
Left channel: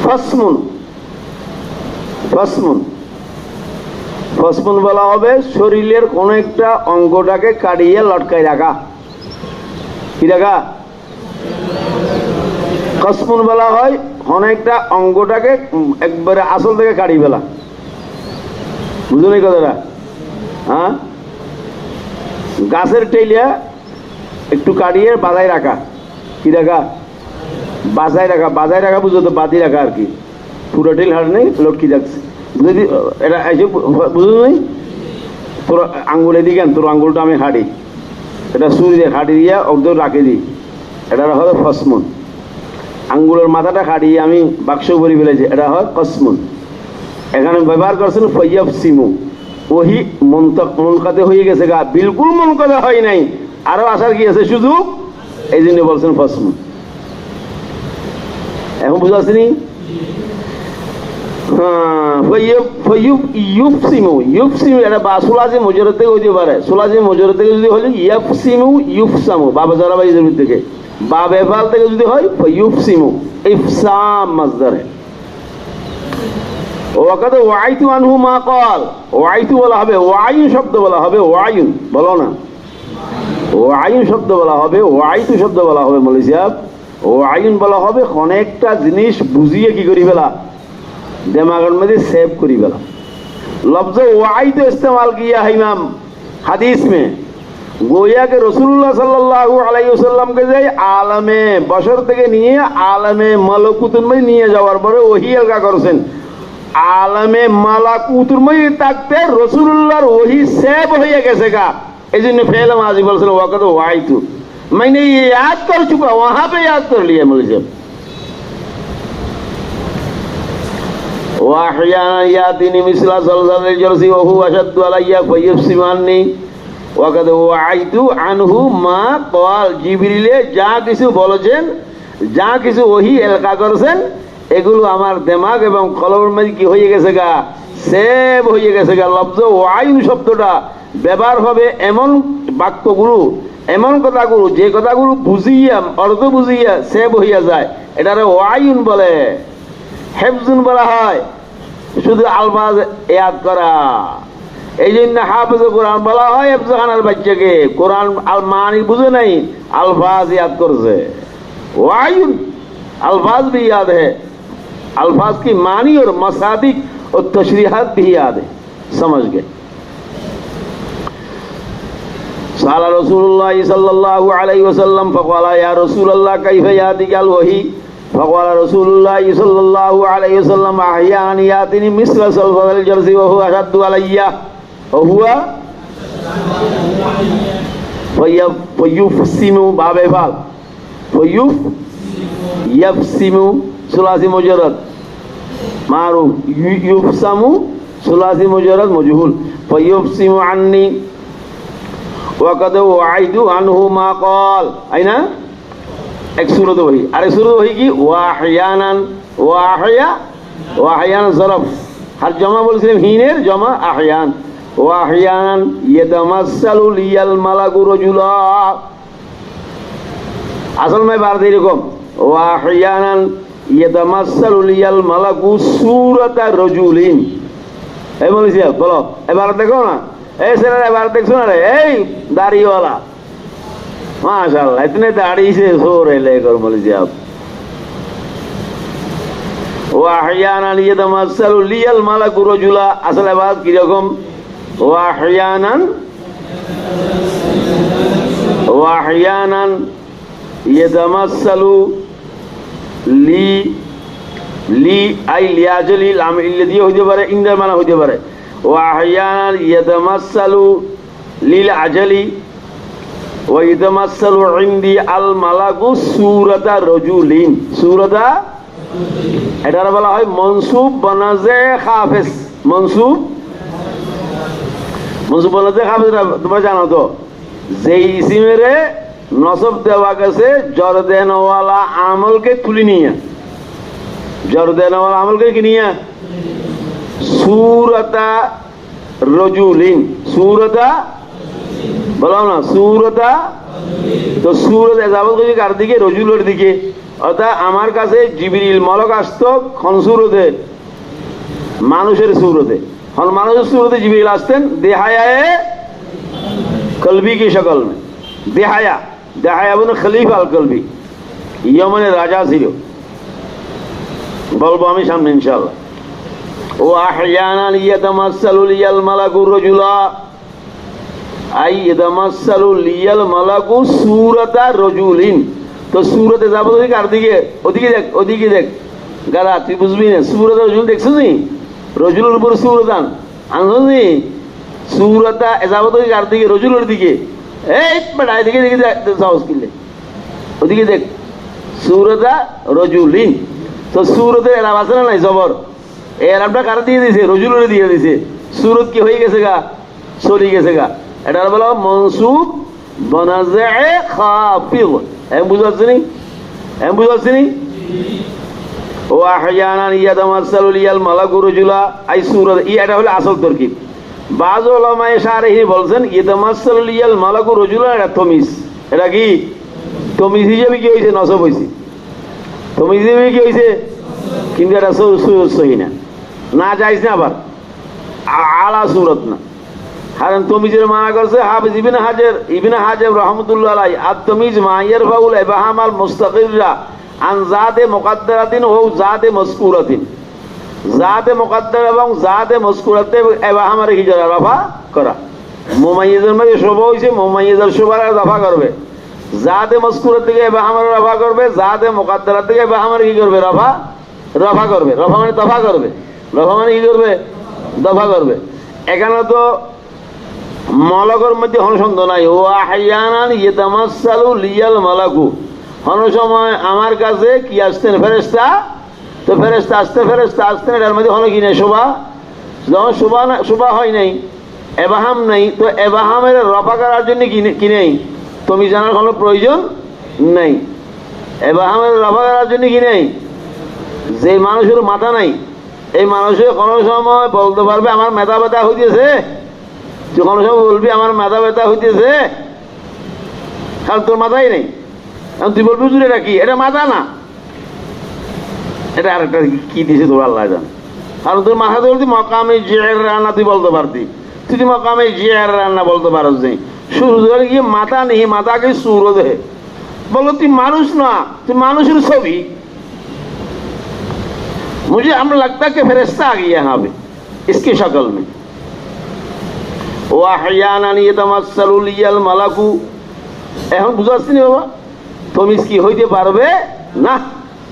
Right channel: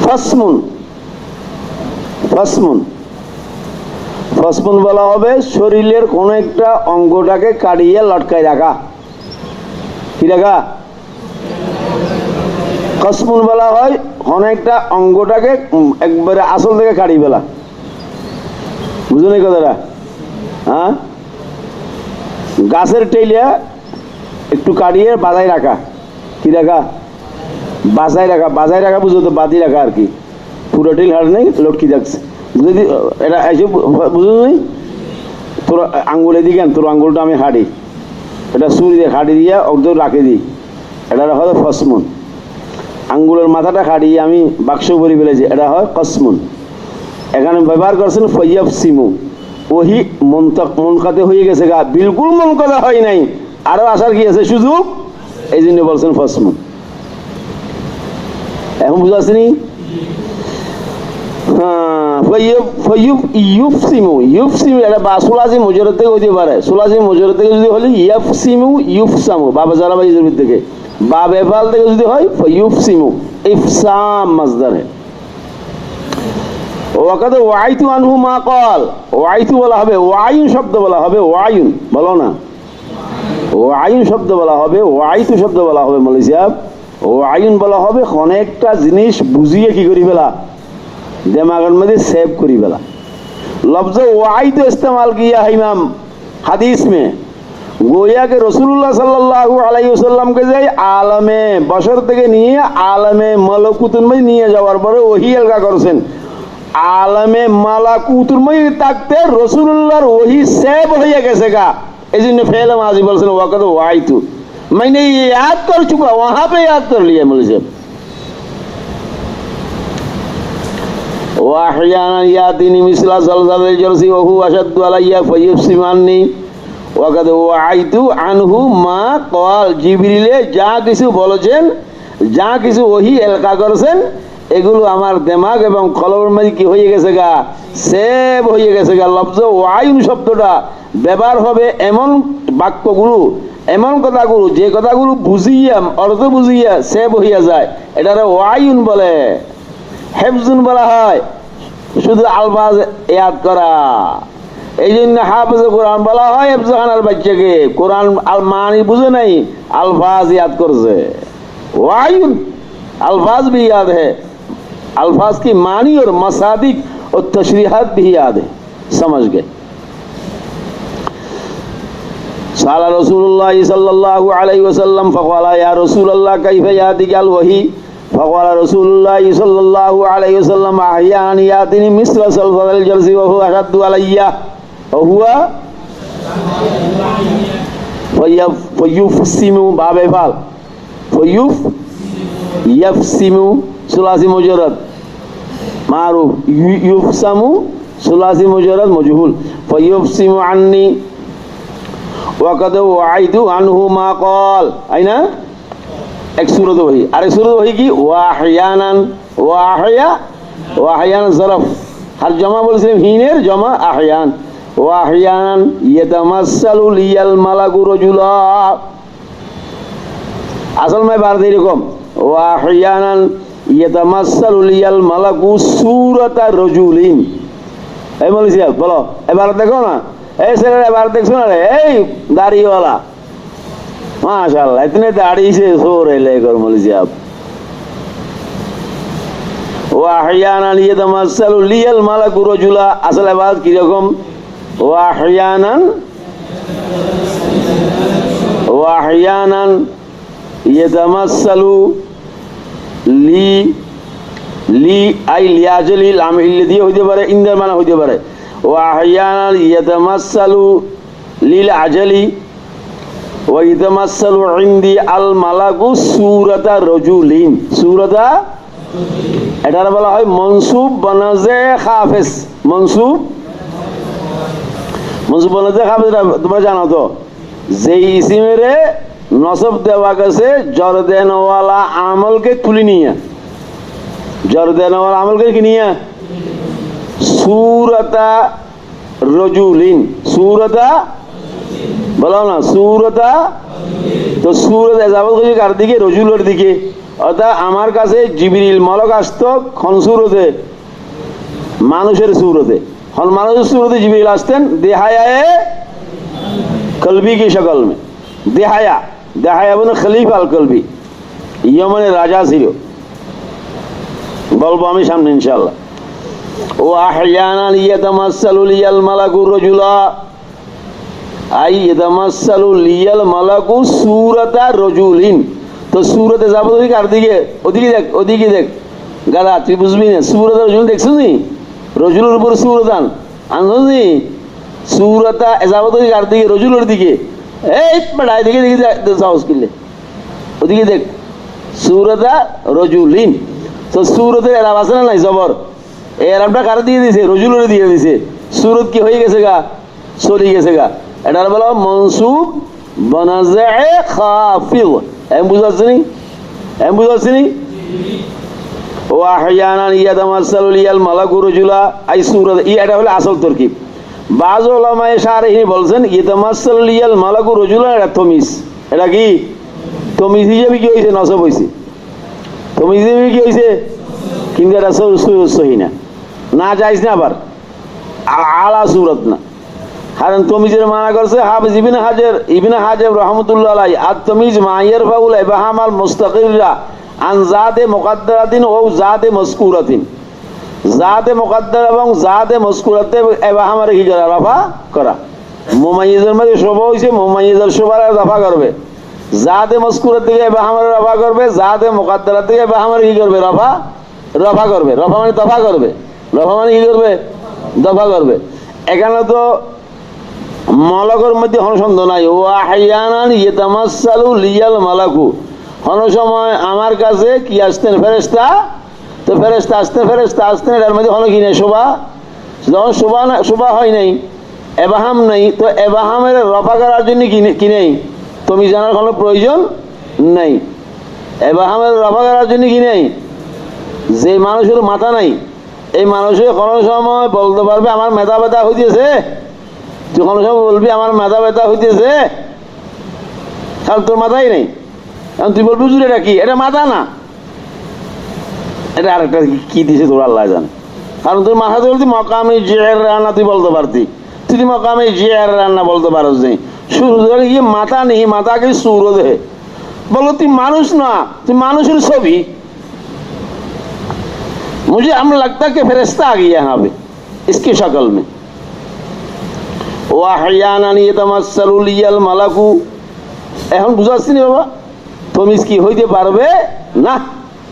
फसमुन বলা হবে শরীরের কোন একটা অঙ্গটাকে কাটিয়ে লটকায় রাখা। কি রাখা? কসমুন বলা হয় অনেকটা অঙ্গটাকে একবারে আসল থেকে কাটি ফেলা। বুঝুন এই কথাটা? হ্যাঁ, গাছের টেলিয়া একটু কাটিয়ে বাজায় রাখা। কি রাখা? বাজায় রাখা বুঝো তো, বাদি রাখা আর কি। পুরো টেল হার নেই, লটকি যাচ্ছে। যদি এটা এসে বুঝো নাই, তোর আঙ্গুল এদিকে তোর আঙ্গুলটা আমি হাঁটি, এটা সুরি দিয়ে খাটি দিয়ে ওদের রাখে দিই, এটা হয় ফসমুন। আঙ্গুলের মাথাটা খাটিয়ে আমি বাক্স ভরি ফেলেছি, এটা হয় কসমুন। এখানে ব্যবহার করছেন ফায়াফসিমু, ওহি মনকাতে হয়ে গেছে গা, বিলকুল মনকাতে হয় নাই, আরো আসার কি আছে সুযোগ, এই জন্য বলছেন ফসমুন। এখন বুঝা আসেনি? এটা বা সুলাজি মুজরদ থেকে হইতে পারে। সুলাজি মুজরদ থেকে যদি হলে ইয়াফসিমু ইউফসামু, বাবা জারা ভাই জমির থেকে, বা বেফাল থেকে যদি হয় ফায়ুফসিমু ইফসাম মাসদারে। ওয়াকাদ ওয়াইতু আনহু মা ক্বাল, ওয়াইতু বলা হবে, ওয়াইন শব্দ বলা হবে, ওয়াইন বলো না, ওয়াইন শব্দ বলা হবে, ওয়াইতু শব্দ বলা হবে। মৌলভী সাহেব ওয়াইন বলা হবে অনেকটা জিনিস বুঝিয়ে কি করি ফেলা, दिमाग में सेव करी बेला। लफ्ज़ वाइद इस्तेमाल किया है इमाम हदीस में, गोया के रसूलुल्लाह सल्लल्लाहु अलैहि वसल्लम के जे आलमे बशर থেকে নিয়ে আলমে মালাকুতুর মধ্যে নিয়ে যাওয়ার পরে ওহী এলকা করেছেন। আলমে মালাকুতুর মধ্যে থাকতে রাসূলুল্লাহর ওহী সেভ হয়ে গেছে গা, এইজন্য ফেল মাজি বলছেন ওয়াকাদ ওয়াইতু, मैंने ये याद कर चुका, वहां पे याद कर लिया मौलवी साहब। वाहियाना यातिनी मिसला ज़लज़लल जरसी वहु अशद्दु अलैया फयफ्सिमानी ওয়াকাদ ওয়াইতু আনহু মা ক্বাল। জিবরিলে যা কিছু বলেছেন, যা কিছু ওহী এলকা করেছেন, এগুলো আমার দিমাগ এবং কলবের মধ্যে কি হয়ে গেছে গা, সেভ হয়ে গেছে গা। লফজ ওয়াইন শব্দটা ব্যবহার হবে এমন বাক্যগুলো, এমন কথাগুলো যে কথাগুলো বুঝিয়া অর্থ বুঝিয়া সেভ হইয়া যায়, এটারে ওয়াইন বলে। হেফজুন বলা হয় শুধু আলফাজ ইয়াদ করা, এই জন্য হাফেজ কোরআন বলা হয় হেফজখানার বাচ্চাকে, কোরআন আল মানি বুঝে নাই, अल्फाज याद कर से वायुन अल्फाज भी याद है, अल्फाज की मानी और मसादिक और तशरीहात भी याद है, समझ गए। साला रसूलुल्लाह सल्लल्लाहु अलैहि वसल्लम फक़ाला या रसूलल्लाह कैफ़ यातिकल वही, फक़ाला रसूलुल्लाह सल्लल्लाहु अलैहि वसल्लम अहयान यातिनी मिस्ल सल्फल जर्सी व हुवा अशद्दु अलैया व हुवा फयुफसिमु बाबे फाल फयुफसिमु सुलासी मुजरद मारूफ, युफसामु सुलासी मुजरद मजहूल, फयुफसिमु अन्नी वक़द वअइतु अन्हु मा क़ाल। आई ना एक सूरत वही, अरे सूरत वही की वाहयानान वाहयान ज़रफ हर जमा बोलছিলাম হিনের জমা আহয়ান, ওয়াহয়ানান ইয়াতামাসসালু লিয়াল মালাকু রাজুলা। আসল में बात এরকম ওয়াহিয়ানান ইয়াতামাসসালু লিয়াল মালাকু সূরাতা রাজুলিন। এই বলেছি বলো, এবার দেখো না, এই ছেলেরা এবার দেখছো না রে, এই দাড়িওয়ালা माशाअल्लाह इतने दाढ़ी से सो रहे लेकर मौलवी आप। वाहियानान यतमस्सलु लियल मलकु रजुला, असल बात की रकम वाहियानान यतमस्सलु লি আই লিয়াজলি লাম ইল্লাদি হইতে পারে, ইন্দার মানা হইতে পারে। ওয়াহিয়ানান ইয়াতামাসসালু লিল আজলি ওয়া ইয়াতামাসসালু ইনদি আল মালাকু সূরাতা রাজুলিন। সূরাতা এটার বলা হয় মনসুব বনাজে খাফিস। মনসুব বনাজে খাফিস তোমরা জানো তো, যে ইসিমেরে নসব দেওয়া গেছে জর দেনওয়ালা আমলকে তুলি নিয়ে, জর দেনওয়ালা আমলকে কি নিয়ে সূরাতা রাজুলিন। সূরাতা বলো না, সূরাতা তো সূরত এজাবত করে কার দিকে, রজুলের দিকে। অর্থাৎ আমার কাছে জিবরিল মলক আসতো খনসুরতে, মানুষের সুরতে। মানুষের সুরতে জিবরিল আসতেন দেহায়ায়ে কলবি की शक्ल में। দেহায়া দেহায়া বলে খলিফা আল কলবি, ইয়মনের রাজা ছিল, বলবো আমি সামনে ইনশাআল্লাহ। ও আহয়ানান ইয়াতামাসসালু লিয়াল মালাকু রাজুলা আই ইয়াতামাসসালু লিয়াল মালাকু সূরাতা রাজুলিন। তো সূরতে যাব তুই কার দিকে, ওদিকে দেখ, ওদিকে দেখ গালা, তুই বুঝবি না। সূরাত রাজুল দেখছিস নি, রজুলের উপর সূরতান আনছিস নি, সূরাতা যাব তুই কার দিকে, রজুলের দিকে। এই বড় এদিকে দিকে সাহস কিলে, ওদিকে দেখ, সূরাতা রাজুলিন। তো সূরতের এলাম আছে না নাই, জবর এই এলামটা কার দিয়ে দিয়েছে, রজুলের দিয়ে দিয়েছে। সূরত কি হয়ে গেছে গা, চলে গেছে গা। এটার বলা মনসুব বনাজে খাফিদ। এম বুঝাচ্ছি নি, এম বুঝাচ্ছি নি। ও আহয়ানান ইয়াতামাসসালু লিয়াল মালাকু রাজুলা আই সূরাত, এটা হলো আসল তরকিব। বাজ উলামায়ে শারহিন বলছেন ইয়াতামাসসালু লিয়াল মালাকু রাজুলা, এটা তমিজ। এটা কি তমিজ হিসেবে কি হয়েছে, নসব হয়েছে। তমিজ হিসেবে কি হয়েছে, কিন্তু এটা সহি না, না যাইজ না, আবার আলা সূরত না। কারণ তমিজের মানা করছে হাফিজ ইবনে হাজার রহমতুল্লাহ আলাইহি, আত তমিজ মা ইয়ারফাউল ইবহাম আল মুস্তাকিরা আন যাতে মুকদ্দারাতিন ও যাতে মাযকুরাতিন। যাতে মুকদ্দার এবং যাতে মাযকুরাতে ইবহামের হিজরা রাফা করা। মুমাইয়িজের মধ্যে শোভা হইছে, মুমাইয়িজের শোভার রাফা করবে। যাতে মাযকুরাত থেকে ইবহামের রাফা করবে, যাতে মুকদ্দারাত থেকে ইবহামের কি করবে, রাফা করবে। রাফা মানে দফা করবে, রাফা মানে কি করবে, দফা করবে। এখানে তো মলকের মধ্যে কোনো সন্দেহ নাই। ও আহয়ানান ইয়াতামাসসালু লিয়াল মালাকু, কোনো সময় আমার কাছে কি আসতেন, ফেরেশতা। তো ফেরেশতা আসতেন, এটার মধ্যে কোনো কি নেই, শোভা। যখন শোভা হয় নাই, এবাহাম নেই, তো এবাহামের রফা করার জন্য কি নেই, তুমি জানার কোনো প্রয়োজন নেই। এবাহামের রফা করার জন্য কি নেই, যে মানুষের মাথা নাই, এই মানুষের কোনো সময় বলতে পারবে আমার মেধা ব্যথা হইতেছে। তুই কোনো সময় বলবি আমার মাথা ব্যথা হইতেছে, কারণ তোর মাথাই নেই। কারণ তুই বলবি বুঝলি এটা কি, এটা মাথা না, এটা আরেকটা কি দিয়েছে তোর আল্লাহ জানে। কারণ তোর মাথা বলতি মকামে জিয়ার রান্না তুই বলতে পারতি, তুই মকামে জিয়ার রান্না বলতে পারো যে শুরু ইয়ে মাথা নেই, মাথাকে সুর দেহে বলো তুই মানুষ না, তুই মানুষের ছবি। मुझे अमर लगता कि फरिश्ता आ गया यहाँ पे इसकी शक्ल में। ওয়াহিয়ানান ইয়াতামাসসালু লিয়াল মালাকু, এখন বুঝাচ্ছি না বাবা, তমিজ কি হইতে পারবে না।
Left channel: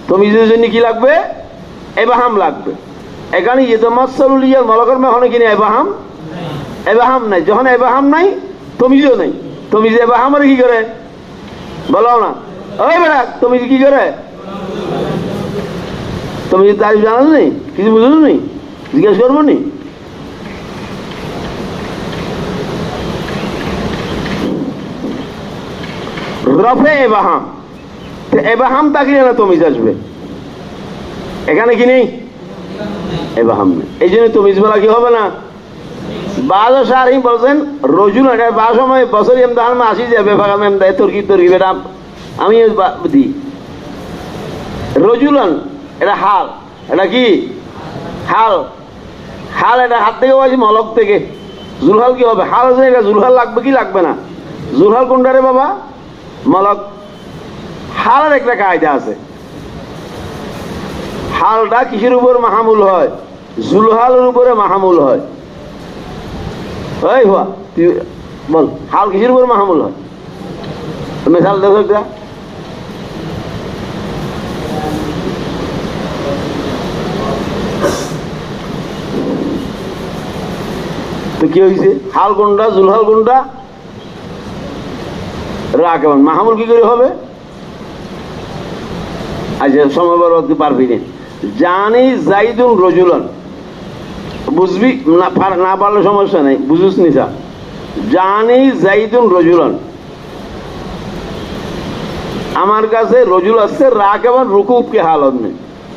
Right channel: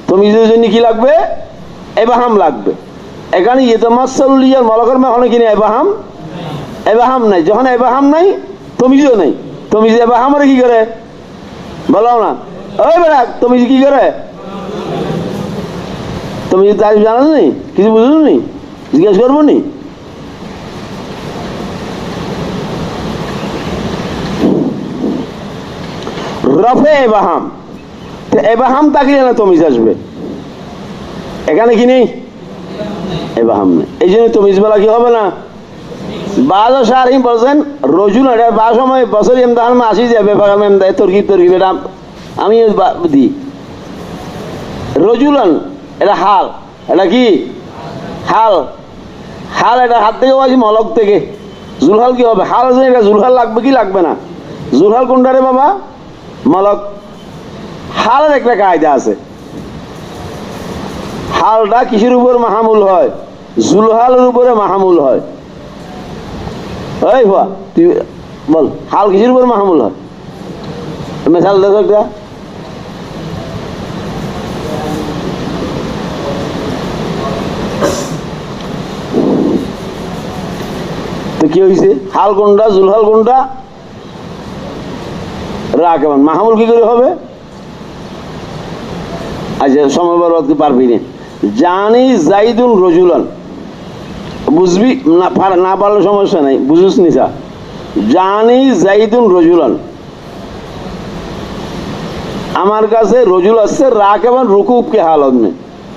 তমিজের জন্য কি লাগবে, এবাহাম লাগবে। এখানে ইয়াতামাসসালু লিয়াল মালাকুর মানে কি নেই, এবাহাম নাই। যখন এবাহাম নাই, তমিজও নেই। তমিজ এবাহাম আর কি করে বলো না, ওই বেড়া তমিজ কি করে, তুমি তারিফ জানো নি, কিছু বুঝলো নি, জিজ্ঞেস করবো নি। রফে এবাহাম, এবাহাম তাকিয়ে না তমিজ আসবে, এখানে কি নেই, এবাহাম নেই, এই জন্য তমিজ বলা কি হবে না। বাজ শারহিন বলছেন রজুল, এটা বা সময় বছর ইমতাহান আসি যাবে, তোর কি এটা আমি দিই রজুলান, এটা হাল, এটা কি হাল, হাল এটা হাত থেকে বলছি মলক থেকে। জুলহাল কি হবে? হাল আছে, এটা জুলহাল লাগবে কি লাগবে না? জুলহাল কোনটা রে বাবা? মলক। হালের একটা কায়দা আছে, হালটা কিসের উপর মাহামুল হয়? জুলহালের উপরে মাহামুল হয়। এই হুয়া তুই বল, হাল কিসের উপর মাহামুল হয়? মেশাল দেখো একটা। তো কি হয়েছে? হাল কোনটা, জুলহাল কোনটা? রাকেবান। মাহামুল কি করে হবে? আচ্ছা সময় বরবাদ পারবি না। জানি জাইদুন রজুলান, বুঝবি না, না পারলে সমস্যা নেই, বুঝুস নিসা। জানি জাইদুন রজুলান, আমার কাছে রজুল আসছে রাকেবান রুকুবকে হালত নেই।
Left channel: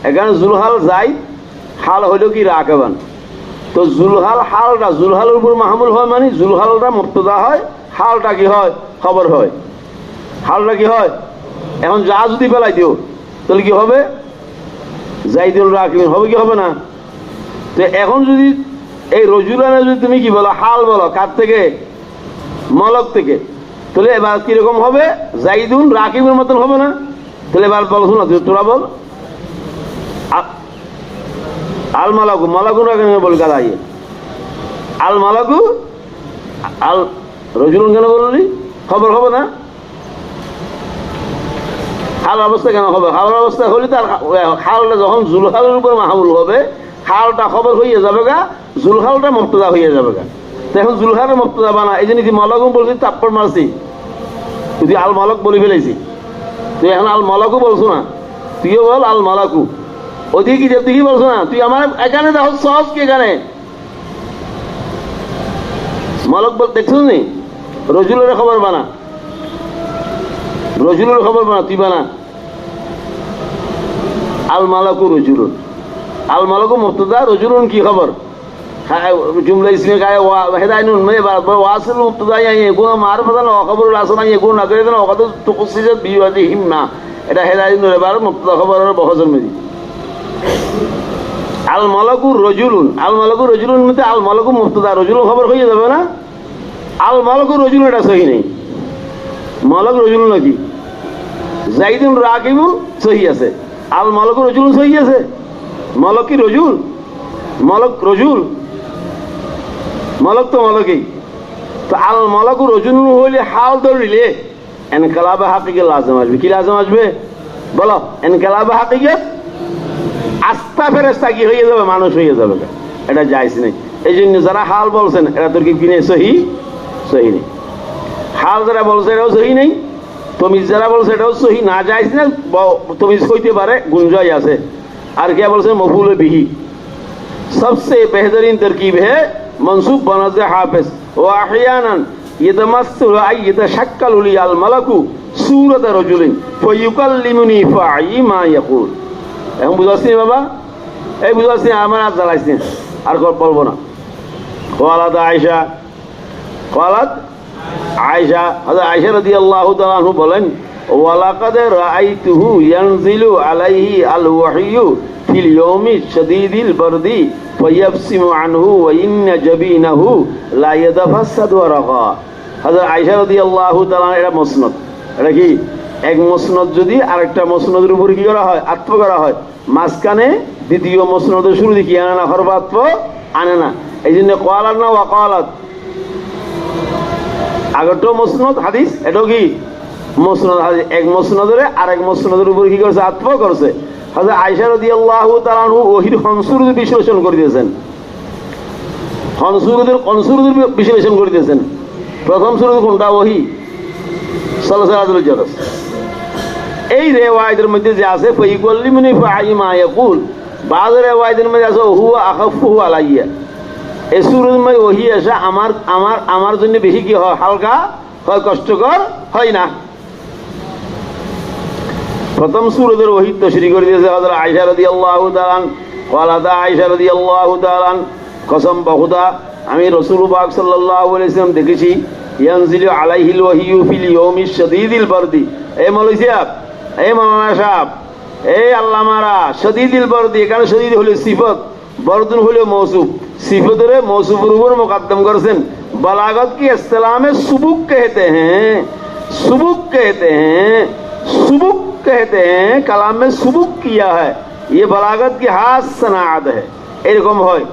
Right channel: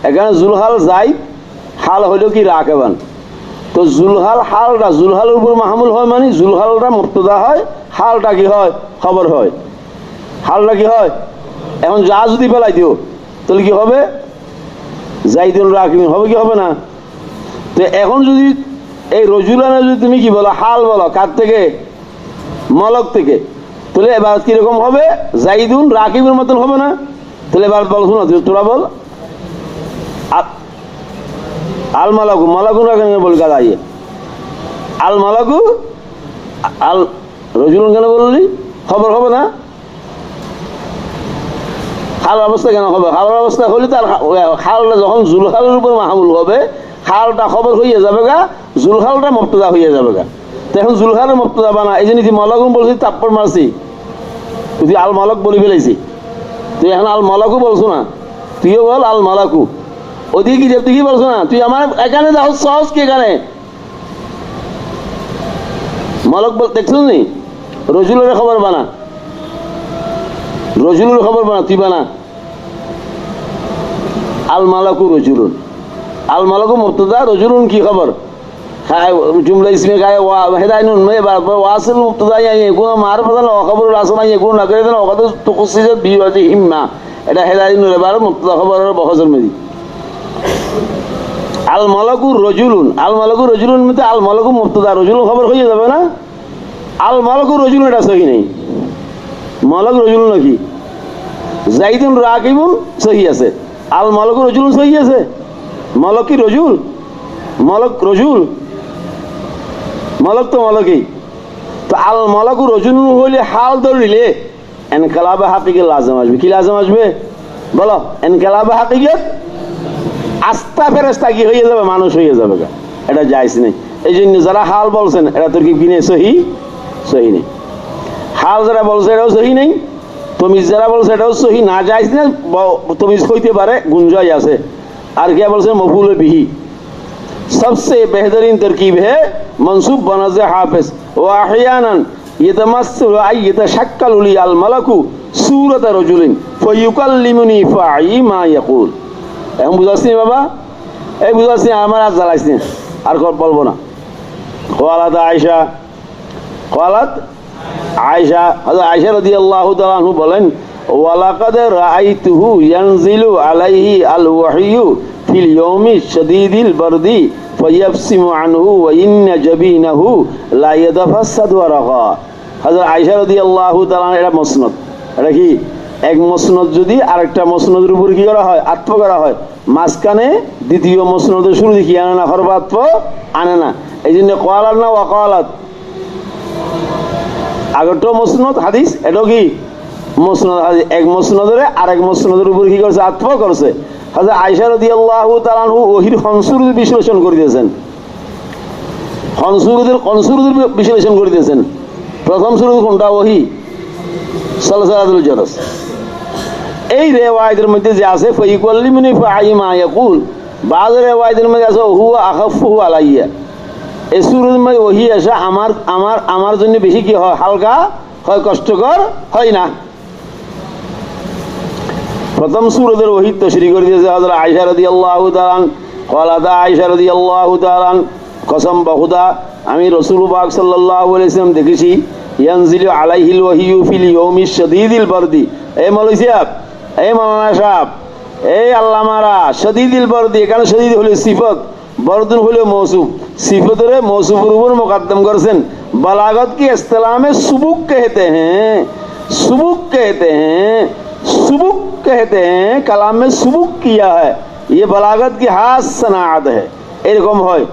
এখানে জুলহাল যাই, হাল হইল কি রাকেবান। তো জুলহাল হালটা জুলহালের উপর মাহমুল হয়, মানে জুলহালটা মুক্তদা হয়, হালটা কি হয়? খবর হয়। হালটা কি হয়? এখন যা যদি ফেলাই দিও তাহলে কি হবে? জাইদুল রাকিবিন হবে কি হবে না? তো এখন যদি এই রজুলানে যদি তুমি কি বলো? হাল বলো। কার থেকে? মলক থেকে। তাহলে এবার কিরকম হবে? জাইদুল রাকিবের মতন হবে না? তাহলে এবার বল, শোনো তোরা বল। আল মালাকু, মালাকু রাকিবের বল গাদাই। আল মালাকু আল রজুলুন কেন বললি? খবর হবে না? খাল অবস্থা কেন হবে? খাল অবস্থা হলে তার খালটা যখন জুলহালের উপর মাহমুল হবে, খালটা খবর হইয়া যাবে গা, জুলহালটা মুক্তদা হইয়া যাবে গা। তো এখন জুলহালের মুক্তদা বানা, এই জন্য মলকুম বলছি, তাপ্পর মারছি, তুই আল মালক বলে ফেলেছি। তুই এখন আল মালাকু বলছো না, তুইও বল আল মালাকু। ওদিকে কি তুই কি বলছো না? তুই আমার এখানে দেখো সহজ কি, এখানে মালক বল দেখছো নি? রজুলের খবর বানা, রজুলের খবর বানা, তুই বানা আল মালাকু রজুলুন। আল মালাকু মুবতাদা, রজুলুন কি খবর? जुमला इसमें का है हिदायतुन में वासिल मुब्तदा या यकुन मारिफातान व खबरुल आसमा यकुन नकरतन व qad tukhsisa bi wajhihima। এটা হিদায়তুন এর বারে মুবতাদা খবরের বহজম মেদি। আল মালাকু রজুলুন, আল মালাকু রজুলুন মানে আল মালাকু মুবতাদা, রজুলুন খবর হয়ে যাবে না? আল মালাকু রজুলুন এটা সহি নেই। মালাক রজুলুন নাকি? জাইদুন রাকিবুন সহি আছে, আল মালাকু রজুলুন সহি আছে। মালাক কি রজুল? মালাক রজুল, মালাক তো মালাকই। তো আল মালাকু রজুলুন হইলে হাল ধরিলে এনকালাবে হাকিকে লাজম আসবে। কি লাজম আসবে বলো? এনকালাবে হাকিকে আস্থা ফেরেশতা কি হয়ে যাবে? মানুষ হয়ে যাবে। এটা জায়েজ নেই। এই জন্য যারা হাল বলছেন এরা তোর কি কিনে সহি? সহি নেই। হাল যারা বলছে এটাও সহি নেই, তমিজ যারা বলছে এটাও সহি না, জায়েজ না। তমিজ হইতে পারে, গুঞ্জাই আছে। আর কে বলছে মফুল বিহি। सबसे बेहतरीन तरकीब है मंसूब बनज़ हाफिज व अहयानन यतमस्सल अय यतशक्कल लिल मलकु सूरत रजुलिन फयुकल्लिमुनी फाई मा यकुल। এখন বুঝাচ্ছি বাবা, এই বুঝাচ্ছি, আমার আর জ্বালাইছি আর বলবো না। قالت عائشة قالت عائشة হযরত আয়েশা রাদিয়াল্লাহু তাআলা আনহু বলেন, ওয়ালাকাদ রাআইতুহু ইয়ানজিলু আলাইহি আল ওয়াহয়ু ফিল ইয়াউমি শাদীদিল বারদি ফায়াফসিমু আনহু ওয়া ইন্না জাবিনাহু লা ইয়াতাফাসাদু ওয়ারাকা। হযরত আয়েশা রাদিয়াল্লাহু তাআলা, এটা মুসনাদ। এটা কি এক মুসনাদ যদি আরেকটা মুসনাদের উপর কি করা হয়? আত্ম করা হয়, মাঝখানে দ্বিতীয় মুসনাদের শুরু দেখি আনে না, হরবাত্ম আনে না। এই জন্য ক্বালাত না ওয়াকালাত, আগেরটাও মুসনাদ হাদিস, এটাও কি মুসনাদ হাদিস। এক মুসনাদের আরেক মুসনাদের উপর কি করছে? আত্ম করছে। হযরত আয়েশা রাদিয়াল্লাহু তাআলা আনহু ওহীর খনসুরুদ বিশ্লেষণ করে দিয়েছেন, খনসুরুদের বিশ্লেষণ করে দিয়েছেন। প্রথম সুরুদ কোনটা? ওহী সালসালাতুল জারস। এই রিওয়ায়াতের মধ্যে যে আছে ফাইকুল্লিমুনি ফাই মা ইয়াকুল, বাজ রিওয়ায়াতের মধ্যে আছে হুয়া আখাফুহু আলাইয়া। এই সুরুদের মধ্যে ওহী আসে আমার আমার আমার জন্য বেশি কি হয়? হালকা হয়, কষ্টকর হয় না। প্রথম সূরাতের ওহী তাশরীহ করে দিয়েছে হযরত আয়েশা রাদিয়াল্লাহু তাআলা। ক্বালাত আয়েশা রাদিয়াল্লাহু তাআলা, কসম বখুদা আমি রাসূল পাক সাল্লাল্লাহু আলাইহি ওয়াসাল্লাম দেখেছি ইয়ানজিলু আলাইহিল ওয়াহিয়ু ফিল ইয়াউমিশ শাদীদিল বারদি। এই মৌলভী সাহেব, এই মাওলানা সাহেব, এই আল্লামারা, শাদীদিল বারদি, এখানে শাদীদ হলো সিফত, বরদুন হলো মৌসুফ। সিফতের মৌসুফের উপর মুকদ্দম করেছেন। बलागत की इस्तिलाह में सुबुक कहते हैं, सुबुक कहते हैं, सुबुक कहते हैं, कलाम में सुबुक किया है। ये बलागत की हाथ सनात है। এরকম হয়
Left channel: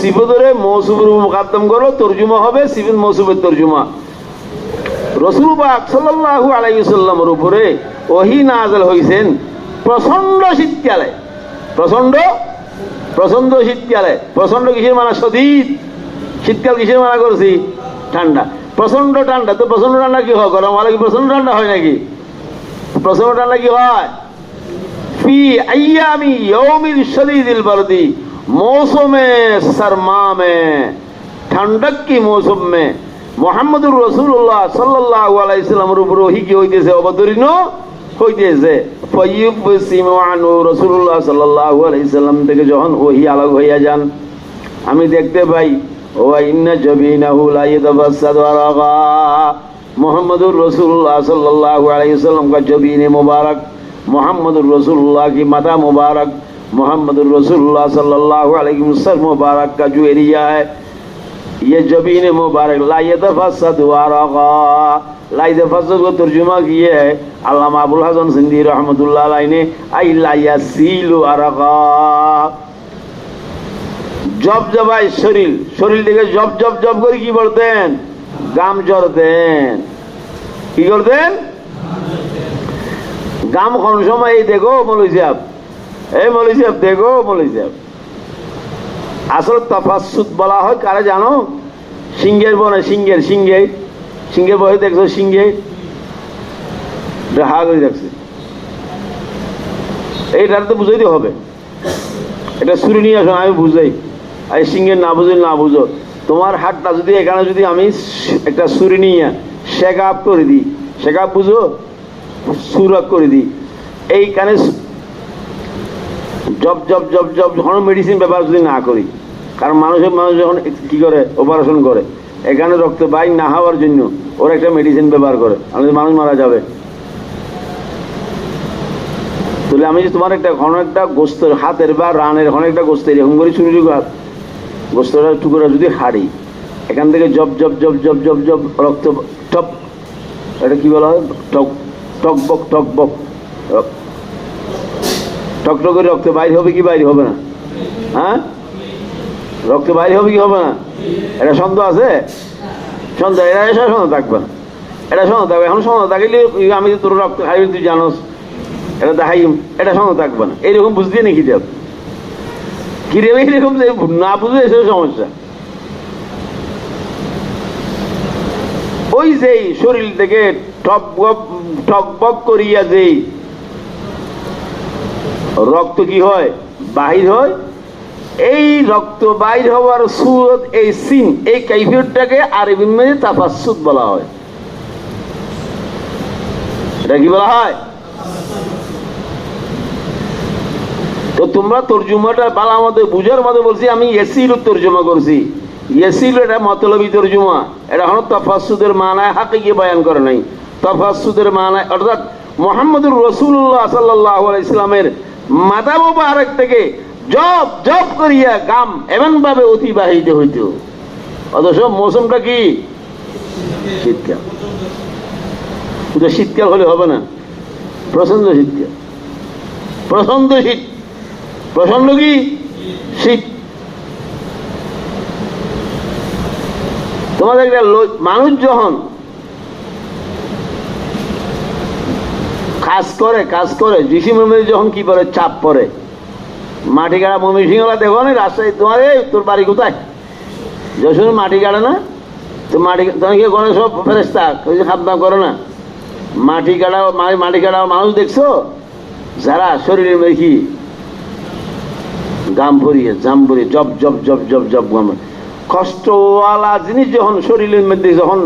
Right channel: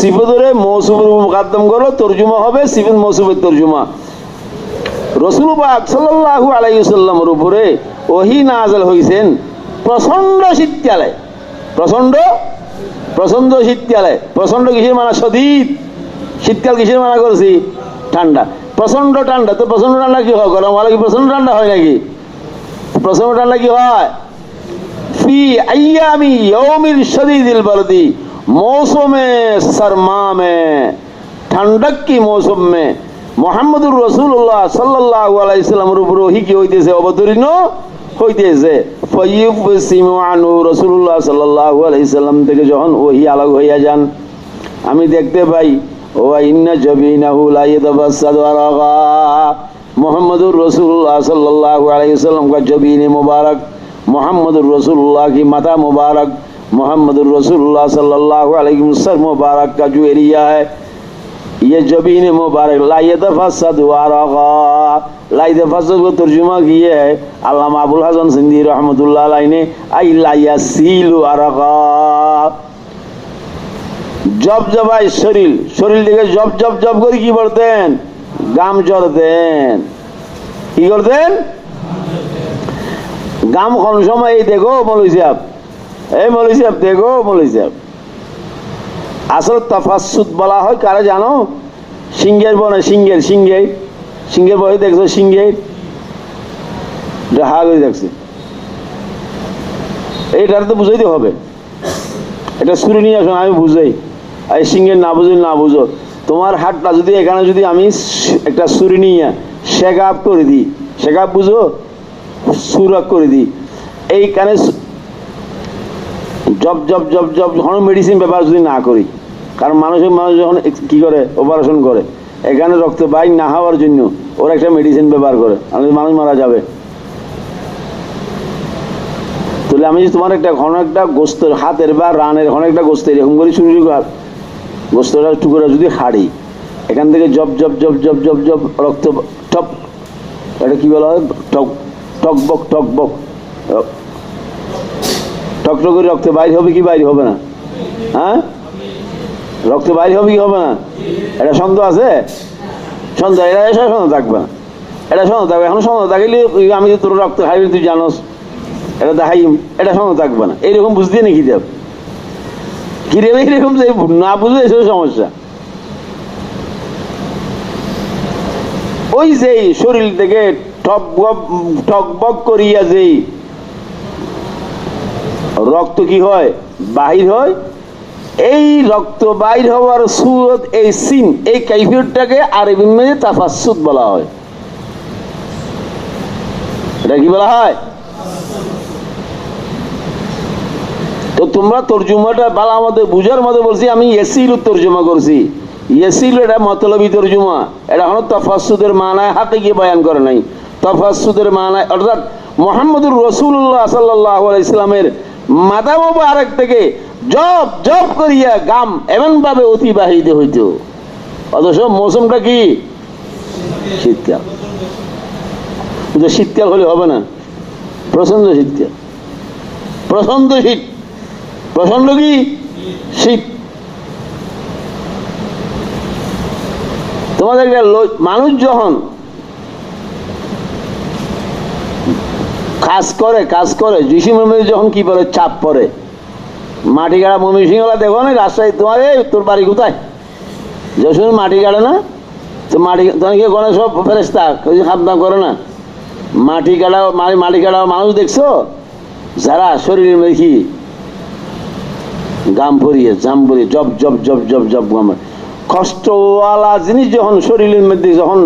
সিফতের মৌসুফের মুকদ্দম করো, তর্জুমা হবে সিফত মৌসুফের তর্জুমা। রাসূল পাক সাল্লাল্লাহু আলাইহি ওয়াসাল্লামের উপরে ওহী নাযিল হইছেন প্রচন্ড শীতকালে। প্রচন্ড প্রচন্ড শীতকালে। প্রচন্ড কিসের মানা? শদীদ। শীতকাল কিসের মানা করছি? ঠান্ডা। প্রচন্ড ঠান্ডা। তো প্রচন্ড ঠান্ডা কি হয়? গরম হলে কি প্রচন্ড ঠান্ডা হয় নাকি? প্রচন্ড ঠান্ডা কি হয়? ফি আইয়ামি ইয়াউমিল শাদীদিল বারদি, मौसमे सरमा में, ठंडक की मौसम में মুহাম্মদুর রাসূলুল্লাহ সাল্লাল্লাহু আলাইহি ওয়াসাল্লামের উপর ওহী কি হইতেছে? অবতীর্ণ হইতেছে। ফায়ুবসিমু আনহু, রাসূলুল্লাহ সাল্লাল্লাহু আলাইহি ওয়াসাল্লাম থেকে যখন ওহী আলাদা হইয়া যান, আমি দেখতে পাই ওয়া ইন্না জাবিনাহু লা ইয়াতাবাসাদু আরাগা, মুহাম্মদুর রাসূলুল্লাহ সাল্লাল্লাহু আলাইহি ওয়াসাল্লাম का जबीन मुबारक, मुहम्मदुर रसूलुल्लाह की माथा मुबारक, मुहम्मदुर रसूलुल्लाह सल्लल्लाहु अलैहि वसल्लम मुबारक का जो एरिया है, ये जबीन मुबारक ला यतफस्सदु अरगा, ला यतफस्सद को तर्जुमा किए है अल्लामा अबुल हसन सिंधी रहमतुल्लाह अलैहि ने, आई ला यासीलु अरगा, जब जबाई शरीर, शरीर থেকে জব জব জব করে কি বলতেন? গাম ঝরতেন। কি করতেন? গাম কোন সময়? এই দেখো মৌলভী সাহেব, এই মৌলভী সাহেব দেখো মৌলভী সাহেব, আসল তাফাসসুদ বলা হয় কারে জানো? সিংহের বনে, সিংহের সিংহে সিংহের বনে দেখছো? সিংহে হাল হয়ে যাচ্ছে। এইটার তো বুঝাইতে হবে। এটা সুরি নিয়ে আসো, আমি বুঝাই। আর সিংহের না বুঝো না বুঝো, তোমার হাতটা যদি এখানে যদি আমি একটা সুরি নিয়ে শেকাপ করে দিই, শেকাপ বুঝো? সুরাক করে দিই এইখানে, জব জব জব জব যখন মেডিসিন ব্যবহার যদি না করি, কারণ মানুষ যখন কি করে অপারেশন করে, এখানে রক্ত বাইর না হওয়ার জন্য ওরা একটা মেডিসিন ব্যবহার করে, আমাদের মানুষ মারা যাবে। তাহলে আমি যে তোমার একটা ঘন একটা গোস্তের হাতের বা রানের ঘন একটা গোস্ত এরকম করে শুরু গোস্তটা টুকরা যদি হাড়ি, এখান থেকে জব জব জব জব জব জব রক্ত টপ, এটা কি বলা হয়? টক টকবক টকবক টকটক করে রক্ত বাইর হবে কি বাইর হবে না? হ্যাঁ, রক্ত বাইর হবে কি হবে না? এটা সন্দেহ আছে? সন্দেহ, এটা এসে সন্দেহ থাকবে না, এটা সন্দেহ থাকবে। এখন সন্দেহ থাকলে আমি তোর রক্ত খাইবি, তুই জানোস, এটা দেখাইম, এটা সন্দেহ থাকবে না। এইরকম বুঝতে নাকি দেব কি রে? এইরকম না বুঝলে এসে সমস্যা। ওই যে শরীর থেকে টকবক করিয়া যে রক্ত কি হয়? বাহির হয়। এই রক্ত বাইর হওয়ার সুরত, এই সিন, এই কাইফিয়তটাকে আরবির মধ্যে তাফাসসুদ বলা হয়। এটা কি বলা হয়? তো তোমরা তর্জুমাটা বালা আমাদের বুঝার মতো বলছি, আমি ইয়াসিলু তর্জমা করছি। ইয়াসিলু এটা মতলবী তর্জমা, এটা হলো তাফাসসুদের মানায় হাকিকি বয়ান করে নাই। তাফাসসুদের মানায় অর্থাৎ মুহাম্মদুর রাসূলুল্লাহ সাল্লাল্লাহু আলাইহি ওয়াসাল্লামের মাথা মুবারক থেকে জব জব করিয়া গাম এমন ভাবে অতিবাহিত হইত। অথচ মৌসুমটা কি? শীতকাল। কিন্তু শীতকাল হলে হবে না, প্রচন্ড শীতকাল, প্রচন্ড শীত, প্রচন্ড কি শীত। তোমাদের একটা মানুষ যখন কাজ করে জিসিমের যখন কি বলে চাপ পড়ে, মাটি গাড়া ময়মনসিংহলা দেখো না রাজশাহী, তোমার তোর বাড়ি কোথায়? যশোর মাটি গাড়ে না তো? মাটি তোমার কি কোনো সব ফেরেস্তা খাতনা করে না? মাটি কাটা মানুষ দেখছো যারা শরীরের মেখি গাম ভরিয়ে জাম ভরিয়ে জব জব জব জব জব গাম, কষ্টওয়ালা জিনিস যখন শরীরের মধ্যে যখন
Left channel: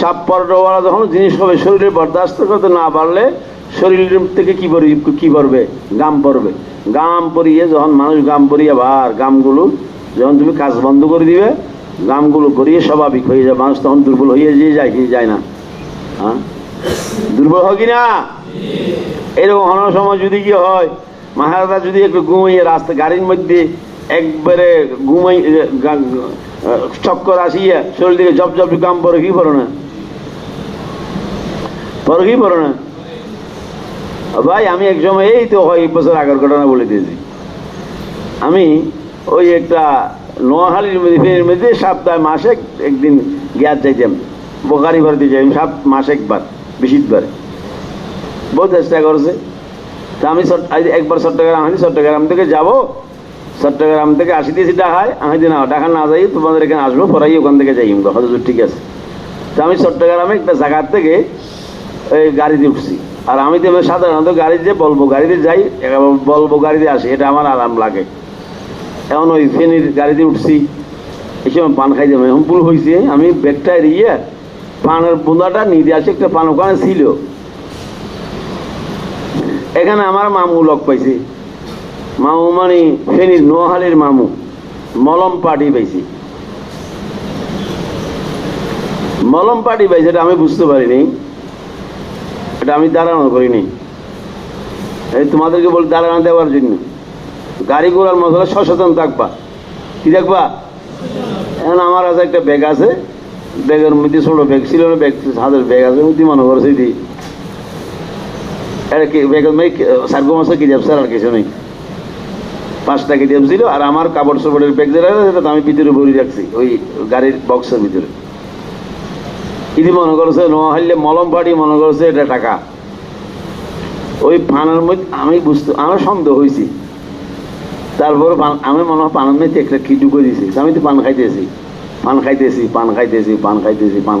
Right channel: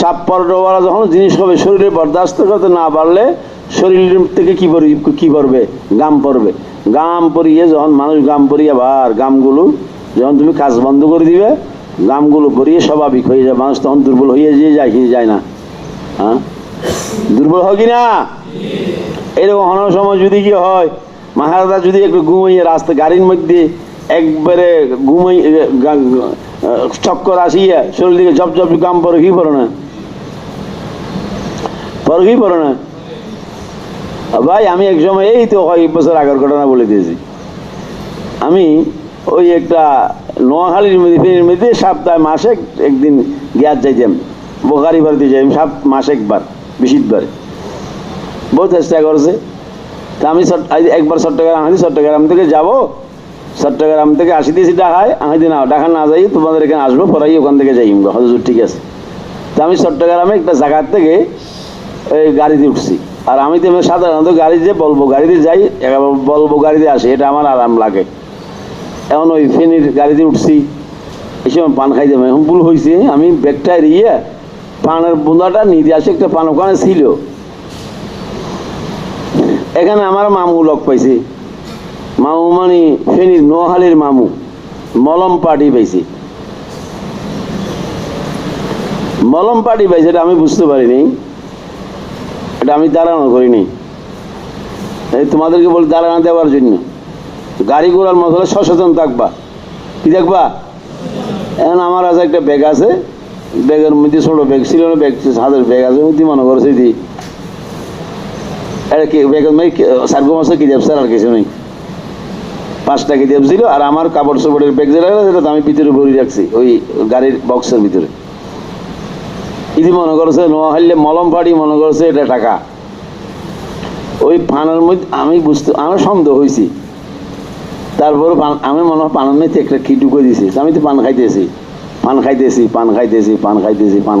চাপ পড়াওয়ালা যখন জিনিস হবে, শরীরে বরদাস্ত করতে না পারলে শরীরের থেকে কি পড়বে? গাম পড়বে। গাম পরিয়ে যখন মানুষ গাম পরিয়ে ভার গামগুলো যখন তুমি কাজ বন্ধ করে দিবে, গামগুলো ভরিয়ে স্বাভাবিক হয়ে যায়, মানুষ তখন দুর্বল হয়ে যায় কি যায় না? হ্যাঁ, দুর্বল হয় কিনা? এরকম অনেক সময় যদি কি হয়, মহারাজা যদি একটু ঘুমাইয়ে রাস্তা গাড়ির মধ্যে একবারে ঘুমাই চক্কর আসিয়া শরীর দিকে জপ জপ কাম পরে কি পড়ো না, পরে কি পড়ো না ভাই? আমি এক সময় এই তো হয় 1 বছর আগের ঘটনা বলে দিয়েছি। আমি ওই একটা নোয়াখালীর মধ্যে ফেরির মধ্যে সপ্তাহে মাসে একদিন গ্যাস যাইতাম, বোকারি বাড়িতে যাই মাসে একবার, বেশিবার বহু চেষ্টা করছে। তা আমি একবার চট্টগ্রাম থেকে যাবো, চট্টগ্রাম থেকে আসিতেছি ঢাকায়, আমি না ঢাকা না যাই তোমাদের এখানে আসবো, পরাই ওখান থেকে যাই। হজুর ঠিক আছে। তা আমি চট্টগ্রামে একটা জায়গার থেকে ওই গাড়িতে উঠছি। আর আমি তো সাধারণত গাড়ি যে বলবো গাড়িতে যাই, বলবো গাড়িতে আসি, এটা আমার আরাম লাগে। এখন ওই ফেনীর গাড়িতে উঠছি, এই সময় পান খাই যাবো। এখন ভুল হয়েছে, আমি ব্যাগটা এড়িয়ে পানের বোঁদাটা নিতে আসি, একটা পান ওখানে ছিল। এখানে আমার মামু লোক পাইছি, মামু মানে ফেনীর নোয়াখালীর মামু, মলম পার্টি পাইছি। মলম পার্টি পাইছে, এটা আমি বুঝতে পারিনি, এটা আমি দাঁড়ানো করিনি। এই তোমাদেরকে বল দাঁড়ানো দেওয়ার জন্য। গাড়ি ঘোড়ার মধ্যে সচেতন থাকবা, কি দেখবা? এখন আমার কাছে একটা ব্যাগ আছে, ব্যাগের মধ্যে ছোট ব্যাগ ছিল না, ব্যাগ হাতের ব্যাগ আছে, মধ্যে মনে করছে দি ব্যাগের মধ্যে সার্গো মাসে কি যাবছে আর কিছু নেই, 5টা কিতাব ছিল। আর আমার কাপড় চোপড়ের ব্যাগ যেটা আমি ভিতরে ভরে রাখছি ওই গাড়ির বক্সের ভিতরে। ইদি মনে করছে নোয়াখালী মলম পাড়ি, মনে করছে এটা টাকা। ওই পানের মধ্যে আমি আমার সন্দেহ হয়েছি। তারপর আমি মনে হয় পানের মধ্যে একটা কি ঢুকে দিয়েছি। আমি তো পান খাইতেছি, পান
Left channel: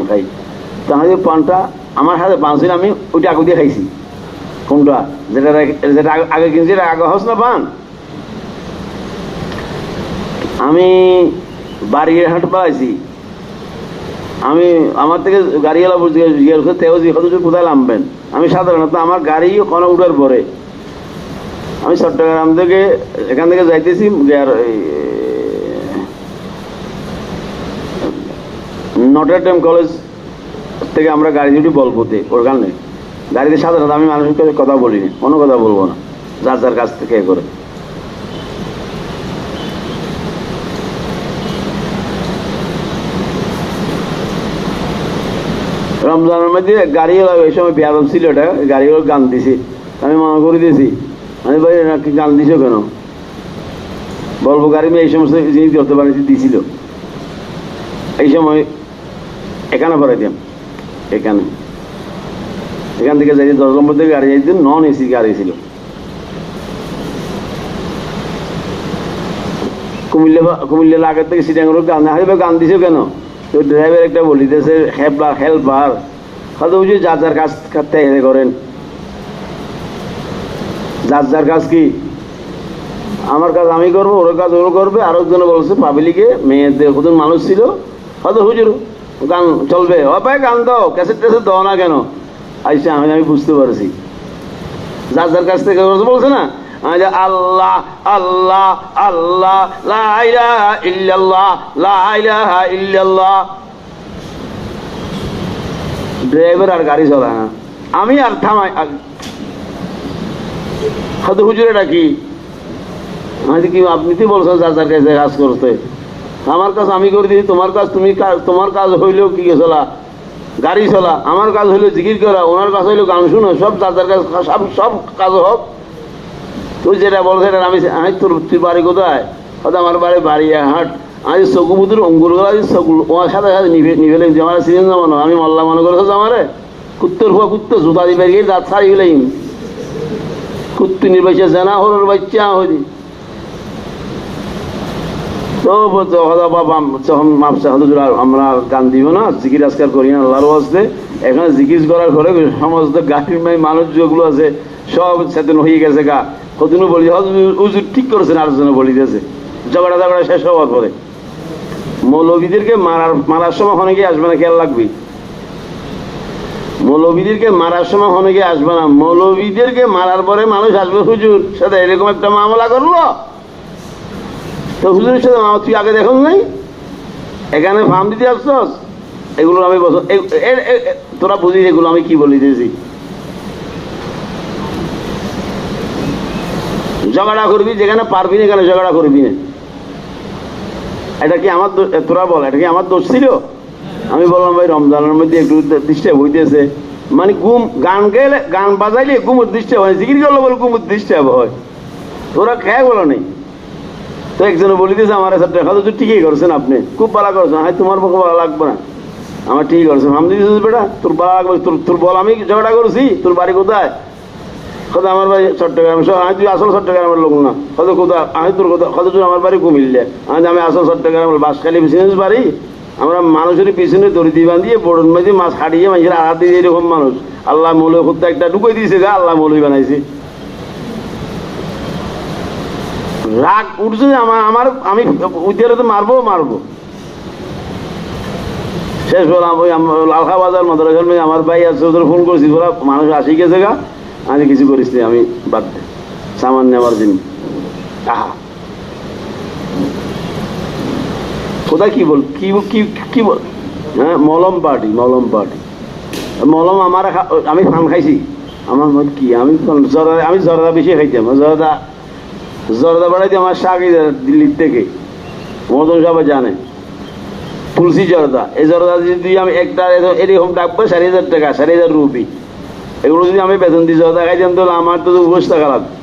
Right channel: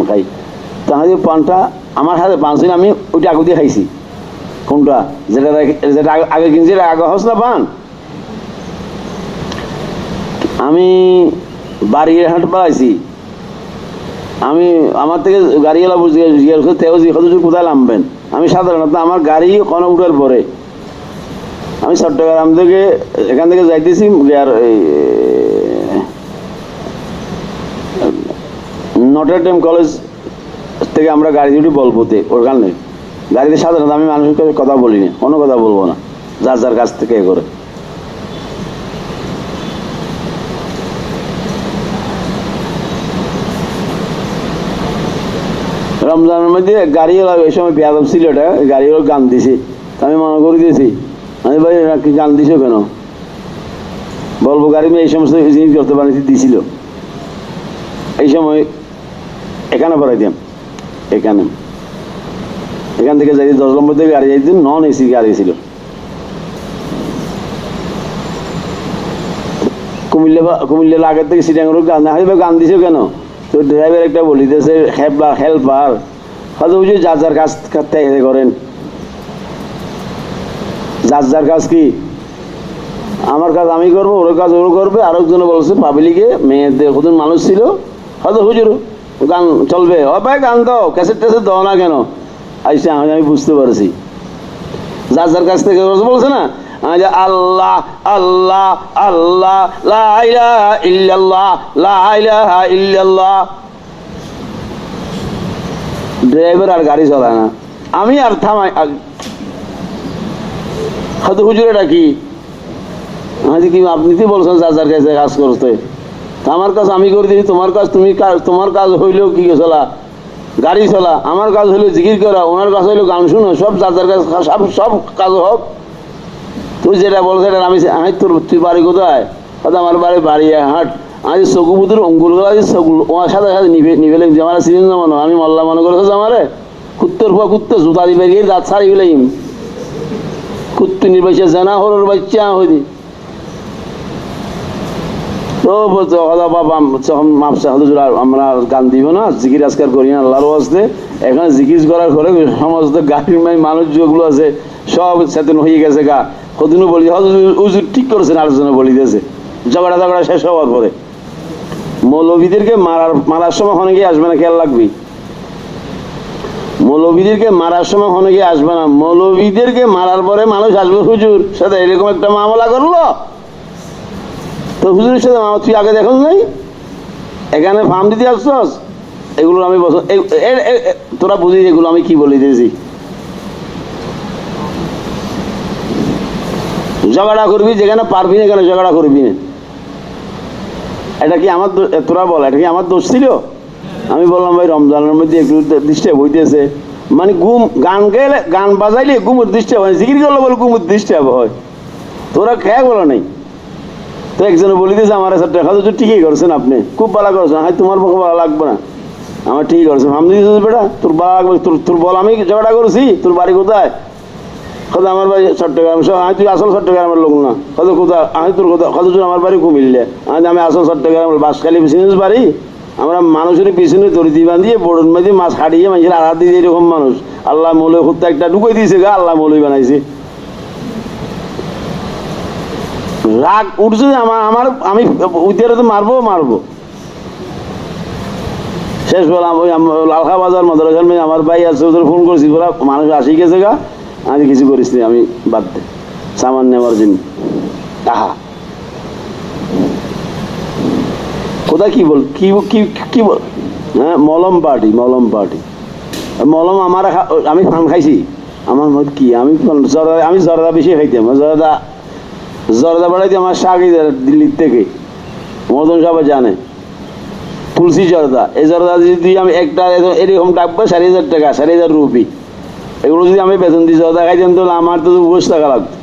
খাই। তাহলে পানটা আমার হাতে পান ছিল, আমি ওইটা আগে দিয়ে খাইছি। কোনটা? যেটা যেটা আগে কিনছি, এটা আগে হস না পান। আমি বাড়িঘাট পাইছি, আমি আমার থেকে গাড়িওয়ালা জিজ্ঞেস করতে কোথায় নামবেন। আমি সাধারণত আমার গাড়ি কোনো উঠার পরে আমি চট্টগ্রাম থেকে এখান থেকে যাইতেছি নটরডেম কলেজ থেকে আমরা গাড়ি দুটি বলবোতে ওখানে গাড়িতে। সাধারণত আমি মানুষের কাছে কথা বলিনি, কোনো কথা বলবো না, যার যার কাছ থেকে করে। রমজানের মধ্যে গাড়িওয়ালা এই সময় বেয়াদব ছিল, এটা গাড়িওয়ালা গান দিছি। আমি মনে করে দিয়েছি, আমি ভাই কি গান দিছো কেন? বলবো গাড়ি মেয়ে এই সমস্ত জিনিস করতে পারিছি দিছিল। এই সময় এখানে পরে দেন, এখান থেকে যাই 10 নম্বর থেকে গাড়ি যাইতেন, নন এসি গাড়ি ছিল। কুমিল্লার আগের থেকে সিটাঙ্গের গান হয়তো গান দিছো কেন? তো ড্রাইভার একটা বলিতেছে হেল্পার হয়তো বুঝি যার যার কাজ থেকে করেন, যার যার কাজ কি। আমার কাজ আমি করবো, ওর কাজ ওর করবে। আরেকজনে বলছে পাবলিকে মেয়েদের কত মানুষ ছিল, হয়তো হুজুর গান চলবে, ও ভাই গান দাও, ক্যাসেট ট্যাসেট দাও না কেন? আইসে আমি বুঝতে পারছি যার যার কাছ থেকে বলছে না, আল্লাহ আল্লাহ আল্লাহ লা ইলাহা ইল্লাল্লাহ লা ইলাহা ইল্লাল্লাহ। ড্রাইভার আর গাড়ি চলায় না, আমি আর থামাই। হয়তো হুজুর এটা কি? কি আপনি কি বলছেন যার যার কাছে কাজ করতে? আমার কাজ আমি করে দিই, তোমার কাজ তুমি, তোমার কাজ হইলেও কি চলা গাড়ি চলা, আমার কাজ হইলো জিকির করা, ওনার কাজ হইলো গান শোনা, সব যার যার কাজ, সব কাজ হোক। তুই যেটা বলছে আমি তোর তুই বাড়ি কোথায়? আমার বাড়ি হাট। আমি চকু বুতুর অঙ্গুর গুলা ওর সাথে সাথে নিভেলে আমার সিজন জমানো, আমি মল্লা মনে করছো আমারে কুত্তর হুয়া কুত্তর জুতা দিবে গিয়ে দাঁত ছাড়ি গেলেই কুত্তু নির্বাচে জানা হল বাচ্চা হইনি। তো আমরা গান দিব না, জিকির আজকার করি না আল্লাহর ওয়াস্তে। এখানে জিকির করার পরে সমস্ত গাড়ির মানুষ যেগুলো আছে সব চেতন হয়ে গেছে গা। কতদিনও বলি হুজুর ঠিক করেছেন, আরেকজনে বলিতেছে ঝগড়া শেষ হওয়ার পরে। মৌলবীদেরকে মারার সময় হনে গিয়ে আসবে না, খেয়াল রাখবি। মৌলবীদেরকে মারার সময় হনে গিয়ে আসবে না, মৌলবীদেরকে মারার পরে মানুষ আসবে হুজুর সাথে এরকম একটা মামলা করলো। তো হুজুরের সাথে তুই আগে দেখুন নাই, এখানে ফার্ম দিতে আসছস, এগুলো আমি তোরা বুঝিস এগুলো আমি কি বলি দিয়েছি। ঝগড়া করবি যেখানে পারবি না, এখানে ঝগড়া করবি না। এটা কি আমার তোরা বল, এটা কি আমার দোষ ছিল? আমি বললাম ভাই রমজানের মধ্যে একটু ডিস্টার্ব হইতেছে, মানে ঘুম গান গেলে গান বাজাইলে ঘুমুর ডিস্টার্ব হয়, জিকির করলে বলে ঘুমুর ডিস্টার্ব হয়। তোরা খেয়ে বলো নাই তো, একজনে বলে দিয়েছে আমার দেখা তো ঠিকই করছেন, আপনি খুব ভালো করছেন, হ্যাঁ তোমার পক্ষে ভালো লাগবে না, আমার ঠিক করছেন আমি দিয়েছি বেটা তোর ভালো তোর বল আমি ঝগড়া করছি, তোর বাড়ি কোথায়? কত আমার বাড়ি চট্টগ্রাম। আমি তুই আসল চট্টগ্রামের লোক না, কত কোথায়? আমি তোর কোথায়? কত তুই আমার বাড়ি কুমিল্লা। আমি আসল চট্টগ্রামের বাঁশখালী বিজনেস বাড়ি। আমরা মানুষের পিছনে দড়ি বাঁধিয়ে বড়ন বাঁধিয়ে মাছ হারিয়ে মানুষের আঘাত দিয়ে এরকম মানুষ। আল্লাহ মৌলই খুব একটা ঢুকে দিয়েছে গা, আল্লাহ মৌলই বানাইছে। রাগ উঠছে যে আমার আমি উদ্ধারে তো মারবো। শেষ বললাম ওই লালখা বাজার মাদ্রাসার মেয়ে আমার ভাই আছে, ওদের ফোন করেছি, ওরা মানুষ আসি গেছে গা, আমি কিছু করিস নি, আমি বাদ দে সামান নেওয়ার দিন। আহা কোথায় কি বল কি বল, হ্যাঁ মলম পার্টি মলম আমার আমি ফান খাইছি আমার মধ্যে কি, আমি জরদা বেশি খাইতাম। জরদা বাড়াইতে আমার শাক দিল্লির থেকে, মদন সবাই জানে, তুলসী জরদা। এই জরদা যদি আমি একটা এরকম ডাকবো 4,000 টাকা, 4,000 রুপি। এগুলো যদি আমি বেতন দিই জরদা খাইতাম তাহলে আমার তো বসে থাকা লাগতো,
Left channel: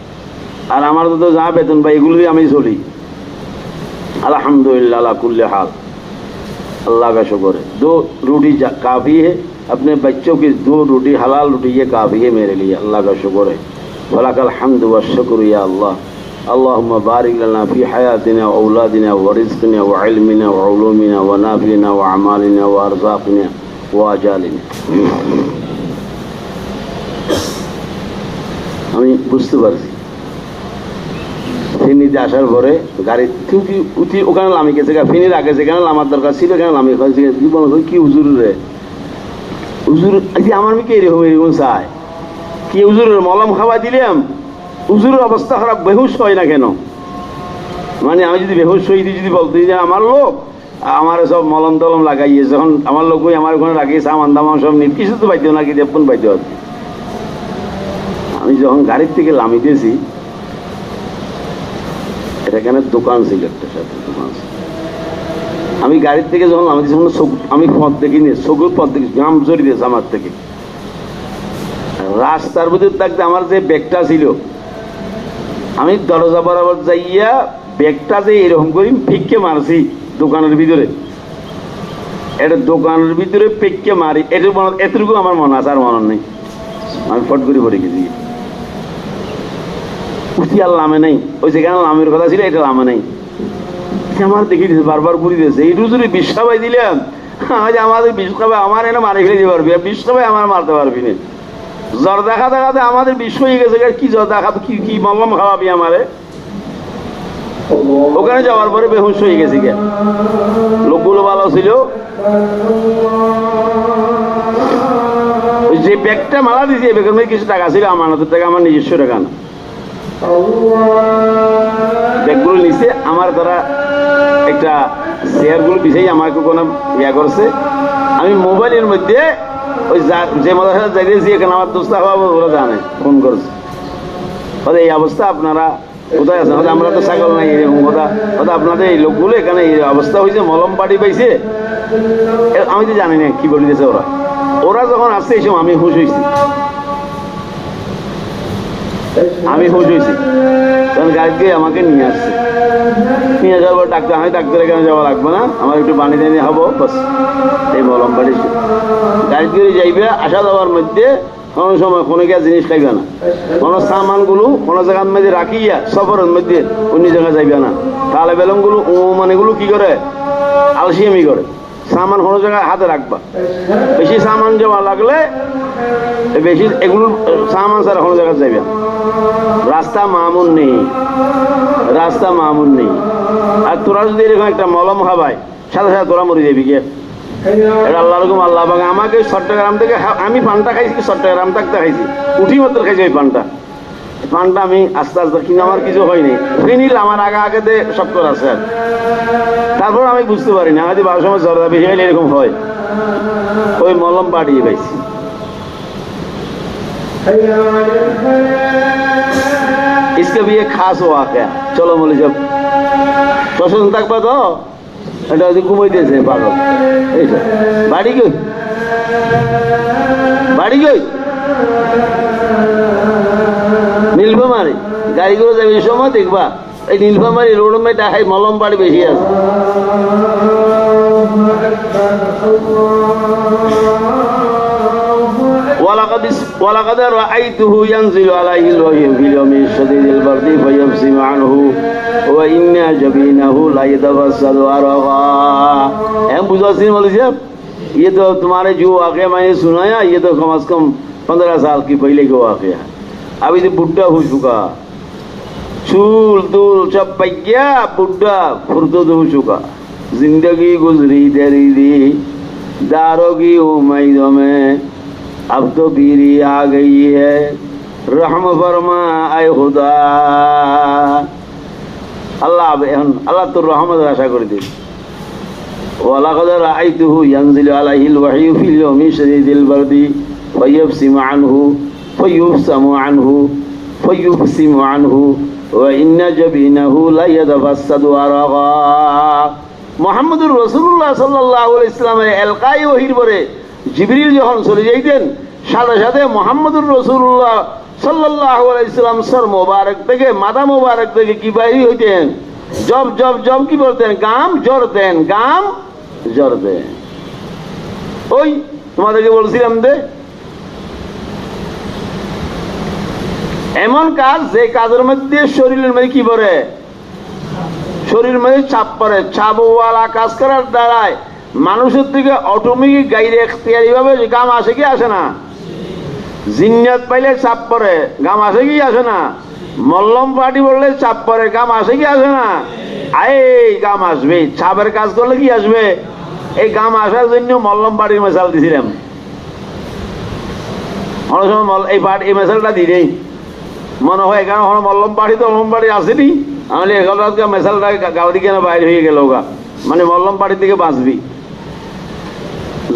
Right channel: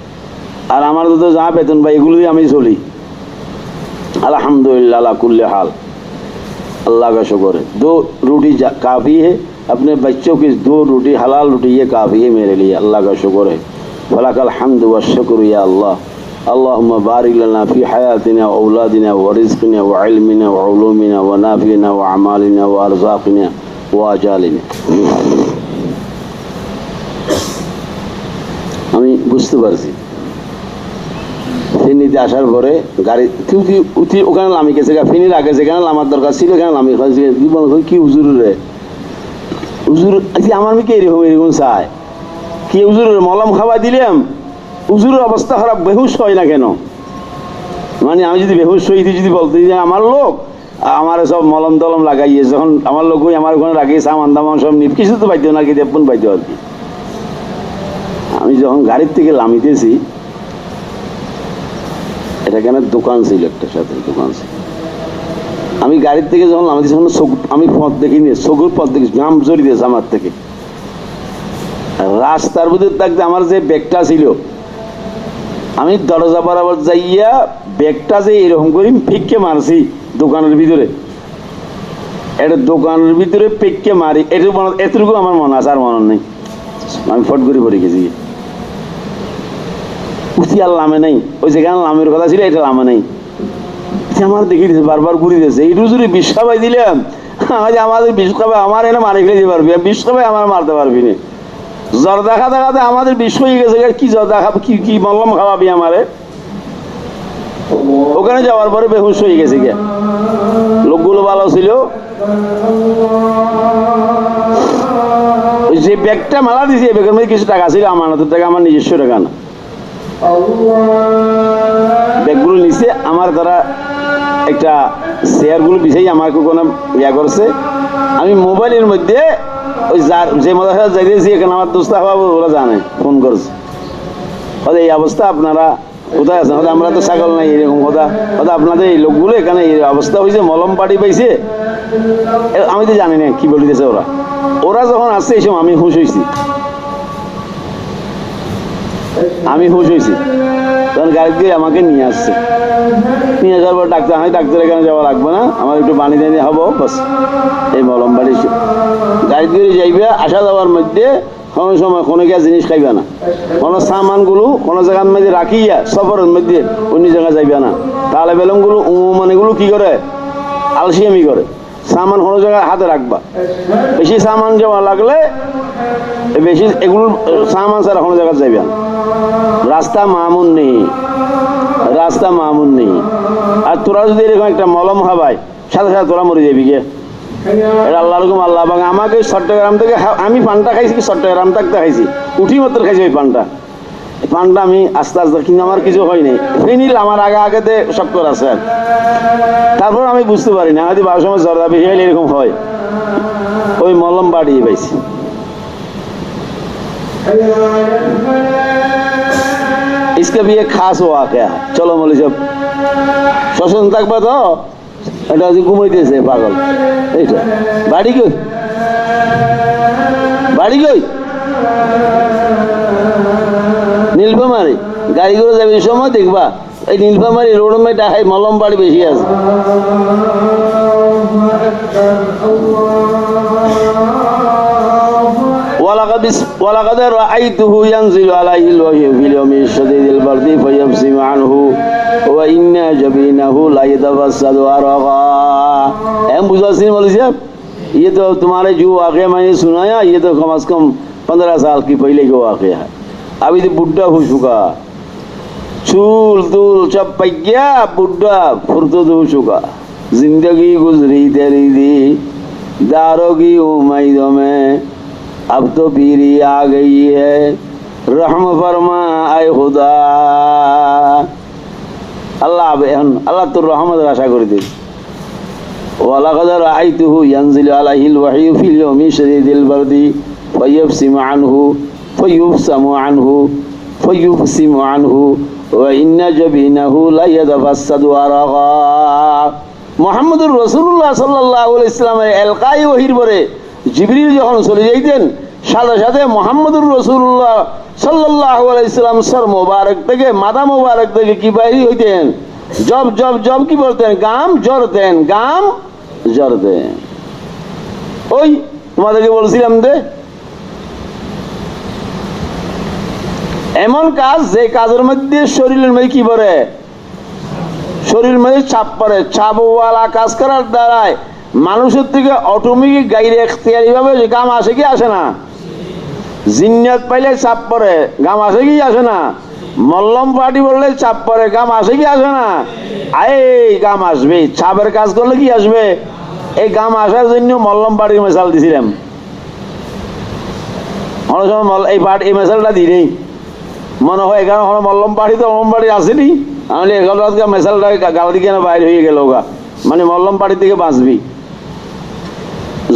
আর আমার তো যা বেতন পাই এগুলো দিয়ে আমি চলি। अल्हम्दुलिल्लाह अला कुल्ले हाल, अल्लाह का शुक्र है। 2 रोटी काफ़ी है, अपने बच्चों की 2 रोटी हलाल रोटी ये काफ़ी है मेरे लिए, अल्लाह का शुक्र है। वलकल हम्द व शुक्र या अल्लाह। अल्लाहुम्मा बारिक लना फ़ी हयातिना व औलादिना व रिज़्क़िना व इल्मिना व उलूमिना व नाफ़िना व अमालिना व अरज़ाक़िना व आजालिना। আমি বুঝতে পারছি ফেনীতে আসার পরে গাড়ি উঠি ওখানে নামি গেছে, ফেনীর আগে যেখানে নামার দরকার ছিল এখানে নামি কি হুজুর রে, হুজুর আমার মেয়েকে এরকম চায় কি, হুজুরের মলম খাওয়া দিলাম, হুজুরের অবস্থা খারাপ, বেহুশ হয় না কেন? মানে আমি যদি বেহুশ হই যদি বলতে যে আমার লোক আমার সব মলম টলম লাগাইয়ে, যখন আমার লোক আমার ওখানে লাগিয়ে সামান দামান সব নিয়ে কিছু তো পাইতেও না, কি দেবন পাইতেও আর কি। আমি যখন গাড়ির থেকে নামিতেছি, এটা কেন দোকান ছিল, একটা সাথে দোকান ছিল, আমি গাড়ির থেকে যখন নামিতেছি আমি পথ দেখিনি, চোখের পথ দেখি জাম জড়িয়েছে আমার থেকে। রাস্তার ভিতর থাকতে আমার যে ব্যাগটা ছিল, আমি দরজা বরাবর যাইয়া ব্যাগটা যে এরকম করি ফিককে মারছি দোকানের ভিতরে, এটা দোকানের ভিতরে পেককে মারি, এতটুকু আমার মনে আছে, আর মনে নেই। আমি ফট করে পড়ে গেছি, উঠি আর লামে নেই, ওই যেখানে লামের কথা ছিল এটা লামে নেই। আমার দেখে দিয়েছে বারবার ঘুরে দিয়েছে, এইটু যদি বিষ খাবাই দিলাম, আমাদের বিষ খাবাই আমার এনে মারি ফেলে দিতে পারবি, বিষ খাবাই আমার মারতে পারবি না। জর্দা খাতে খাতে আমাদের বিষ হয়ে গেছে, কি জর্দা খাবি, কি মলম খাওয়াবি আমারে? ওখানে যাওয়ার পরে বেহুশ হয়ে গেছে গে। লোকগুলো ভালো ছিল, যে ব্যাগটা মালা দিয়েছি এই ব্যাগের মধ্যে কিছু টাকা ছিল, আমানতের টাকা, আমার নিজস্ব টাকা না। ব্যাগগুলো নিচে আমার দ্বারা একটা শেয়ারগুলো বিছাই আমাকে কোনো ইয়া করছে। আমি মোবাইলের মধ্যে ওই যে মাদ্রাসা যাইতেছি এখানে আমার দোস্ত ওরা জানে, ফোন করছে, এই অবস্থা আপনারা কোথায় আছেন? আমরা তো ছাগল নাই, এরকম কথা আপনাদের এই লোকগুলো এখানে এই অবস্থা হয়েছে, মলম পাটি পাইছে, আমি তো জানি না কি বলিতেছে ওরা যখন আসছে এই সময় আমি হুঁশ হয়েছি, তখন গাড়ি দিয়ে আমাকে নিয়ে আসছে, নিয়ে যাওয়ার পর ডাক্তার, আমি ডাক্তার এখানে যাওয়া লাগবে না, আমার একটু পানি টানি হবো বাস, এই মলম বাড়ি গাড়ি দিয়ে যাইবে। আসা যাওয়ার মধ্যে কোনো সময় কোনো গিয়া জিনিস খাইবে না, কোনো সামানগুলো কোনো জায়গার মধ্যে রাখিয়া সফরের মধ্যে অন্য জায়গায় যাইবে না। তাহলে বেলমগুলো মানেগুলো কি করে, আলসিয়ামি করে, সামান কোনো জায়গায় হাতে রাখবা, বেশি সামান জমা লাগলে বেশি এগুলো সামান ছাড়া কোনো জায়গায় যাইবে না। রাস্তা মামুন নেই, আর তোরা যদি এরকম একটা মলম খাবাই সাথে সাথে তোরা মরে যাবি গিয়ে। এটা আল্লাহ রকম আল্লাহ বাঙা আমাকে চট্টগ্রাম থেকে, আমি পানটা খাইছি চট্টগ্রাম থাকতে খাইছি, উঠি মাত্র খাইছি ওই পানটা, পানটা আমি আস্তে আস্তে, কিন্তু আমার কিছু হয়নি, ফেনিল আমার আগে আগেতে শক্কর আছে আর তারপর আমি বুঝতে পারি না, আমাদের 12 সময় জ্বর বেশি হইলে এরকম হয়, ওই মলম বাড়িয়ে পাইছি। इसका भी एक खास वाकया, चलो मौलवी साहब সচেতন থাকবা তো, এটা ঘুমাইতেছে পাগল, এইটা বাড়ি কই, বাড়ি কই, নীলফামারী, গাড়ি করে যাবে এই সময় দেখবা এই নীলফামারী রোডের মধ্যে ডাকাই মলম বাড়ি বেশি আছে। ولقد رأيته ينزل عليه الوحي في اليوم الشديد البرد فيبسم عنه وإن جبينه لا يتفسد عرقا। हम बुझासी मौलवी साहब, ये तो तुम्हारे जो वाक़या मैंने सुनाया, ये तो कम से कम 15 साल की पहले के वाक़या है। अभी तो बुढ़ा हो चुका, चूल तूल सब पक गया, बुढ़ा फुर्सत हो चुका, जिंदगी गुजरी तेरी दी दारों की उम्मीदों में, अब तो पीरी आ गई है, रहम फरमा आए खुदा। अल्लाह अल्लाह तो रहमत आशा कर दे। वलक़द रअयतुहु यंज़िलु अलैहिल वह्यु फ़िल यौमि शदीदिल बर्दि फयब्सिमु अन्हु व इन्न जबीनहु ला यतफस्सदु अरक़ा। মুহাম্মদুর রাসূলুল্লাহ সাল্লাল্লাহু আলাইহি ওয়াসাল্লামের এলকাই ওহীর পরে জিবরিল যখন চলে যাইতেন, সাথে সাথে মুহাম্মদুর রাসূলুল্লাহ সাল্লাল্লাহু আলাইহি ওয়াসাল্লাম সর মোবারক থেকে, মাথা মোবারক থেকে কি বাইরে হইতেন, জব জব জব কি বলতেন, গাম জড়তেন, গাম জড়তেন। ওই তোমাদেরকে বলছিলাম যে এমন কাজ, যে কাজের মধ্যে শরীরের মধ্যে কি পড়ে, শরীরের মধ্যে চাপ পড়ে, চাপওয়ালা কাজ করার দ্বারায় মানুষের থেকে অটোমেটিক গাইরে এখতিয়ারি ভাবে গাম আসে কি আসে না, জিন্নাত পাইলে চাপ পড়ে, গাম আসে কি আসে না, মল্লম পার্টি বললে চাপ পড়ে, গাম আসে কি আসে না, এই গাম আসবে, চাপের কাজ করলে কি আসবে, এই গাম আসার জন্য মল্লম পার্টির মেশাল দিছিলাম, অনেক সময় এই মেশালটা দিই মনে হয়, কারণ মল্লম পার্টি তো মল্লম পার্টি আসেনি, আমি মেশালটা গাড়ি কেন বাইরে হয়ে গেল গা, মানে মল্লম পার্টি থেকে বাঁচবি,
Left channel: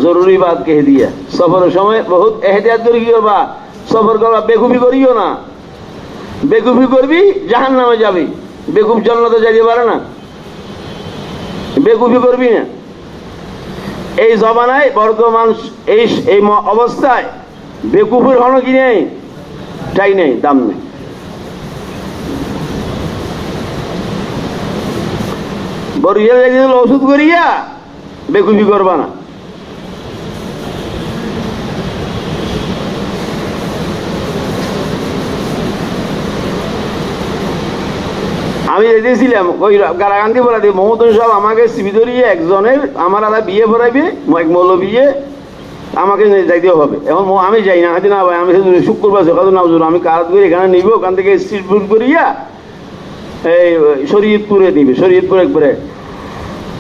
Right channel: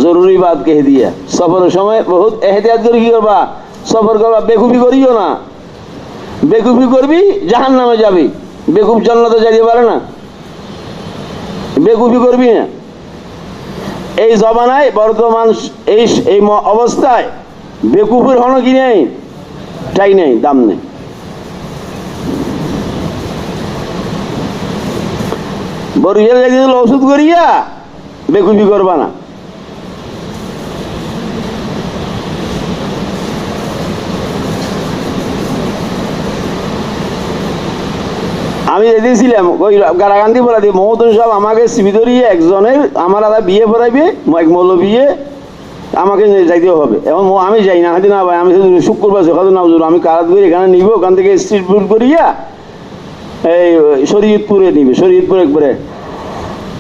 জরুরি বাদ কে দিয়া। সফরের সময় বহুত এহতিয়াত করে কি করবা, সফর করবা, বেকুফি করিও না, বেকুফি করবি জাহান্নামে যাবি, বেকুফ জান্নাতে যাইতে পারে না, বেকুফি করবি না। এই জমানায় বর্তমান এই অবস্থায় বেকুফির হলো কি নেই, টাই নেই, দাম নেই। বরিশাল যাইতে ওষুধ করিয়া বেকুফি করবা না। আমি রেখেছিলাম ওই গারাগান্ধি বলা দিয়ে মমতন সাহেব আমাকে সিবি ধরিয়ে একজনের, আমার আলাদা বিয়ে পড়াইবে, এক মৌল বিয়ে, আমাকে যাইতে হবে। এবং আমি যাই না, হাতে না ভাই, আমি শুক্রবার সকাল না হুজুর, আমি কারাত করে এখানে নিব, ওখান থেকে স্ট্রিট ফুড করিয়া এই শরীয়তপুরে নিবে, শরীয়তপুর একবারে।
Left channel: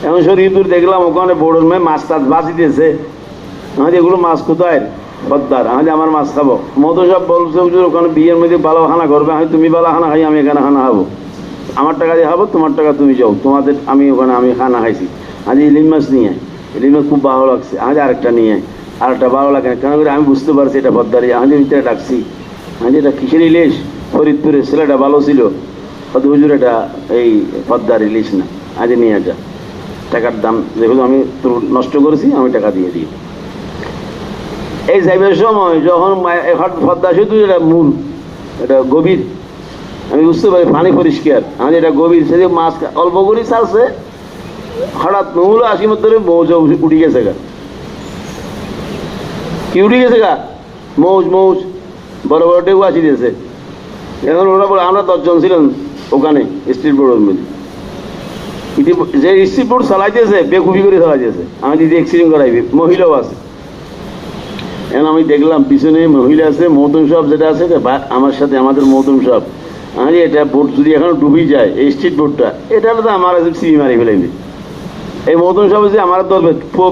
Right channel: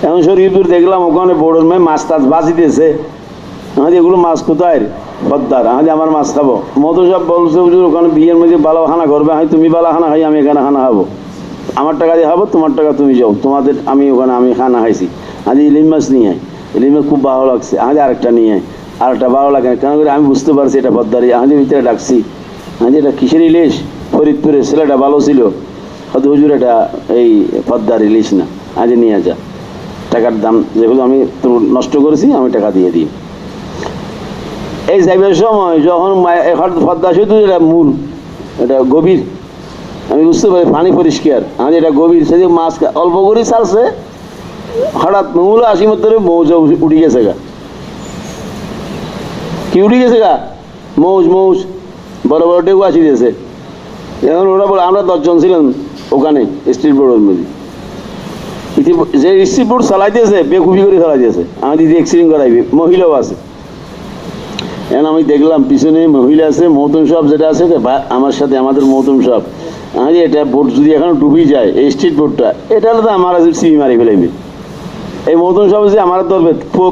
এখন শরীয়তপুর দেখলাম ওখানে বড় মাছ টাছ বাঁচিতেছে, আমাদের এগুলো মাছ কোথায় পদ্মার, আমাদের আমার মাছ খাবো। মতো সব বলছে হুজুর ওখানে বিয়ের মধ্যে বালা খানা করবে, আমি তুমি বালা খানা খাই, আমি এখানে খানা খাবো, আমার টাকা দিয়ে খাবো, তোমার টাকা তুমি যাও, তোমাদের আমি ওখানে আমি খানা খাইছি। আজ ইলিশ মাছ নিয়ে, ইলিশ মাছ খুব ভালো লাগছে, আমাদের আরেকটা নিয়ে, আরেকটা ভালো লাগে না, কেন করে আমি বুঝতে পারছি এটা পদ্মারি, আমাদের ভিতরে ডাকছি, আমাদের এটা কিসের ইলিশ, ফরিদপুরে ছেলেটা ভালো ছিল, অত হুজুর এটা এই পদ্মার ইলিশ না, আজ নিয়ে যা, টাকার দাম যেগুলো আমি তোর নষ্ট করেছি আমি টাকা দিয়ে দিই। এই যাইবার সময় যখন পদ্মা শুধু এটা মূল, এটা গভীর, আমি বুঝতে পারি পানি পরিষ্কার, আমি এটা গভীর, সে মাছ অল্প করে চালছে, হঠাৎ মূল 80 মধ্যে মৌজ উঠে গেছে গা, কি উঠে গেছে গা, মৌজ মৌজ বড় বড় টেকু আসি দিয়েছে। এখন ওরা বলে আমরা 10 জন ছিলাম ওখানে স্ট্রিট বোর্ডের মধ্যে, যে স্ট্রিট বোর্ড চালাইতেছে বেকুফি করে চালাইতেছে, আমি দিদি অ্যাক্সিডেন্ট করাইবে, মহিলাও আছে। এখন আমি দেখলাম পিছনে মহিলা আছে, মহতুম সাহেব যেটা আছে আমার সাথে, আমাদের মহতুম সাহেব, আমি এটা বোট যদি এখন ডুবি যায়, এই স্ট্রিট বোর্ডটা, এটা হলে তো আমার সিঁড়ি মারি ফেলাইবে। এই মহতুম সাহেব যে আমার তো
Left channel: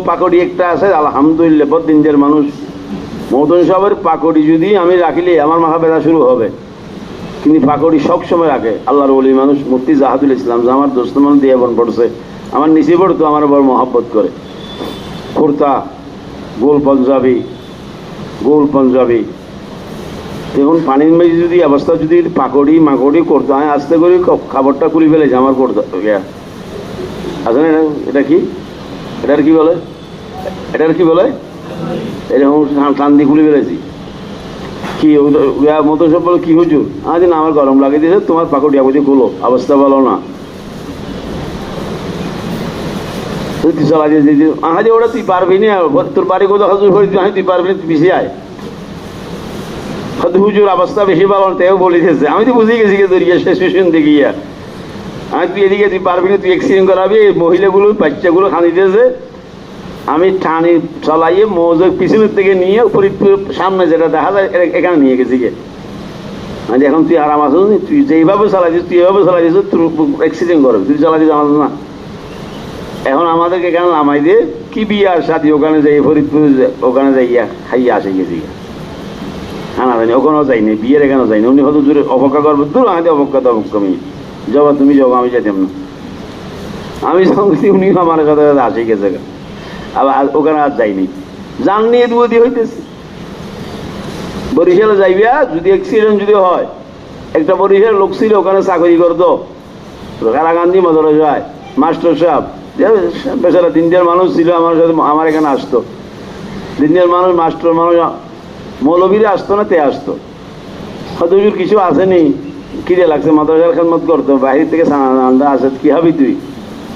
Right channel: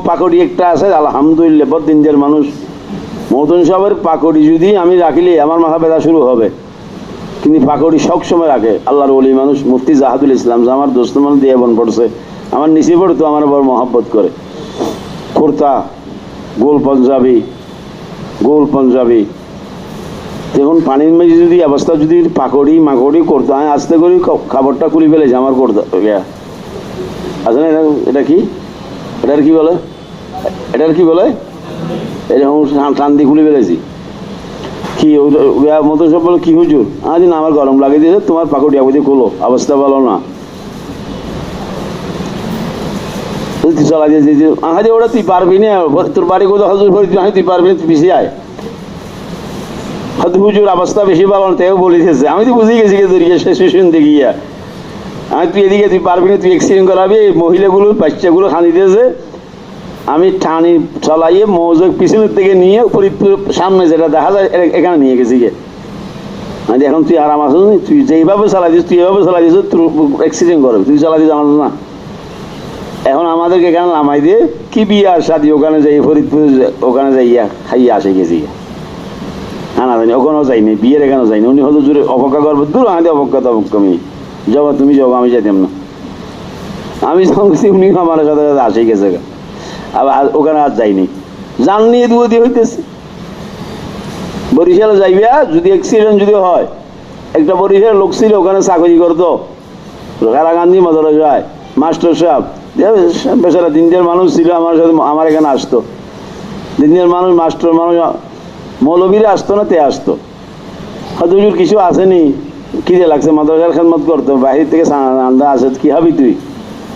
পাকড়ি একটা আছে, আলহামদুলিল্লাহ বহুত দিনদের মানুষ, মহতুম সাহেবের পাকড়ি যদি আমি রাখিলে আমার মাথা ব্যথা শুরু হবে, কিন্তু পাকড়ি সবসময় রাখে। আল্লাহর ওলি মানুষ মুফতি জাহাদুল ইসলাম, যে আমার দোস্ত মানুষ দিয়ে বোন পড়ছে, আমার নিচে পড়তো, আমার বড় মহব্বত করে। কুর্তা, গোল পাঞ্জাবি, দেখুন পানির মেঝে যদি অবস্থা যদি পাকড়ি মাকড়ি করতো, আমি আস্তে করে খাবারটা খুলে ফেলেছি আমার করতো আছে না। এটা কি, এটার কি বলে, এরকম টান দিয়ে খুলে ফেলেছি। কি মতো সব বলো কি হুজুর, আজ না আমার গরম লাগিয়ে দিয়েছে, তোমার পাকড়ি আবদি খুলো, অবস্থা ভালো না। ওরা তুই পারবি না, তোর বাড়ি কোথাও হজুর তুই পারবি না, তুই পিছিয়ে আয়। হয়তো হুজুর অবস্থা বেশি ভালো না, তাইও বলিতেছে। আমি তো বুঝে গেছি শেষ শুনতে গিয়া, আমি তুই এদিকে তুই পারবি না, তুই এক্সিডেন্ট করাবি। মহিলাগুলো বাচ্চাগুলো খানিতেছে, আমি টানি চলাইয়ে মৌজের পিছনের থেকে নিয়ে ফরিদপুর সামনে যেটা দেখা যায় এখানে নিয়ে গেছি গিয়ে। আমি এখন তুই আরাম আসো, তুই যেইভাবে চালাইছিস, তুই এভাবে চালাইছিস, তুই অ্যাক্সিডেন্ট করবি, তুই চালাইছিস জানাস না। এখন আমাদেরকে এখানে নামাই দিয়ে কি বিয়ার সাথে ওখানে যাই, ফরিদপুর ওখানে যাইয়া খাইয়া আসে গেছি। না জানি ওখানেও যাইনি, বিয়ের এখানেও যাইনি। উনি হয়তো জোরে অপেক্ষা করবো, দূর আমাদের অপেক্ষা তুমি যাবো, তুমি যাবো, আমি যেতাম না। আমি উনি আমার সাথে আসে গেছে, আবার ওখানে আর যাইনি। জান নিয়ে দুয়ে দিয়ে হইতেছে। বরিশালে যাইবা যদি অ্যাক্সিডেন্ট যদি হয়, একটা বরিশাল লোক ছিল ওখানে চাকরি করতো, কারাগান্ধী মদরে যায়, মাস্টার সাহেব বেচারা দিনদের মানুষ ছিল, আমার সাথে আমার এখানে আসতো। দিনদের মানুষ, মাস্টার মানুষ, মৌলবীরা আসতো না, তে আসতো। হয়তো কিছু আসেনি, কি যে লাগছে, মাদ্রাসার খেদমত করতো, বাহির থেকে আন্দা আসে, কি হবি তুই,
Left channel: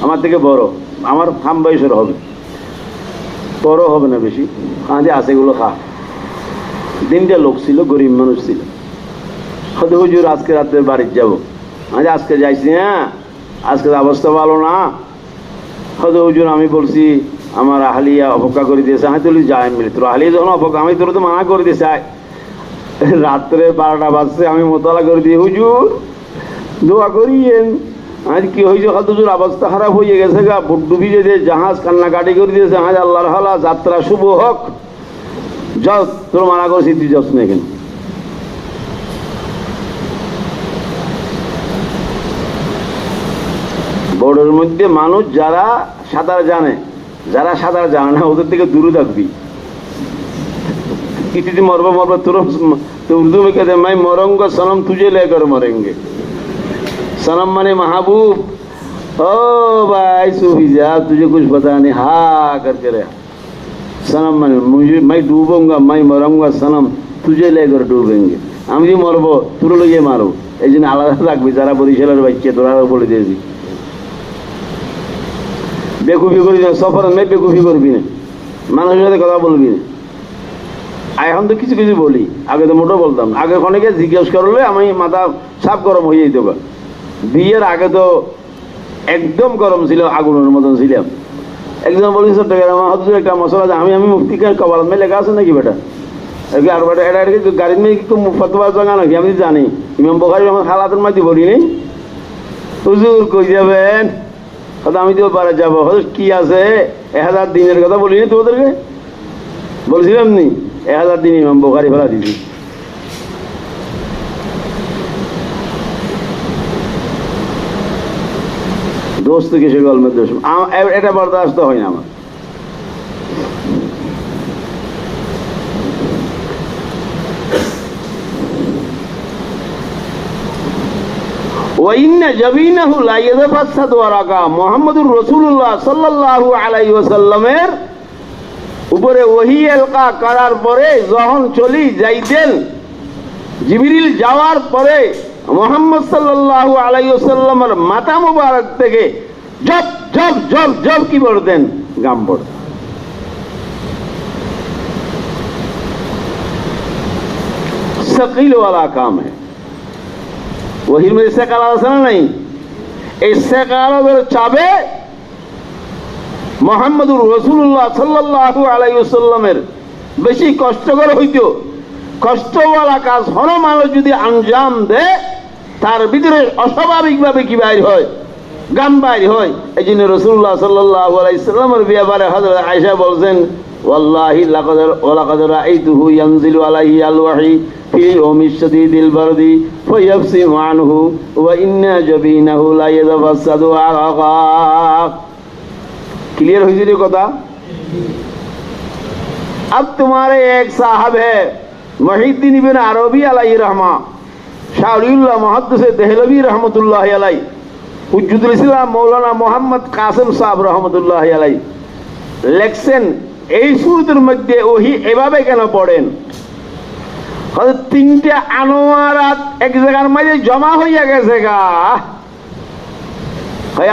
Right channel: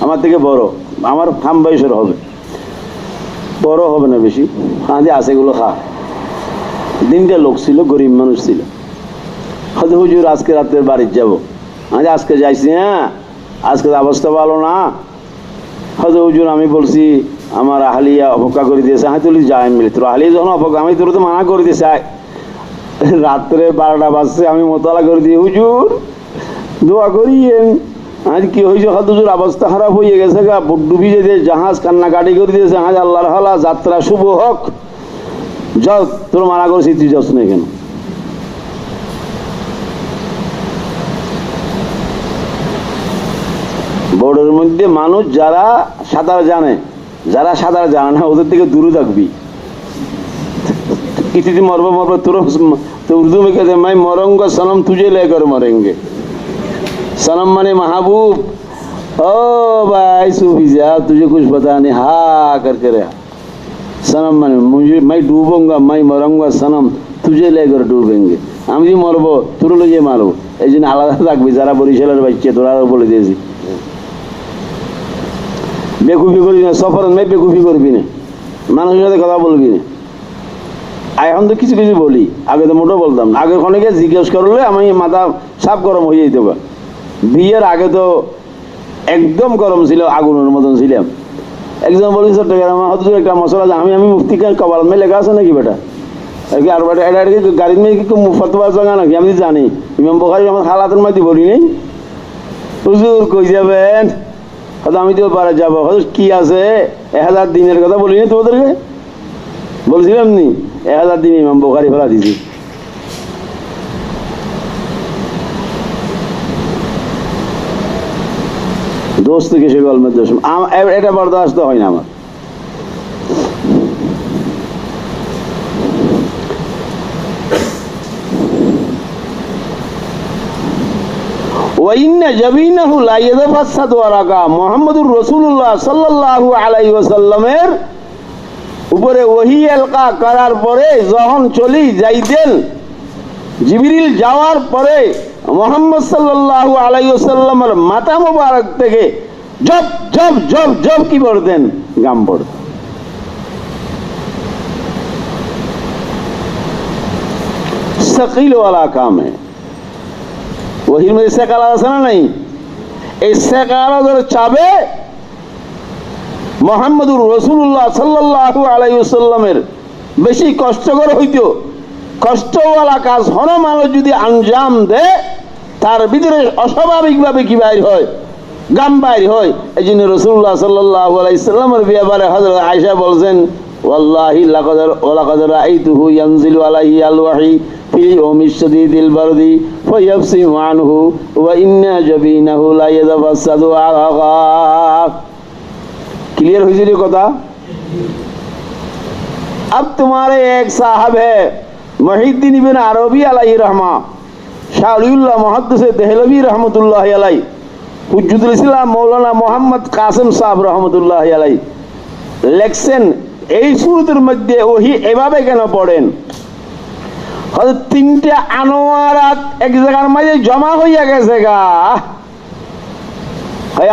আমার থেকে বড়, আমার থাম বয়সের হবে, বড় হবে না বেশি, কাঁদে আসে এগুলো খা। দিনটা লোক ছিল, গরিব মানুষ ছিল। হয়তো হুজুর আজকে রাত্রে বাড়ির যাবো, আজকে যাইছি, হ্যাঁ আজকে অবস্থা ভালো না। হয়তো হুজুর আমি বলছি আমার আহলিয়া অপেক্ষা করে দিয়েছে, আমি তুলি যাই মিলে, তোর আহলিয়া যখন অপেক্ষা, আমি তোর তো মানা করে দিয়েছে। রাত্রে 12টা বাজছে, আমি মোতালা করে দিই, হুজুর দোয়া করিয়েন। আজ কি হয়েছে, হয়তো হুজুর অবস্থা খারাপ হয়ে গেছে গা, ডুবি যেতে জাহাজ কান্নাকাটি করে দিয়েছে, আজ আল্লাহর হালা, যাত্রা শুভ হোক, যাও তোর মানা করছি, তুই যাস না কেন। বোর্ডের মধ্যে মানুষ যারা সাঁতার জানে, যারা সাঁতার জানে না, ওদের থেকে দূরে থাকবি। কিছুদিন মরবো তোর উর্দু में कहते हैं मैं मरूंगा सनम तुझे लेकर मरेंगे। सनम माने महबूब, ओ भाई सूफी साहब तुझे कुछ पता नहीं, हा करके रहा। सनम माने मुझे, मैं डूबूंगा, मैं मरूंगा सनम तुझे लेकर डूबेंगे। আমি যে মরবো তোর লইয়ে মারবো, এই জন্য আলাদা রাখবি। যারা বরিশালের বাচ্চা তোরা বলে দিয়েছি, বেকুফি করবি না, সফর নেই বেকুফি করবি না, মানুষের সাথে কথা বলবি না। এখন তো কিছু কিছু বলি, আগে তো মোটেও বলতাম না। আগে অনেকে জিজ্ঞেস করলে আমি মাথা সাপ গরম হয়ে যেত। বিয়ের আগে তো একদম গরম ছিল, আগুনের মতন ছিলাম। একজন বলি চট্টগ্রাম একটা মশলা, আমি মুফতি কবাল মে লেখা আছে নাকি বেটা, আর বেটা এটা গাড়ির মেয়ে কি ফতোয়া জায়গা নাকি, আমি জানি ইমাম বুখারী আমার হালাতের মাঝে বলি নেই, হুজুর কই যাবেন, আমি তো পারে যাবো, কি আছে 1000 দিনের কথা বলিনি তোমাদেরকে, বলছিলাম নি 1000 দিন ইমাম বুখারী ফেলা দিছি। দোস্ত কিসে গল্পের দোষ, এটা বরদাস্ত হয় না আমার। ওয়াইন্না জাবিনাহু লা ইয়াতাফাসাদু আরাকা, মুহাম্মদুর রাসূলুল্লাহ সাল্লাল্লাহু আলাইহি ওয়াসাল্লামের উপরে ওহী এলকা করার পরে যখন চলি যাইতেন, জিবরিল যাওয়ার পরে মুহাম্মদ সাল্লাল্লাহু আলাইহি ওয়াসাল্লামের মাথা মোবারক থেকে জব জব জব জব কি পড়তেন, গাম পড়তেন। সকিল ওয়ালা কাম হ্যায়, ওহির মধ্যে সেকালা আছে না নাই, এই সেকালা ধরে চাবে মুহাম্মদুর রাসূলুল্লাহ সাল্লাল্লাহু আলাইহি ওয়াসাল্লামের বেশি কষ্টকর হইতো। কষ্টওয়ালা কাজ হন মানুষ যদি আঞ্জাম দেয়, তার ভিতরে অস্বাভাবিকভাবে কি বাইর হয়, গাম বাইর হয়। এই জন্য রাসূলুল্লাহ সাল্লাল্লাহু আলাইহি ওয়াসাল্লামের ব্যাপারে হযরত আয়েশা বলছেন, والله ولقد رأيته ينزل عليه الوحي في يوم الشديد البرد فيبصم عنه وإن جبينه لا يتفسد عرقا क्लियर हुई सी কথা अब तुम्हारे एक साहब है मुहिद्दीन इब्न अरबी अलैहि रहमा शाउलिल्लाह मुहद्दिस देहलवी रहमतुल्लाह अलैहि हुज्जतुल इस्लाम मौलाना मोहम्मद कासिम साहब रहमतुल्लाह अलैहि লেখছেন এই সূরাতের মধ্যে ওহী এভাবে কেন পড়েন হযরত তিনটা আনোয়ারাত এক জায়গার মাঝে জমা হইয়া গেছে গা হয়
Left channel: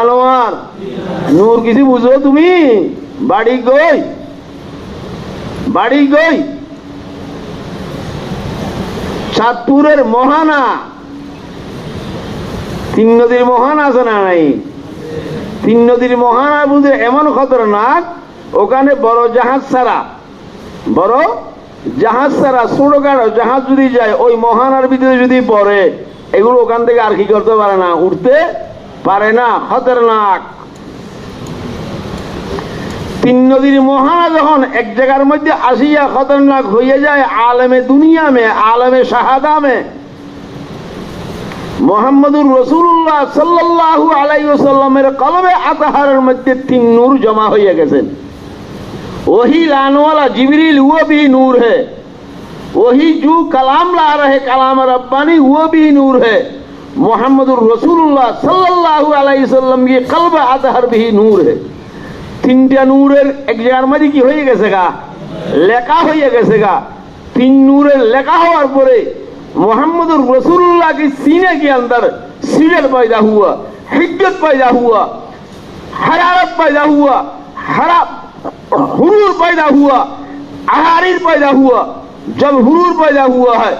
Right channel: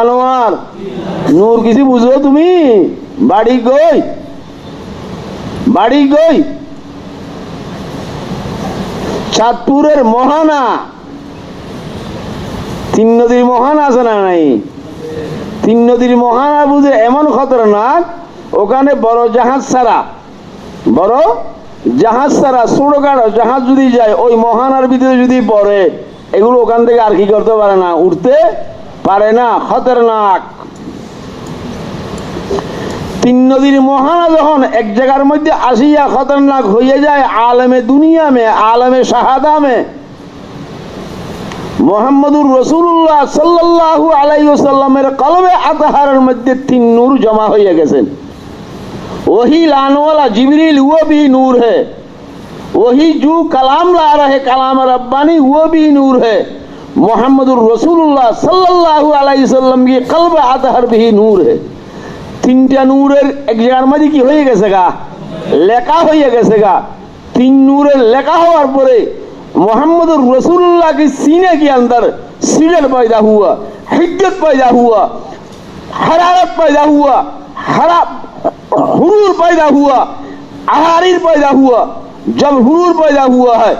আনোয়ার নূর কিছু বুঝো তুমি বাড়ি গই চাঁদপুরের মোহানা তিন নদীর মোহানা আছে না নাই তিন নদীর মোহানা বুঝে এমন খতরনাক ওখানে বড় জাহাজ ছাড়া ছোটখাটো জাহাজ যদি যায় ওই মোহানার ভিতরে যদি পড়ে এগুলো ওখান থেকে আর কি করতে পারে না উঠতে পারে না খতরনাক তিন নদীর মোহানা যখন এক জায়গার মধ্যে আসিয়া খতরনাক হয়ে যায় আলমে দুনিয়া মে আলমে শাহাদা মে মুহাম্মদুর রাসূলুল্লাহ সাল্লাল্লাহু আলাইহি ওয়াসাল্লামের কলবে আতহারের মধ্যে তিন নূর জমা হয়ে গেছেন वही लाने वाला जिब्रील वो भी नूर है वही जो कलाम ला रहे कलाम रब्बानी वो भी नूर है मुहम्मदुर रसूलुल्लाह सल्लल्लाहु अलैहि वसल्लम की कल्ब अतहर भी नूर है তিনটা নূরের এক জায়গার মধ্যে কি হয়ে গেছে গা লেখা হয়ে গেছে গা তিন নূরের লেখা হওয়ার পরে मुहम्मदुर रसूलुल्लाह की सीने के अंदर सीरत पैदा हुआ हिज्जत पैदा हुआ हरारत पैदा हुआ हुरूर पैदा हुआ अहारीर पैदा हुआ जब हुरूर पैदा हुआ है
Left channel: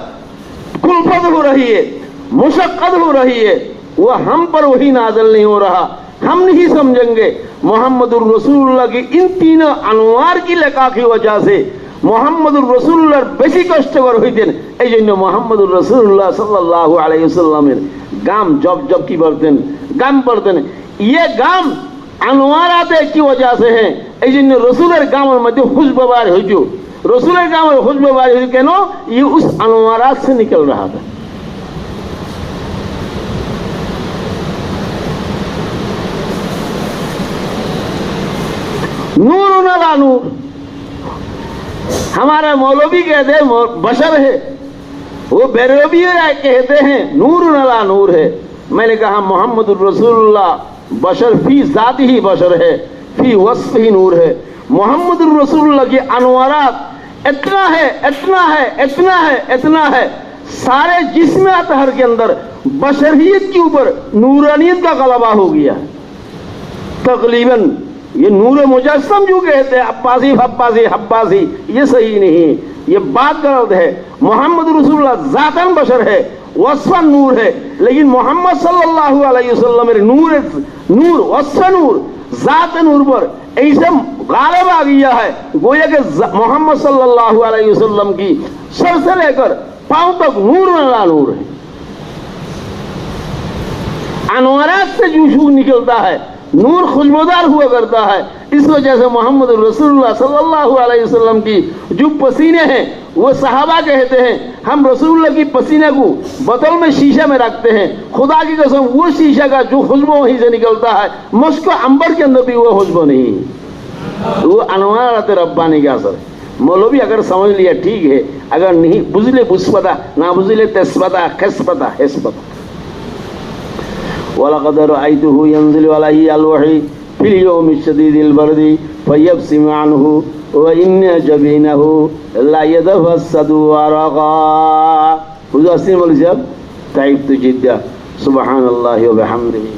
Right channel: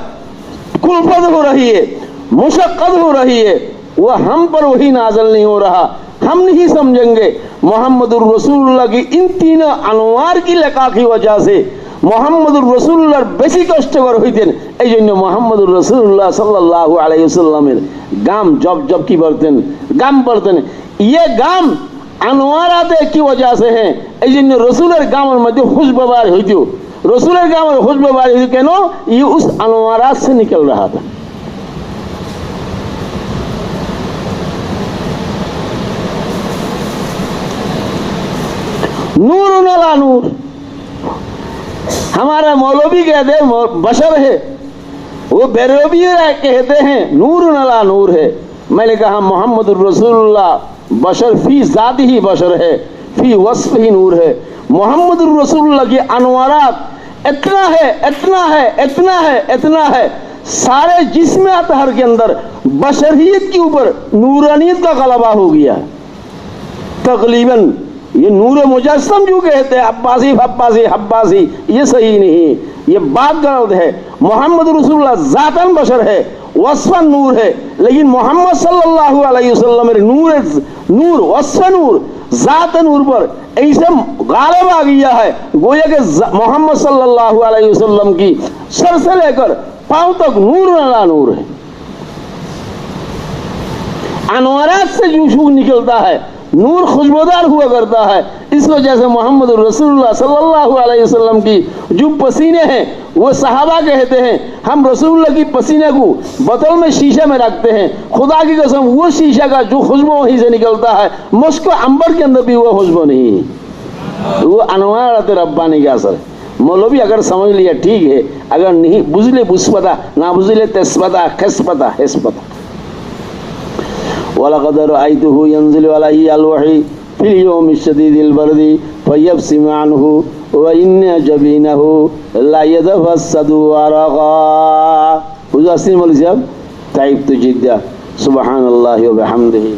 कुल्फत हो रही है मुशक्कत हो रही है वो हम पर वही नाज़िल नहीं हो रहा हम नहीं समझेंगे मुहम्मदुर रसूलुल्लाह की इन तीनों अनवार की लका की वजह से মুহাম্মদুর রাসূলুল্লাহর বেশি কষ্টকর হইতেন এই জন্য মুহাম্মদুর রাসূলুল্লাহ সাল্লাল্লাহু আলাইহি ওয়াসাল্লামের গাম জব কি বলতেন গাম পড়তেন ये गाम अनवाराते की वजह से है এই জন্য রাসূলের গামের মধ্যে খুশবু বার হইতো রাসূলের গামের খুশবু বার হইতো কেন ये उस अनवारात से निकल रहा था नूरुन अला नूर हमारा मौलवी कहते हैं बशर है वो बेरबी कहते हैं नूर अला नूर है मैंने कहा मुहम्मदुर रसूलुल्लाह बशर फी जात ही बशर है फी वस्फ ही नूर है मुहम्मदुर रसूलुल्लाह की अनवारात इतना है सारे जिस्म अतहर के अंदर बशरियत के ऊपर नूरानियत का गलबा हो गया तकरीबन ये नूर मुजस्सम जो कहते हैं अब्बासी ये सही नहीं ये बात गलत है मोहम्मद रसूलुल्लाह जातन बशर है वस्फन नूर है लेकिन मोहम्मद सल्लल्लाहु अलैहि वसल्लम नूर वस्फ नूर जात नूर पर ऐसे गालिब आ गया है गोया कि मोहम्मद सल्लल्लाहु अलैहि वसल्लम की सर से लेकर पांव तक नूर अला नूर है अनवारात से जो निकलता है नूर खुशबूदार हुआ करता है इस वजह से मोहम्मद रसूलुल्लाह सल्लल्लाहु अलैहि वसल्लम की जो पसीने हैं वो सहाबा कहते हैं हम रसूलुल्लाह की पसीने को बोतल में शीशे में रखते हैं खुदा की कसम वो शीशा का जो खुशबू वहीं से निकलता है मुस्क अंबर के अंदर भी वो खुशबू नहीं वो अनवारात रब्बानी का असर है मौलवी अगर समझ लिया ठीक है अगर नहीं बुझले बुझपता ना बुझले तेस्पता खिस्पता हिस्पता वलक़द रअयतुहु यंज़िलु अलैहि अलवही फिल यौमि शदीदिल बर्दि फयब्सिमु अन्हु व इन्न जबीनहु ला यतफस्सदु अरक़ा हुज़ूर अस्सी मौलवी साहब ताइब तो जिद्दा सुब्हानल्लाहि व बिहम्दिही